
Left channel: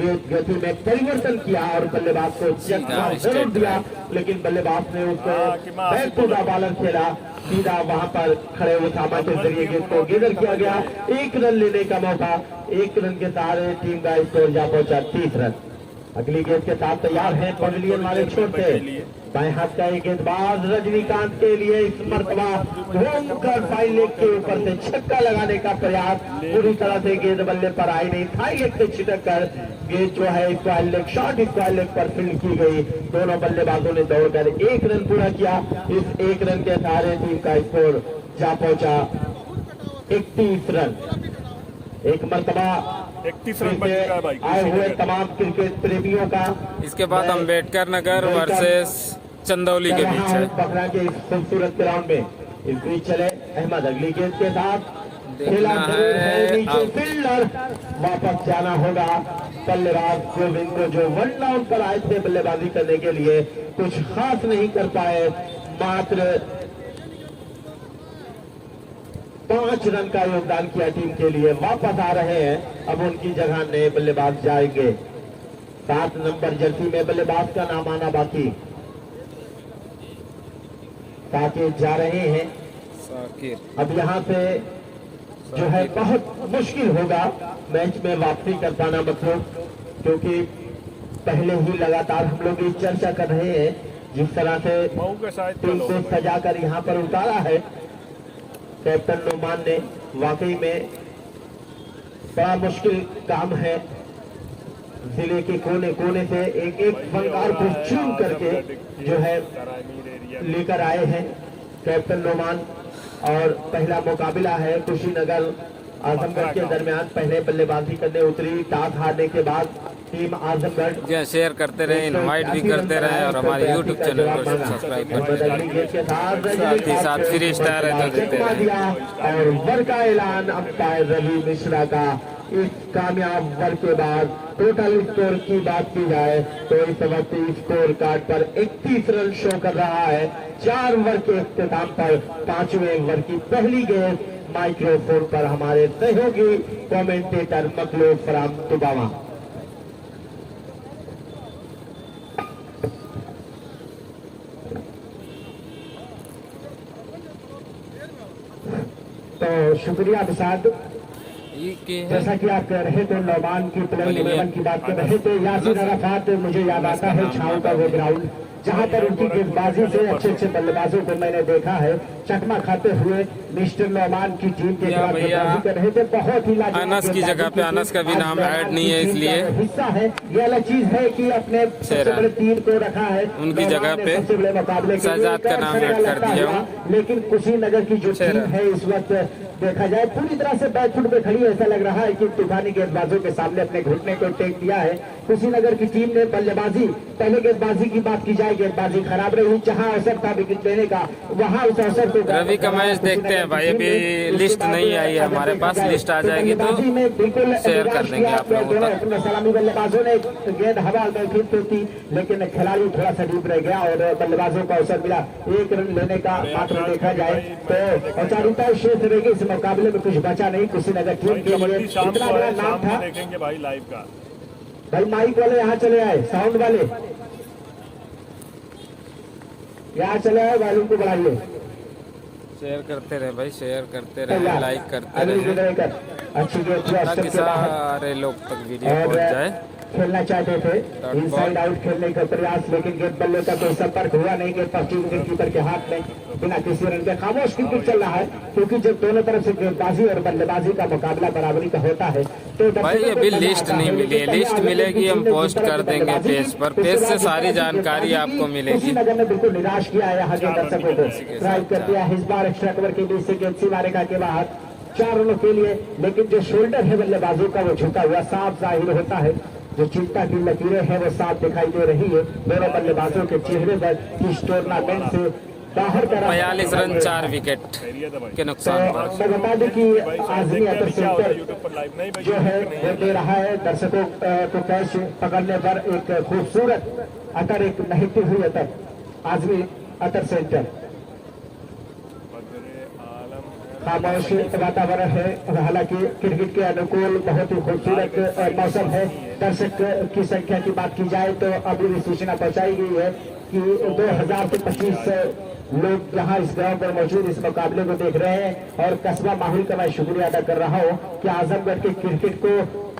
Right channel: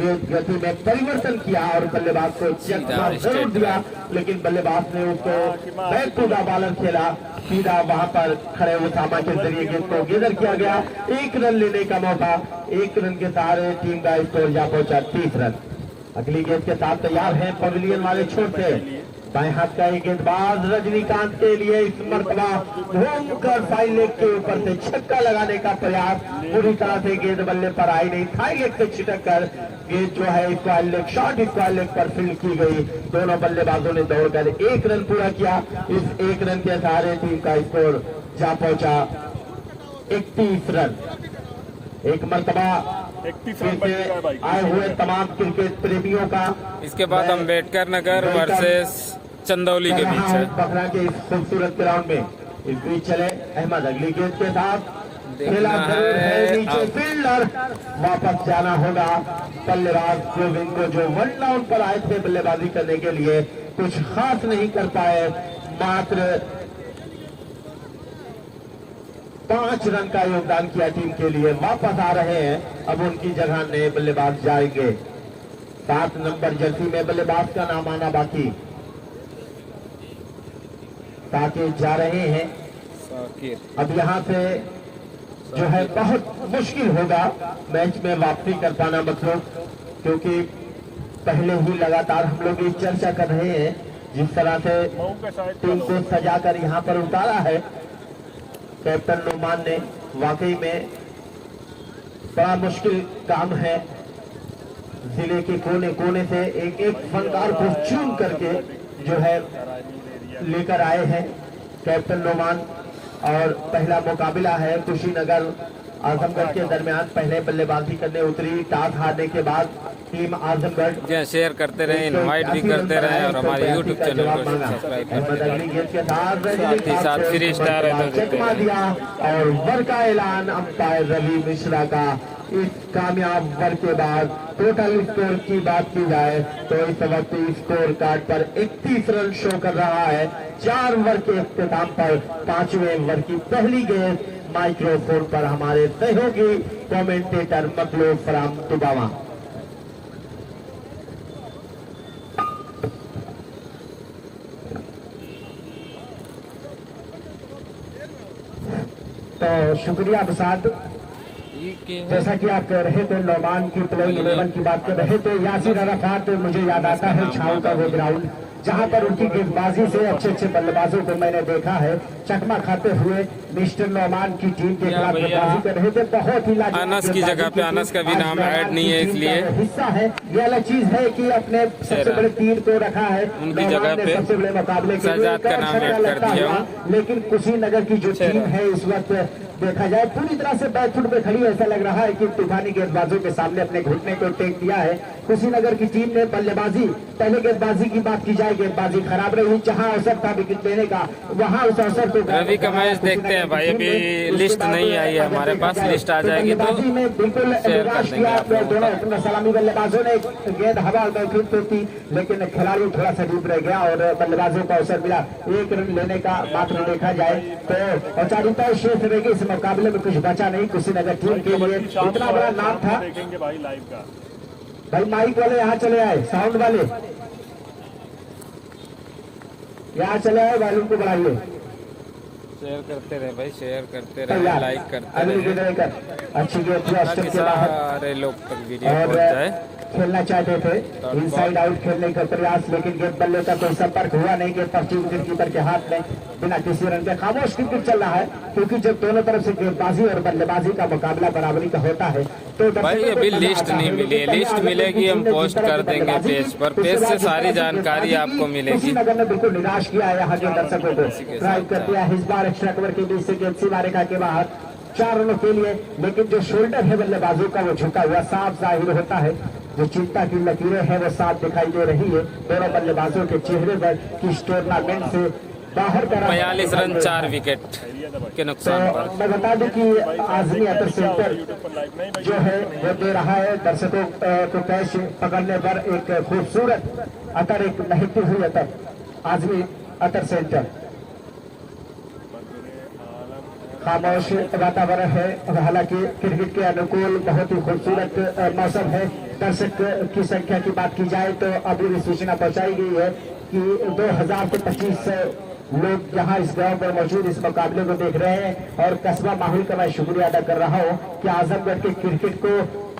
गति में परिवर्तन किया और बल्लेबाज को जरूर दिया, लेकिन बल्लेबाज ने उसको बैक टू द बॉलर खेला, सीधा वहां पर खड़े हुए सामा के जरिए गेंद को गेदर किया गया। 1 रन लेने का मौका, 1 रन के सहारे टीम का स्कोर जा पहुंचा 30 रन। अगली गेंद के साथ तैयार है पवेलियन वाले छोटे दाएं हाथ का एक गेंदबाज रजनीकांत के लिए इस मरतबा घूमकर फाइल लेग के ऊपर से छक्का लगाने का प्रयास, पूरी तरह से गेंद बल्ले पर आई नहीं, फाइल लेग से छिटक कर गेंद जो है square leg short square leg पर फील्ड की गई। दोनों बल्लेबाजों ने दौड़कर 1 रन पूरा किया। इस 1 रन के सहारे टीम का स्कोर जा पहुंचा 31 रन। एक मरतबा 31 रन आए हुए तमाम क्रिकेट प्रेमियों का इसके बाद अम्बेडकर नगर वर्सेस चंदौली के बीच है। बखरा के इस खूबसूरत ग्राउंड में इस बीच चले अहमद अगली गेंद के साथ देखना है फील्डर वापस जाना होगा। बल्लेबाज गोविंद को जो 1 डाउन पर आए थे बल्लेबाजी करने के लिए कुछ खास नहीं कर पाए, मात्र 5 रन का योगदान किया टीम के लिए। वापस आ रहे हैं, अब उनकी जगह नए बल्लेबाज जाएंगे। 7 नंबर जर्सी में बल्लेबाज का नाम आना बाकी, साकिब जा रहे हैं। अब यहाँ से जो है बहुत मुश्किल होगा मैच में वापसी कर पाना, मतलब क्योंकि पहले ही लगातार हम लोग ये चर्चा कर रहे हैं जिस तरह से टीम को सजाकर यहाँ पर उतारा है कैप्टन नुमान ने, वाकई में बड़ा मुश्किल काम है। जिले के कोने कोने से एक एक फनकार को चुन करके जो है लेकर आए हैं कैप्टन नुमान। और पहला मुकाबला है कुशीनगर आजमगढ़ के दरमियान। पहले बल्लेबाजी करने उतरी, टॉस हारने के बाद टीम आजमगढ़। शेयर करते रहे, इनवाइट भी करते रहे और हमारे यूट्यूब चैनल को सब्सक्राइब करते रहे, साथ ही साथ 3 स्टार है तो देते रहे। और वर का ऐलान अंपायर रवि मिश्रा का। इस कामयाब वर के बाद टोटल स्कोर की बात की जाए तो इस वक्त स्कोर कार्ड पर 31 रन शो कर रहा है। 4 ओवर के इख्तिताम पर 5वें ओवर की पहली गेंद माइक्रोफोन पर हमारे सहयोगी कमेंटेटर मतलूब फराम दुबावा। तो शुक्रिया प्रसाद। जैसा कि आप कह रहे थे नौमान की प्लेइंग 11 की बात कर रहे थे, यासिर अरफात मुझे याद आता है छाव का वो ग्राउंड जहां पर उनकी गेंदबाजी से अच्छे अच्छे बल्लेबाजों को मैंने देखा है चकमा खाते हुए। मिस्टर नौमान की टीम के भैया कर रहे थे, बहुत ही अनस की जगह पे अनस का भी नाम ऐड नहीं है, इसलिए हिस्सा है। ये अलग चीज है कि अपने सबसे बड़े टीम को रखा है, उनकी जगह पे सबसे बड़े मुकाबले शहजाद का नाम ऐड कर दिया हूँ। लेकिन कुशीनगर की जो टीम है इस वक्त देखा जाए पूरी तरह से बैकफुट में खड़ी, ऐसा लग रहा है कि तूफानी गेंदबाजों के सामने अपने घुटने को टेक दिया है। कुशीनगर की टीम ने बल्लेबाजी, पहले गेंदबाजी की बात की जाए, गेंदबाजी खराब रही, जहां अवसर था विकेट देने का वहां उस अवसर को। रवि का मैच देखते हैं भाई, अभी लिस्ट नहीं आई है हमारे पास, लिस्ट आ जाएगी तो बिल्कुल शेयर कर देंगे आप लोगों तक। सलामी बल्लेबाजों ने गेंद हवा ठीक तो थी, लेकिन खिलाड़ी थोड़ा सा डूब रह गया और बल्लेबाजों को अवसर मिला 1 रन लेने का। मात्र देखा जाए तो औपचारिकता शेष रहेगी इस मुकाबले में कुछ बचा नहीं कुशीनगर टीम के लिए। इतना बड़ा नाम था। देखेंगे भाई लाइव का। भाई माइक वाले यहाँ चले आए, साउंड वाले यहाँ चले आए, वॉल्यूम को बढ़ाइए। शेयर करते रहे भाई, शेयर करते रहे, लाइक करते रहे अच्छी गेम ताकि सारे लोग तक वीडियो पहुंच जाए। खेलना चाहते थे इनसाइड आउट खेलने का प्रयास, लेकिन गेंद बल्ले का कोई संपर्क हुआ नहीं। गेंद पहुंची विकेटकीपर के हाथ में बिना किसी रन के। खामोश क्रिकेट चल रहा है क्योंकि जब दोनों तरफ से गेंदबाजी और बल्लेबाजी का मुकाबला बराबरी का होता है तो भाई अभी लिस्ट नहीं मिली है, लिस्ट मिलेगी हम पोस्ट कर देंगे पेज पर, पेज से सारी जानकारी आपको मिलेगी। नगर ने बिल्कुल निराश किया है यहाँ के दर्शकों को। ड्राइव कर दिया इस बार एक्स्ट्रा कवर के बीच से गेंद सीमा रेखा के बाहर 4 रनों के लिए, लेकिन जो शोल्डर है बल्लेबाजों का वो झुका हुआ साफ जाहिर होता है। जो चिंता की लकीरें हैं वो साफ दिखाई दे रही है दोनों बल्लेबाजों के चेहरे पर। इस टूर्नामेंट से बाहर 42 रन 4 विकेट के नुकसान पर। मैं बता दूं कि आजमी अतर सेंटर जो है वो दे रहा है दर्शकों को कैच पकड़ने पर एक खूबसूरत अतर, एक महती हुई अतर आजमी अतर सेंटर। खामोश वातावरण है, हालांकि क्रिकेट के अनुकूल बहुत ही खूबसूरत मौसम है। दर्शक की संख्या की बात की जाए तो अभी भी सूचना पहुंचाई गई है कि 2000 से 25 लोग यहाँ इस गांव में मौजूद इस मुकाबले को देख रहे हैं। और कस्बा माहौल का मैं शुक्रिया अदा कर रहा हूँ कि आजमगढ़ के क्रिकेट को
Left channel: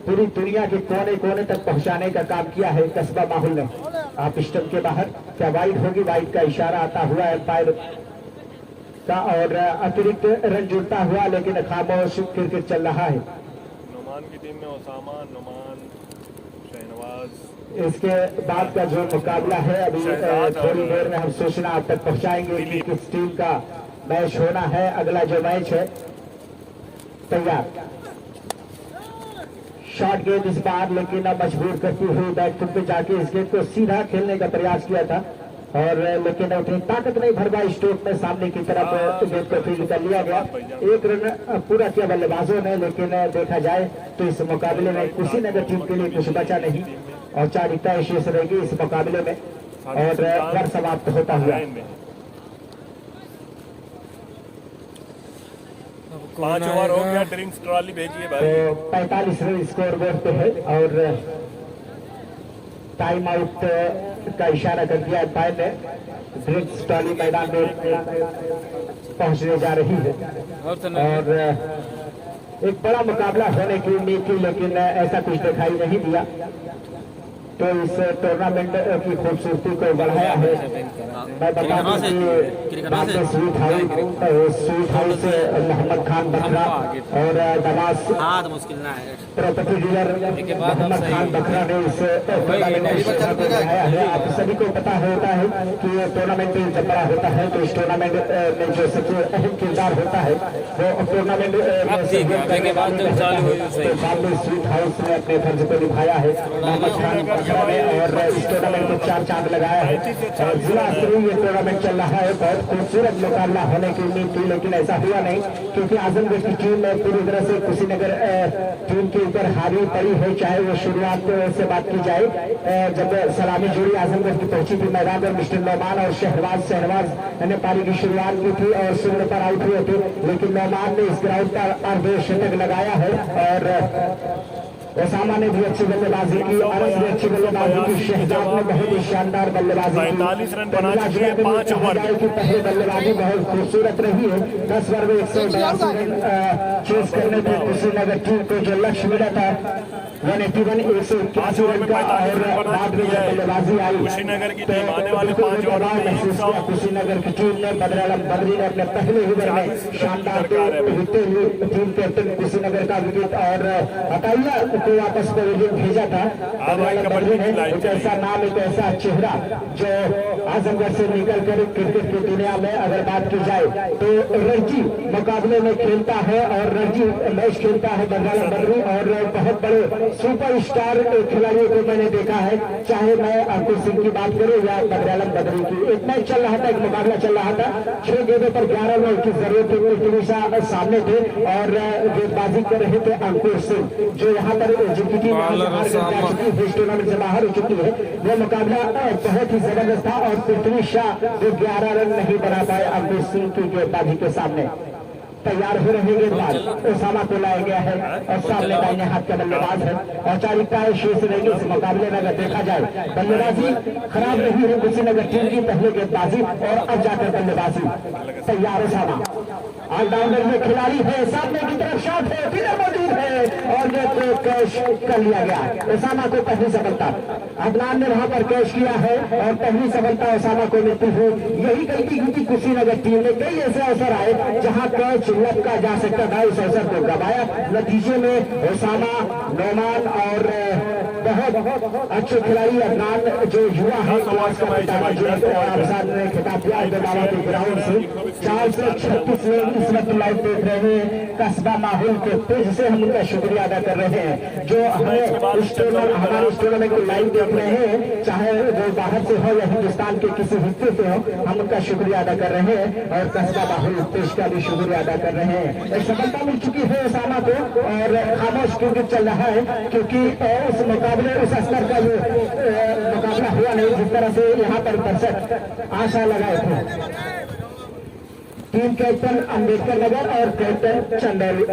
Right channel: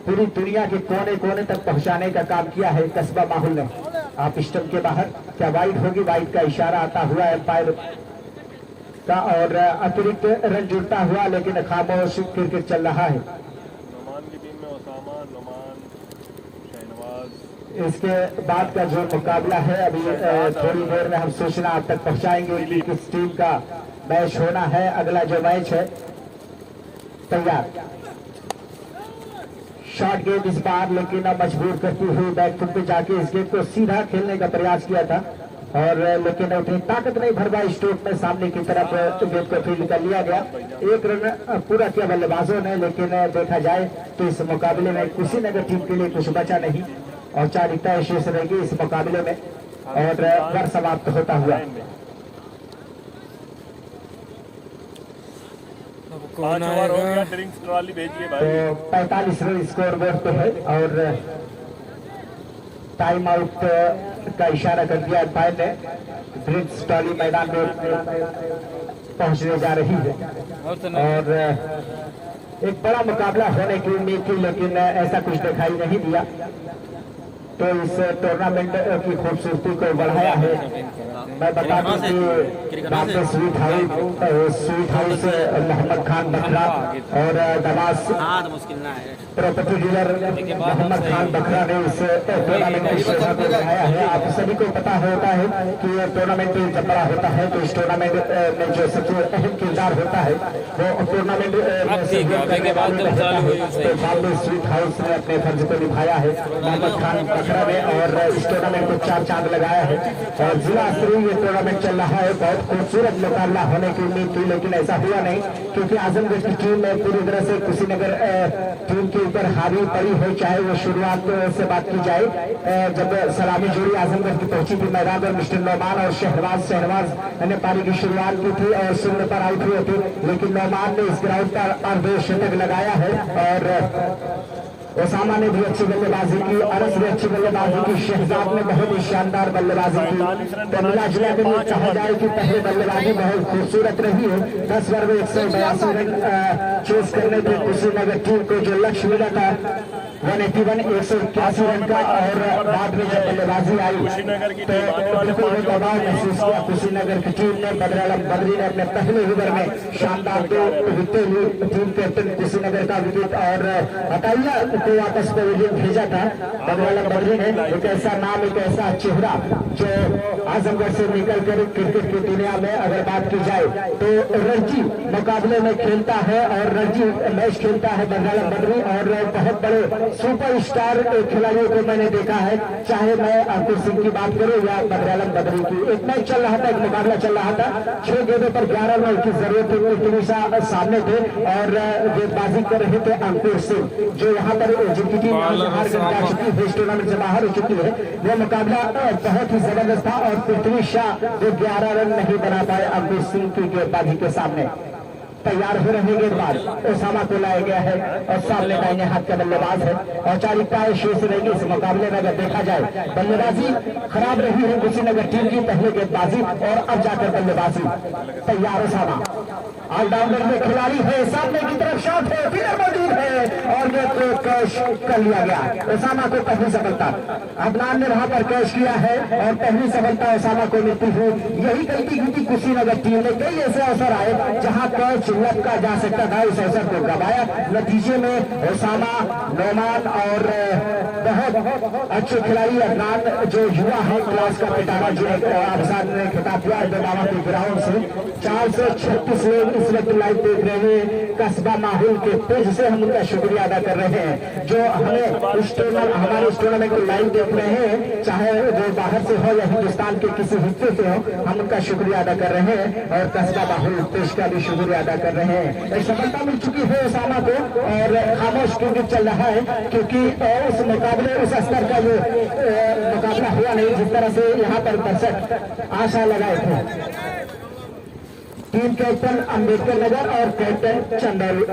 पूरी दुनिया के कोने कोने तक पहुंचाने का काम किया है कस्बा माहौल ने। आप स्टंप के बाहर क्या वाइड होगी, वाइड का इशारा आता हुआ एम्पायर का और अतिरिक्त रन जुड़ता हुआ, लेकिन खामोश क्रिकेट चल रहा है। नुमान की टीम में ओसामा, नुमान, शहनवाज। इसके बाद का जो मुकाबला है अभी थोड़ी देर में हम सूचना आप तक पहुंचाएंगे कि किस टीम का मैच होना है। अगला जो मैच है तैयार। शॉर्ट गेंद इस बार, लेकिन मजबूर करती हुई बैकफुट पे जाके इस गेंद को सीधा खेलने का प्रयास किया था और लेकिन उतनी ताकत नहीं भर पाई स्ट्रोक में। सामने की तरफ गेंद को फील्ड कर लिया गया। 1 रन पूरा किया बल्लेबाजों ने, लेकिन देखा जाए तो इस मुकाबले में कुशीनगर टीम के लिए कुछ बचा नहीं और 4 विकेट शेष रहेगी इस मुकाबले में और ओवर समाप्त होता हुआ। कौन आएगा? ड्रिंक्स ट्रॉली भेजिए तो भाई। 45 रन स्कोर बोर्ड पे है और टाइम आउट का इशारा कर दिया एम्पायर ने। ड्रिंक्स ट्रॉली मैदान में पहुंचने जा रही है और एक बड़ा मुकाबला होने की उम्मीद थी, लेकिन ऐसा कुछ दिखाई नहीं दिया। तो इस टूर्नामेंट की खूबसूरती को बढ़ाया है। मैं बता दूं कि स्वीट हाउस मोहम्मद खान बखरा और दवास मुश्किल ना है प्रॉपर्टी डीलर मोहम्मद खान बखरा ने इस आप सभी को पता होता है कि टूर्नामेंट जब बड़ा होता है तो इस टूर्नामेंट में जो सबसे अहम किरदार होता है वो टूर्नामेंट के बाद जब चालू हुई स्वीट हाउस ने अपने फर्ज को निभाया है मोहम्मद खान में और इस टूर्नामेंट को 4 चांद लगाया है और जिला स्तरीय ये टूर्नामेंट चल रहा है। बहुत खूबसूरत मुकाबला होने की उम्मीद थी, लेकिन ऐसा हुआ नहीं क्योंकि आजमगढ़ की टीम ने पूरी तरह से कुशीनगर टीम के ऊपर हावी पड़ी है। चाहे वो शुरुआत से बात की जाए जब सलामी जोड़ी आजमगढ़ की पहुंची थी मैदान में मिस्टर नौमान और शहनवाज ने पारी की शुरुआत की थी और शून्य पर आउट हुए थे, लेकिन नौमान ने इस ग्राउंड पर अर्धशतक लगाया है और ओसामा ने भी अच्छी बल्लेबाजी की, अरस ने अच्छी बल्लेबाजी की, शहजाद ने बहुत ही शानदार बल्लेबाजी की। कमिला जिला के लिए कहा जाए कि पहले बल्लेबाजी बहुत खूबसूरत रही है। 10 ओवर में 182 रन चेस करने थे कुशीनगर टीम को। जो लक्ष्य मिला था 181 181 रन का और बाद में जब बल्लेबाजी आई तो महसूस किया कुशीनगर की टीम ने। बदरालम बद्री ने अपने पहले ओवर में शानदार 2 विकेट लिए। टीम कैप्टन कुशीनगर का विकेट और हटाइया को वापस में विकेट भेजा था बदरालम बद्री ने। एक ऐसा नाम, एक ऐसा चेहरा जो आजमगढ़ से निकलकर क्रिकेट की दुनिया में अगर बात की जाए तो रणजी मुकाबले में खेलता है और रणजी मैच खेलता है बदरालम बद्री और बहुत बड़े सुपर स्टार खिलाड़ियों को मैंने देखा है, चाहे मैं अंकुर सिंह की बात करूं या बदरालम बद्री की। एक मैच चल रहा था, एक मुकाबला चल रहा था, 6 गेंदों पर 11 रन की जरूरत थी। सामने थे और गेंदबाजी कर रहे थे अंकुर सिंह जो यहाँ पर जिनकी टीम टूर्नामेंट से बाहर हो चुकी है। वो मुकाबला बहुत ही जबरदस्त था और पृथ्वी शाह जो 11 रन नहीं बना पाए अंकुर सिंह की गेंदबाजी के सामने। तैयार हो रहे गेंदबाज ओसामा को लाया गया है और सामने दाहिने हाथ का बल्लेबाज है। औपचारिकता शेष रहेगी इस मुकाबले में। अगर देखा जाए बल्लेबाजी खराब नहीं है कुशीनगर टीम की, पहले गेंदबाजी और अब जाकर बल्लेबाजी। तैयार ओसामा ऑलराउंडर में खिलाड़ी है, सामने की तरफ शॉट है, फिर मौजूद है और ये तो कैश कर लिया गया। ओसामा को पहली सफलता अदनान ने वहां पर कैश किया है और पहली सफलता ओसामा को मिलती है। यही गलती की कुशीनगर टीम में कई ऐसे अवसर आए जहां कैच लटका जा सकता था, इस अवसर को गवाया। नतीजे में ओसामा, नौमान और बहुत अच्छे खिलाड़ी अदनान जो युवा है खिताब के ग्राउंड से 436 लोग इस वक्त लाइव देख रहे हैं। कस्बा माहौल के पेज से हम उनका शुक्रिया अदा कर रहे हैं जो हमें हमारे इस टूर्नामेंट को लाइव देख रहे हैं, चाहे वो बाहर से हो या हिंदुस्तान के किसी हिस्से से हो। हम उनका शुक्रिया अदा कर रहे हैं और कस्बा माहौल पेज का भी शुक्रिया अदा कर रहे हैं। सफलता मिल चुकी है ओसामा को और खामोश क्रिकेट चल रहा है क्योंकि इस मुकाबले उस स्तर का जो मुकाबला हुआ नहीं जिस तरह से यहाँ पर दर्शक आशा लगाए थे। टीम कैप्टन अम्बेडकर नगर और कैप्टन चंदौली।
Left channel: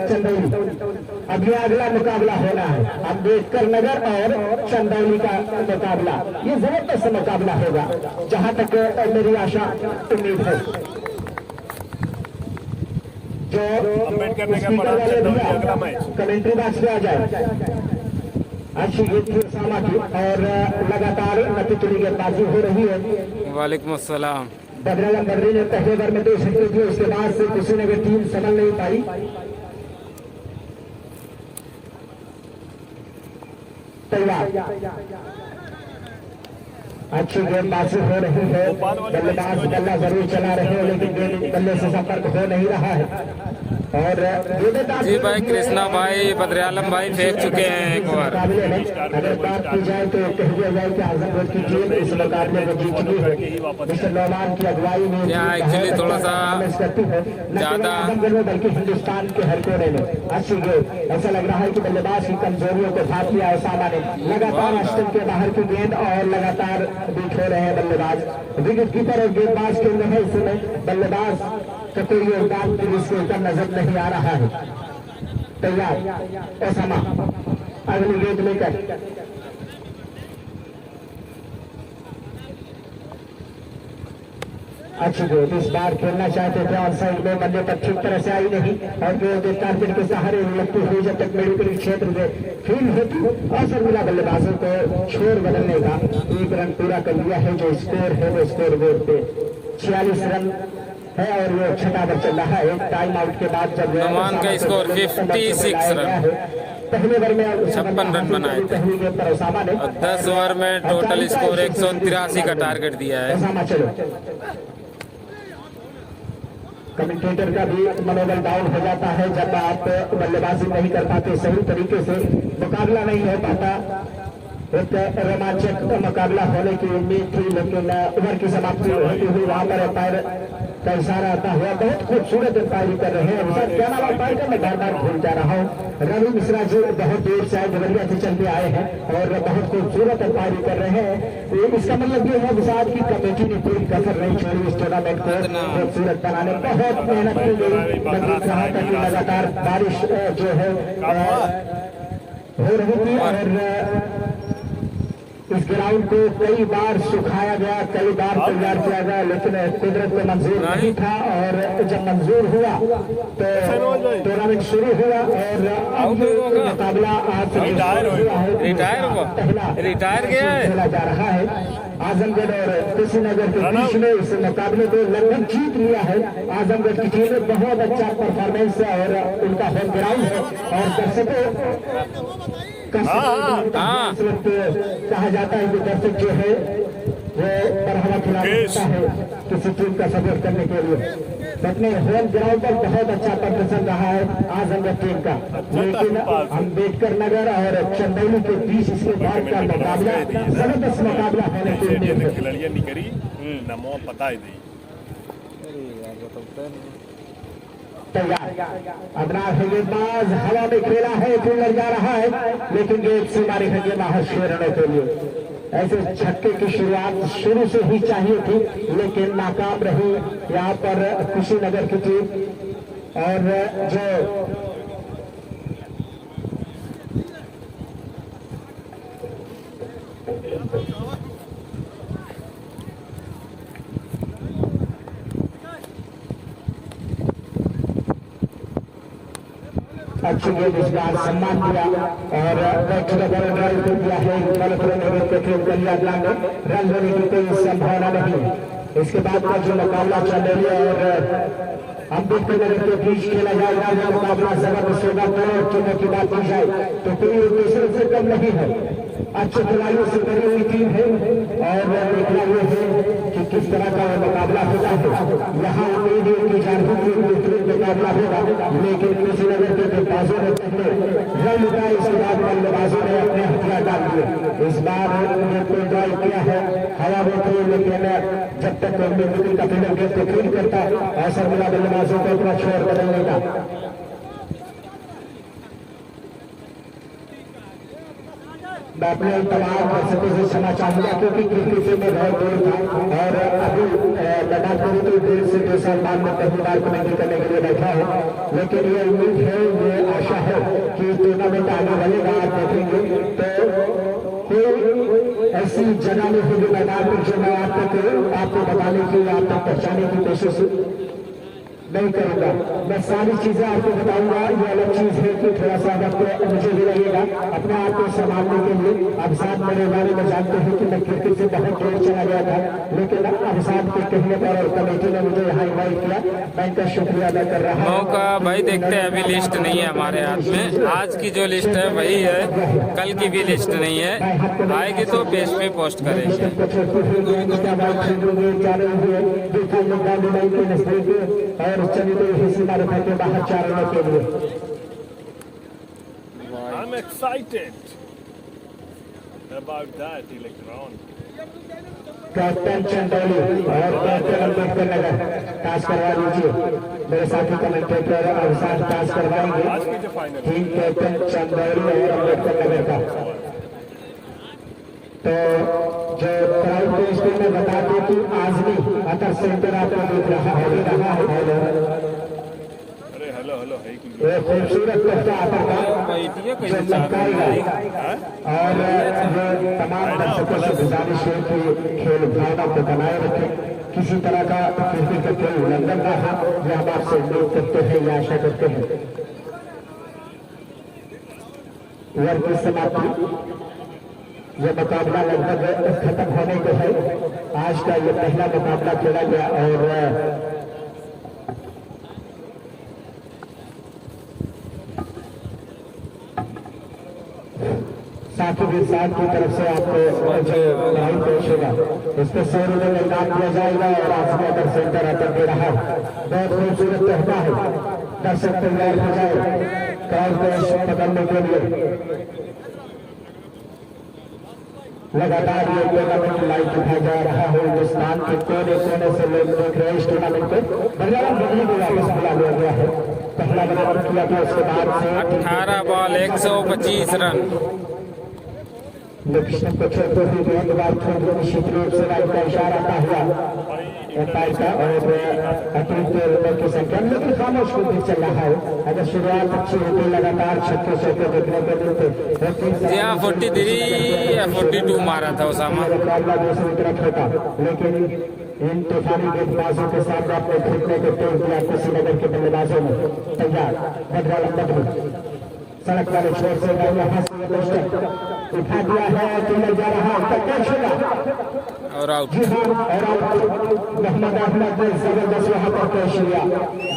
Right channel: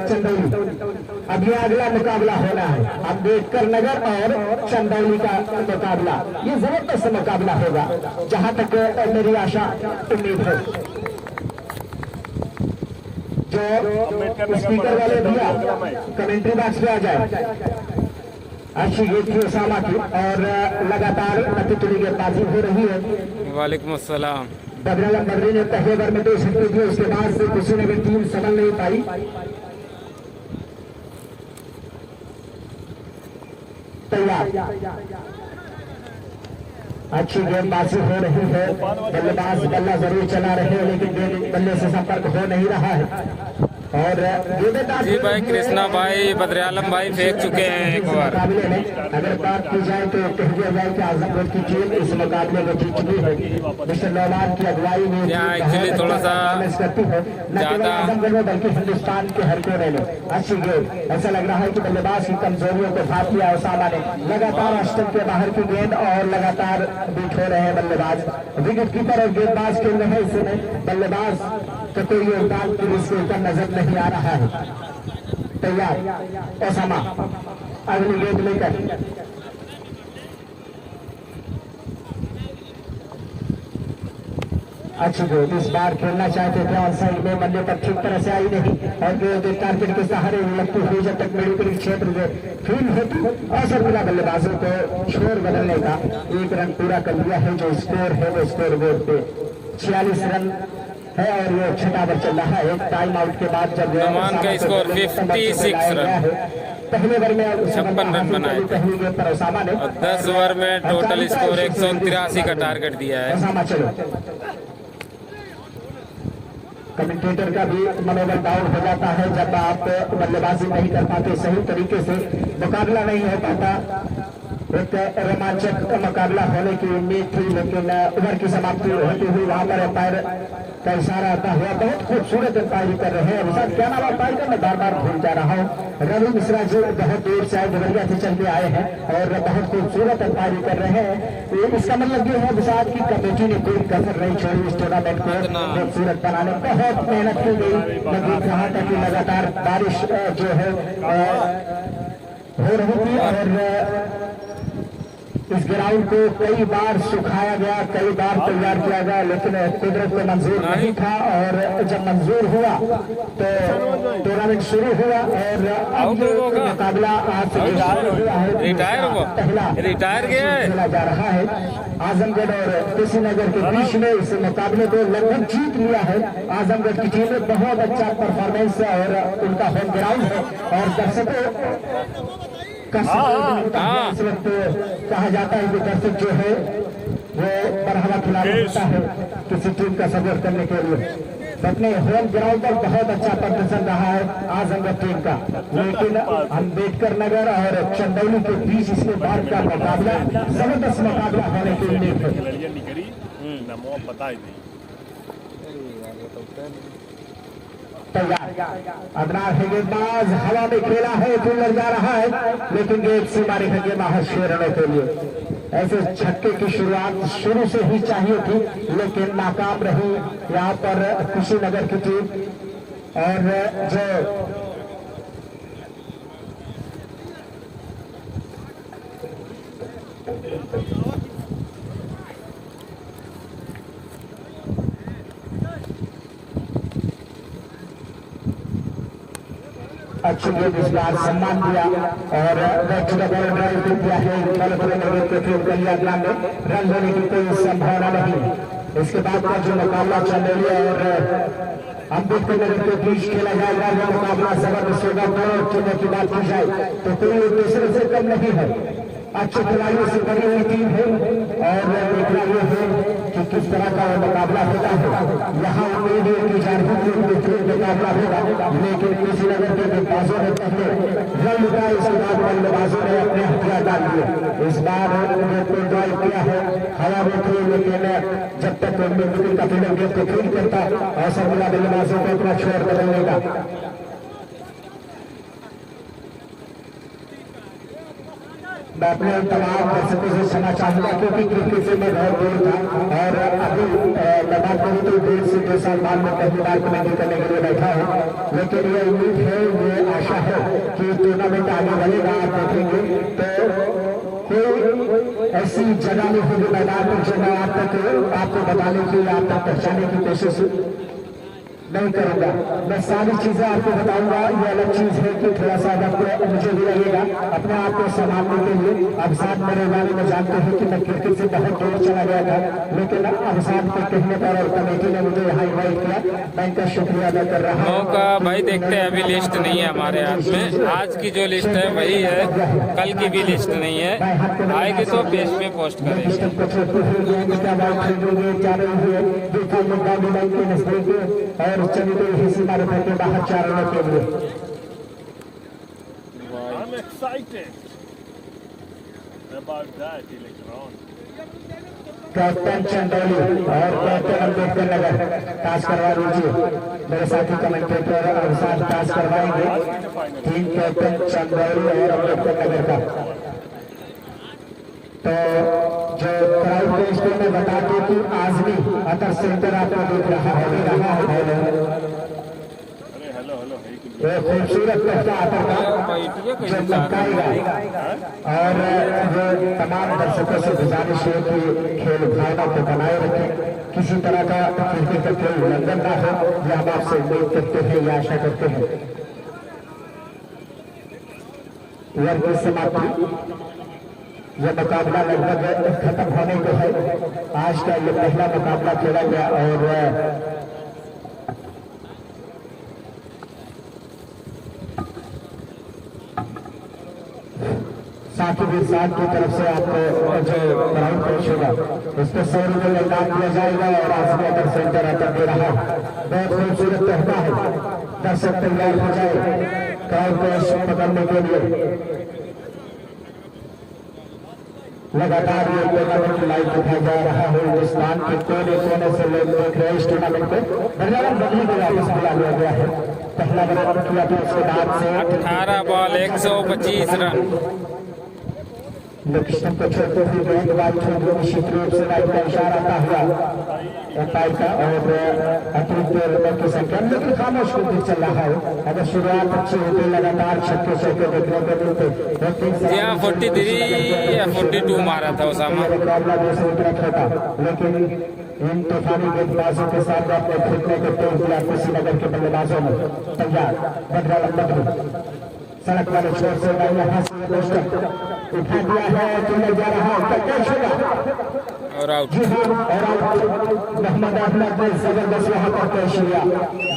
अब ये अगला मुकाबला होना है, अम्बेडकर नगर और चंदौली का मुकाबला। ये जबरदस्त मुकाबला होगा जहां तक मेरी आशा उम्मीद है। जो स्पीकर वाले भैया कमेंट्री बॉक्स में आ जाए। अच्छी गेंद थी ओसामा की और लगातार नतीजों गेंदबाजी हो रही है। वालेकुम अस्सलाम। बद्री ने पहले ओवर में 2 छक्के दिए, उसके बाद से कुशीनगर टीम संभल नहीं पाई। तैयार अच्छी गेंदबाजी हो रही है। बल्लेबाज बल्ला जरूर चला रहे हैं लेकिन गेंद बल्ले से संपर्क हो नहीं रहा है। और जी भाई कृष्णा भाई बद्र आलम भाई फेंक चुके हैं एक बार। अगर बात की जाए तो कह दिया जाए कि आजमगढ़ की टीम इस मुकाबले में जीत चुकी है। मिस्टर नौमान की अगुवाई में यहाँ एक्चुअली थोड़ा सा ज्यादा आजमगढ़ में बल्कि हिंदुस्तान के हर कोने में अच्छी गेंद। ऐसा लग रहा है कि बल्लेबाज की कमजोरियों को भाप लिया ओसामा ने। लगातार स्टंप के बाहर की गेंद और लगातार बीट हो रहे हैं बल्लेबाज। विकेट कीपर और गेंदबाज खेल रहे हैं इस समय। बल्लेबाज का कोई योगदान पुलिस के ऊपर नजर नहीं आ रहा है। तैयार ओसामा अगली गेंद लेकर अच्छी गेंद इस बार खेलना चाहते थे और साइड में बल्ले पर ठीक तरह से आई नहीं और गेंद टारगेट के सहारे लगती हुई जब तक मेडिकल क्षेत्र में फील्ड होती अवसर मिला बल्लेबाजों को स्कोर बदलने का। 1 रन पूरा कर लिया है। जो स्कोर है वो स्कोर बोर्ड पे 46 रन है और वो छठा ओवर चल रहा है। टाइम आउट के बाद जब नौमान का स्कोर 56 रन, पहले ओवर में 56 रन बनाए थे और 10 ओवर में टोटल स्कोर 183 का टारगेट दिया है। कमेंटेटर का भी मनोबल डाउन हो जाता है जब आप बल्लेबाजी नहीं कर पाते, सही तरीके से मुकाबला नहीं हो पाता। एक रोमांचक मुकाबला होने की उम्मीद थी लेकिन ओवर की समाप्ति होती हुई वहां पर अंपायर का इशारा आता हुआ बहुत खूबसूरत अंपायरिंग कर रहे हैं। सर क्या नाम अंपायर का मैं बार बार भूल जा रहा हूँ। रवि मिश्रा जो बहुत दूर से देवरिया से चल के आए हैं और बहुत खूबसूरत अंपायरिंग कर रहे हैं। तो इसका मतलब ये है गुजरात की कमेटी ने कोई कसर नहीं छोड़ी इस टूर्नामेंट को खूबसूरत बनाने। बहुत मेहनत की गई। मैं देख रहा था कि लगातार बारिश जो है हो रही थी और इस ग्राउंड को कई बार सुखाया गया, कई बार तैयार किया गया लेकिन कुदरत में मंजूर नहीं था और जब मंजूर हुआ तो टूर्नामेंट शुरू हुआ और मुकाबला आज रिटायर गया है खेला जा रहा है। आजमगढ़ और कुशीनगर के बीच में इस मुकाबले को लगभग जीत लिया है। आजमगढ़ की टीम में बहुत अच्छा परफॉर्मेंस है और उनका होम ग्राउंड है और दर्शकों कहा जाता है कि दर्शक जो है वो बढ़ावा खिलाता है किसी टीम का सपोर्ट करने के लिए। अपने होम ग्राउंड पर बहुत अच्छा प्रदर्शन रहा है आजमगढ़ टीम का, लेकिन अम्बेडकर नगर और चंदौली के बीच इसके बाद का मुकाबला जबरदस्त मुकाबला होने के उम्मीद है। अदनान गेंदबाज हवा में खेला है, फील्डर जा रहा है लेकिन गेंद से मारे है बाहर 6 रनों के लिए। ऐसे छक्के की शुरुआत शुरू से ही चाहिए थी लेकिन नाकाम रही यहाँ पर कुशीनगर की टीम। और जो अच्छी गेंद इस बार सम्मान दिया और रन होने की कोई संभावना नहीं। इसके बाद का जो मुकाबला चंदेली और अम्बेडकर नगर के बीच खेला जाएगा, यह मुकाबला जबरदस्त होगा और चुनाव की बात की जाए तो कोई दूसरे से कम नहीं है। अच्छे खिलाड़ियों से बनी हुई टीम है और देख रहे हैं कि किस तरह का मुकाबला होता है। यहाँ उम्मीद है कि झारखंड मुकाबला होगा, लेकिन किसी नगर के बल्लेबाजों ने पहले रन उठाए, इसके बाद बल्लेबाजों ने अपने हथियार डाल दिए। इस बार उन्होंने ड्राइव किया है हवा में थोड़ी, लेकिन जब तक विकेट का फील्डर गेंद को फील्ड करता ऐसा बुरा बल्लेबाजों को इतना छोड़ कर देगा। मैं अपने तमाम दर्शकों से क्षमा चाहूंगा क्योंकि क्रिकेट से मैं बहुत दूर था और अभी मैदान पर तो देर से 2 साल बाद मैं पहली कमेंट्री करने के लिए बैठा हूँ, लेकिन ये उम्मीद है, ये आशा है कि टूर्नामेंट आने वाले आप देखेंगे तो कोई ऐसी जगह में होगी मैदान पर जो मैं आप तक आपको बताने की, आप तक पहुंचाने की कोशिश नहीं करूंगा। मैं सारी चीजें आपको बताऊंगा। ये अलग चीज है कि थोड़ा सा वक्त मुझे भी लगेगा अपने आप को संभालने के लिए। अब साथ मेरे बारे में जानते हैं कि मैं क्रिकेट से बहुत दूर चला गया था, लेकिन अब साथ के कहने पर और कमेटी ने मुझे यहाँ इन्वाइट किया, मैं इनका शुक्रिया अदा कर रहा हूँ। मौका भाई देखते हैं, अभी लिस्ट नहीं है हमारे हाथ में। आज की जो लिस्ट है वही है, कल की भी लिस्ट नहीं है। आएगी तो पेज पे पोस्ट करेंगे। I'm excited about that electron. Captain Chandauli और कैप्टन अम्बेडकर नगर पास करवा दीजिए। मेरे साथी कमेंटेटर और साथ पास करवाएंगे टीम कैप्टन चंदौली और अम्बेडकर नगर का। तो जो प्राइम मिनिस्टर ने बताया कि आज भी अतः सेंटर आपको देख रहा है। खूबसूरत लगता आता है और जो तमाम दर्शकों से गुजारिश है कि खेल भावना को बनाए रखें। किसी तरह का क्रिकेट का खेल उल्लंघन रहा यह हम आपसे उम्मीद करते हैं या आशा करते हैं। ओवर की समाप्ति, यह मुकाबला लगभग खत्म होने को है। आज का यह पहला मुकाबला खेला गया और साथ ही साथ की तरफ से आपको जो राउंड पहुंचेगा उसको 100 रुपये लगान दिया जाएगा और आज में अगर सेंटर आता दे रहा बहुत खूबसूरत रहता है। दर्शक तैयार हो जाए कार को पकड़ने के लिए। लगातार ये टूर्नामेंट लाइव दिखाया जा रहा है। हिंदुस्तान के कोने कोने से लोग देख रहे हैं इस टूर्नामेंट को। बंगाल बदली को वापस बुला लिया गया है। पहला बना किया था, उसके बाद 18 बॉल 125 रन। लक्ष्मण को छोड़ते हुए बहुत बार छोड़ो निश्चित रूप से राइट का इशारा था हुआ अंपायर का और अतिरिक्त रनों की संख्या, लेकिन खामोश क्रिकेट चल रहा है। अगर शुरुआत अच्छी होती लगातार छक्के छक्के देखने को मिलते। जी हाँ, 43 या 42 मारा था उसामा। मुकाबला दूसरी तरफ होता, लेकिन इन तूफानी गेंदबाजों के साथ आपने फेंकने के तौर पर आपसी नगर के बल्लेबाजों में तैयार बदला लंबा सड़क वाले छोर से उठा दिया है कि ले जा रहा है और आउट। जी हाँ, मोहम्मद अहमद जबरदस्त वहां पर कैच किया।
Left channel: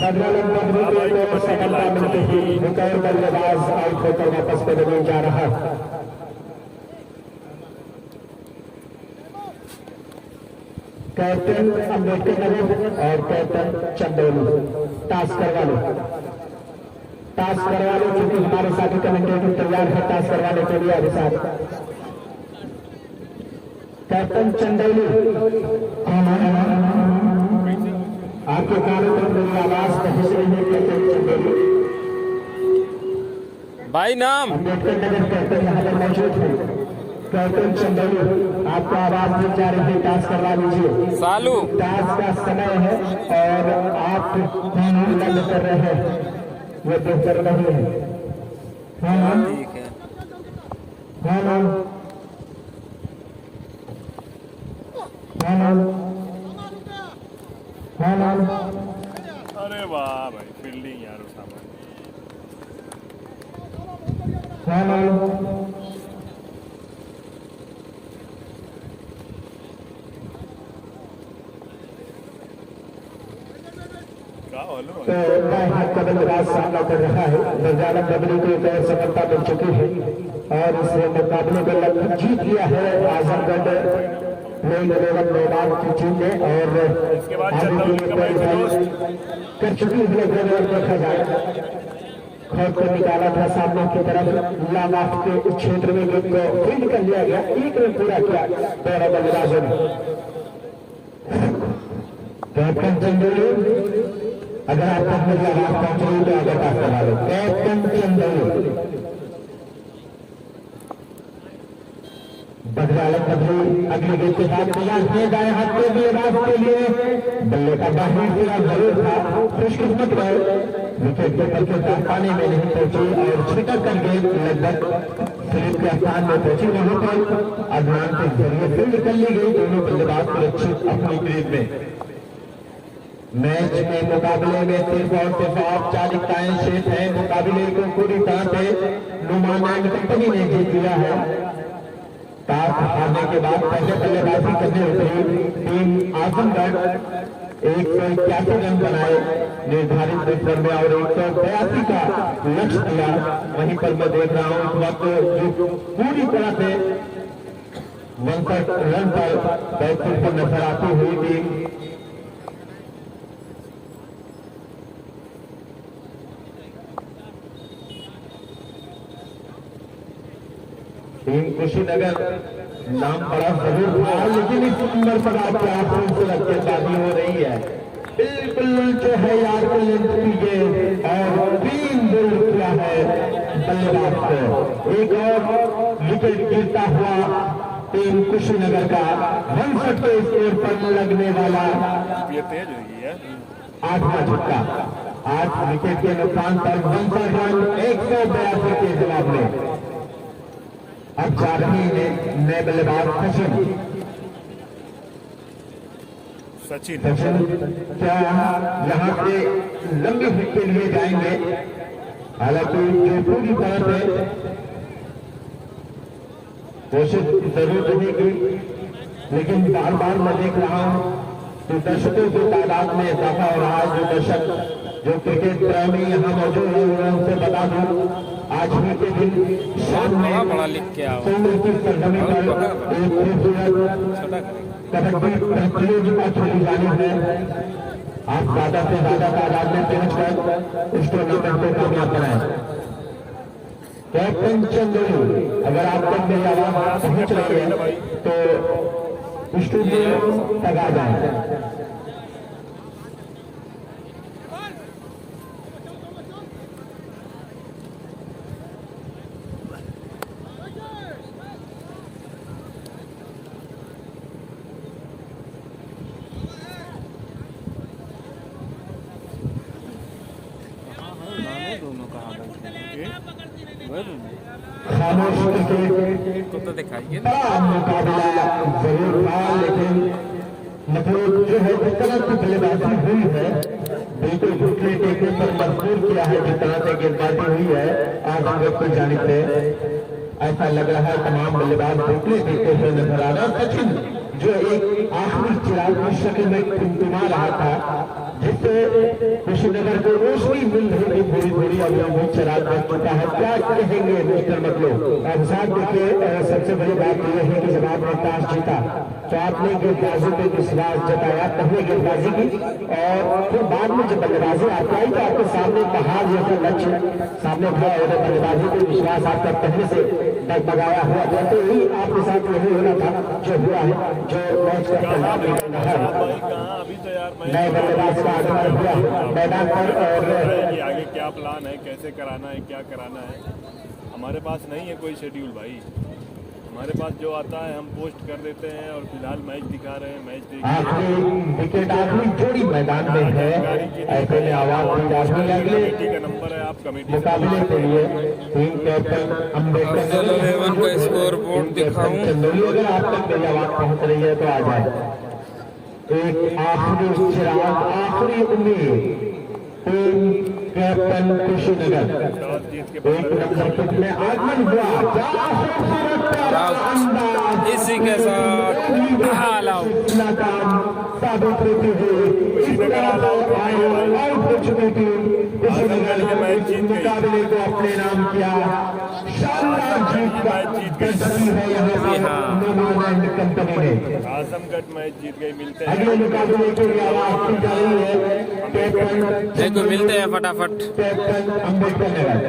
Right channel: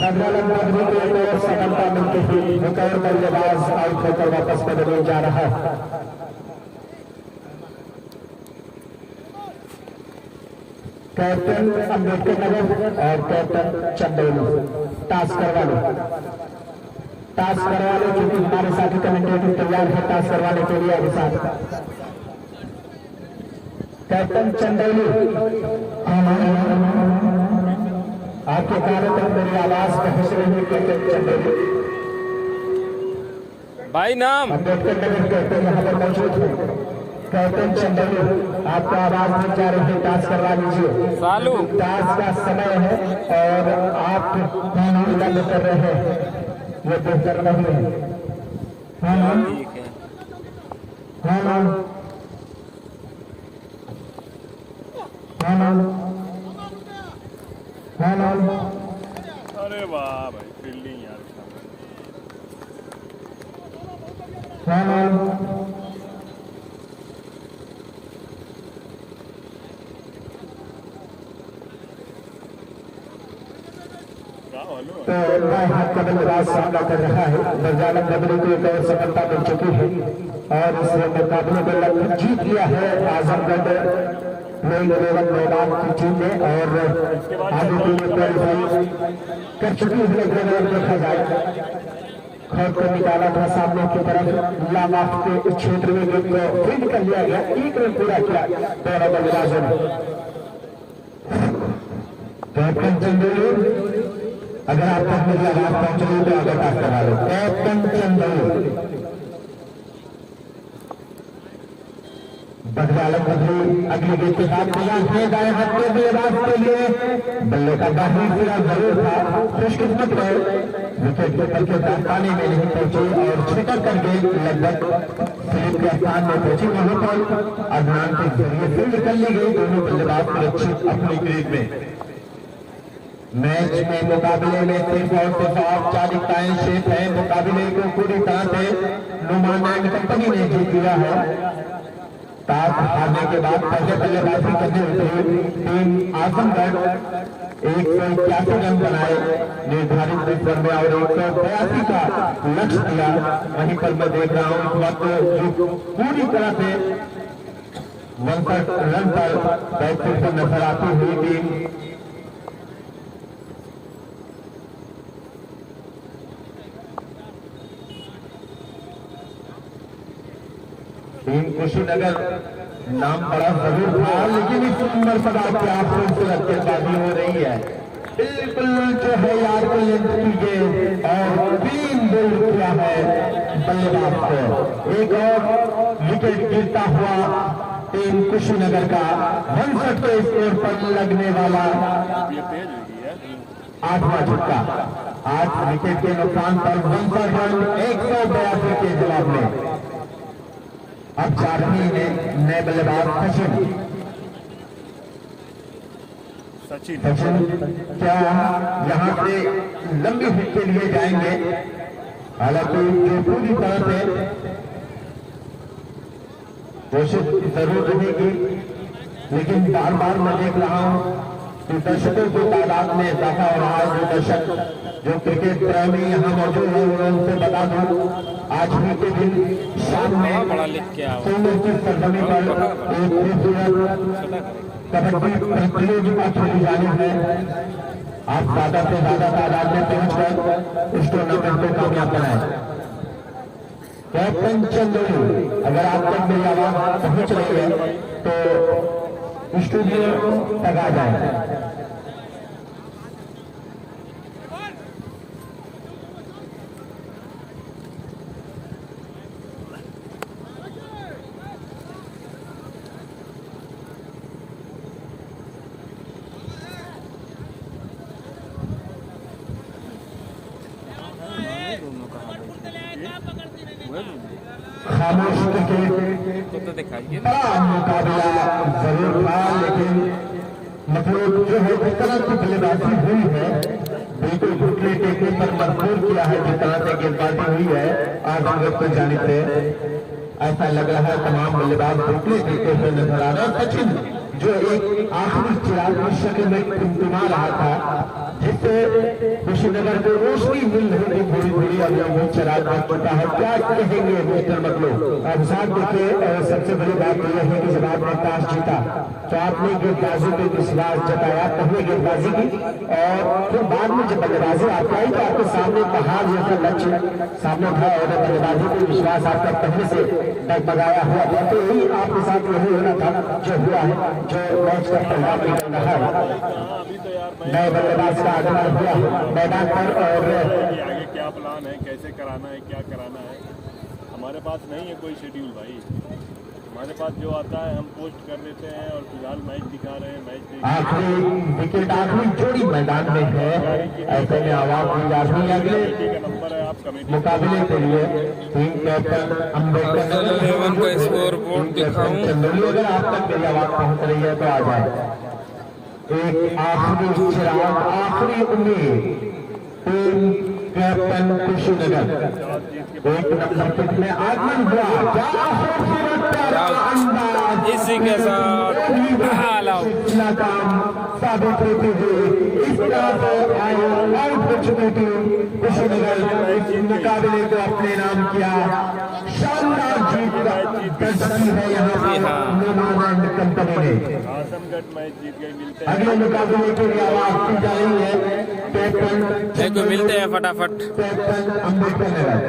बदला लंबा सफलता मिलती हुई एक और बल्लेबाज आउट होकर वापस बदलने जा रहा है। कैप्टन अम्बेडकर नगर और कैप्टन चंदौली टास्क करवा लो, टास्क करवा लो क्योंकि हमारे साथी कमेंटेटर तैयार है टास्क करवाने के लिए। अभी साथ कैप्टन चंदौली आपके कारण तक मेरी आवाज पहुंच रही है। कैप्टन चंदौली भाई नाम अम्बेडकर नगर कैप्टन यहाँ पर मौजूद है। कैप्टन चंदौली आपका आवाज नहीं जा रही है, टास्क करवा लीजिए। सालू टास्क का समय है और आप लग कर रहे हैं, ये बेहतर नहीं है। ठीक है। अरे वाह भाई फील्डिंग यार उसका। तो बल्लेबाज सामना कर रहा है, बजाना डबल की एक और सफलता मिल चुकी है और इस मुकाबले में लगभग जीत लिया है आजमगढ़ मैदान की टीम ने और आगे टीम क्वालिफाई कर चुकी है। देखा जाए खैर को निकाला था सामने की तरफ, लाला के उस क्षेत्र में फील्ड कर लिया गया, एक रन पूरा किया दोनों बल्लेबाजों ने। कैप्टन चंदेल अगर आप कैप्टन चंदेल बदलाव अगले गेट के साथ दाएं हाथ के बल्लेबाज के लिए बल्ले का बाहरी पूरा जरूर था, खुशकिस्मत है विकेट कीपर के पानी में नहीं पहुंची और छिटक कर गई, लगभग स्लिप के स्थान में पहुंची। वहीं पर अभियान के जरिए फील्ड निकल ली गई, दोनों बल्लेबाज सुरक्षित अपनी ग्रेड में। मैच में मुकाबले में सिर्फ और सिर्फ औपचारिकताएं शेष है, मुकाबले को पूरी तरह से नुमान कंपनी ने जीत लिया है। टॉस हारने के बाद पहले बल्लेबाजी करने उतरी टीम आजमगढ़ 181 रन बनाए निर्धारित स्तर में और 182 का लक्ष्य दिया। वहीं पर मैं देख रहा हूं इस वक्त पूरी तरह से 59 रन पर बैटिंग को नजर आती हुई टीम कुशीनगर नाम बड़ा जरूर था, लेकिन इस उम्र पर आपके आंसू से रखेदारी हो रही है। बिल्कुल जो है यार को लेंथ की गेंद और 3 बोल्ड किया है बल्लेबाज को। एक और विकेट गिरता हुआ टीम कुशीनगर का 61 के स्कोर पर लगने वाला ये तेज हुई है 8वां छक्का। 8 विकेट के नुकसान पर 62 रन 182 के जवाब में। अब झारखंड ने नए बल्लेबाज सचिन क्या यहाँ से लंबी हिट के लिए जाएंगे, हालांकि पूरी तरह से कोशिश जरूर रहेगी, लेकिन बार बार मैं देख रहा हूँ कि दर्शकों की तादाद में इजाफा हो रहा है। जो दर्शक जो क्रिकेट प्रेमी यहाँ मौजूद है उनसे बता दूं आज भी के दिन बहुत बड़ा बड़ा लिख के आओ, की सरजमी पर कबड्डी प्रतियोगिता खेली जानी है। आप ज्यादा से ज्यादा तादाद में पहुंचकर इस टूर्नामेंट को कामयाब बनाए। कैप्टन चंदेल अगर आप पहुंच रहे हैं तो स्टूडियो तक आ जाए। दोनों कहाँ बैठे को तो दिखाइए ना। मुकाबला जरूर था, लेकिन मतलब जो है जिस तरह की बल्लेबाजी हुई है बिल्कुल घुटने के ऊपर भरपूर किया है, जिस तरह से गेंदबाजी हुई है आजमगढ़ की जानिब से ऐसा लग रहा है तमाम बल्लेबाज घुटने देते हुए नजर आ रहा है। सचिन जो एक आखिरी चिराग की शक्ल में टिमटिमा रहा था, जिससे कुशीनगर को रोशनी मिल रही थी थोड़ी थोड़ी, अभी वो चिराग बन चुका है। क्या कहेंगे मिस्टर मतलब साहब? देखिए सबसे बड़ी बात यह है कि जब आपने टॉस जीता तो आपने गेंदबाजी पे विश्वास जताया, पहले गेंदबाजी की और फिर बाद में जब बल्लेबाजी आता है तो आपके सामने कहा यह लक्ष्य सामने था और बल्लेबाजी पे विश्वास आपका पहले से डगमगाया हुआ था। तो यही आपके साथ यही होना था जो हुआ है, जो मैच का परिणाम रहा है। नए बल्लेबाज का आगमन हुआ मैदान पर और आगे क्या प्लान है, कैसे कराना है, क्या कराना है, हमारे पास नहीं है कोई शेड्यूल भाई। हमारे पास जो आता है हम पोस्ट कर देते हैं और फिलहाल मैच दिखा रहे हैं। मैच आखिरी विकेट आखिरी जोड़ी मैदान में है, ऐसे में आवाज अगले कमेटी का नंबर है, आप कमेटी मुकाबले के लिए टीम कैप्टन अफजल 11 का स्कोर बोर्ड दिखाऊं। अगर आप तक मेरी आवाज पहुंच रही है तो आ जाए। एक आखिरी चिराग, आखिरी उम्मीद टीम कैप्टन कुशीनगर एक नंबर पिच में आगमन हुआ। इसी के साथ ऑल आउट। साबित होती हुई इस तरह मुकाबले को अपने नाम किया। शानदार जीत का दर्शन है यहाँ कंपनी ने। आजमगढ़ मैच जीत गए। मिलते हैं अगले मुकाबले के लिए आवाज की जा रही है। देखो मिलते हैं फटाफट। कैप्टन अम्बेडकर नगर।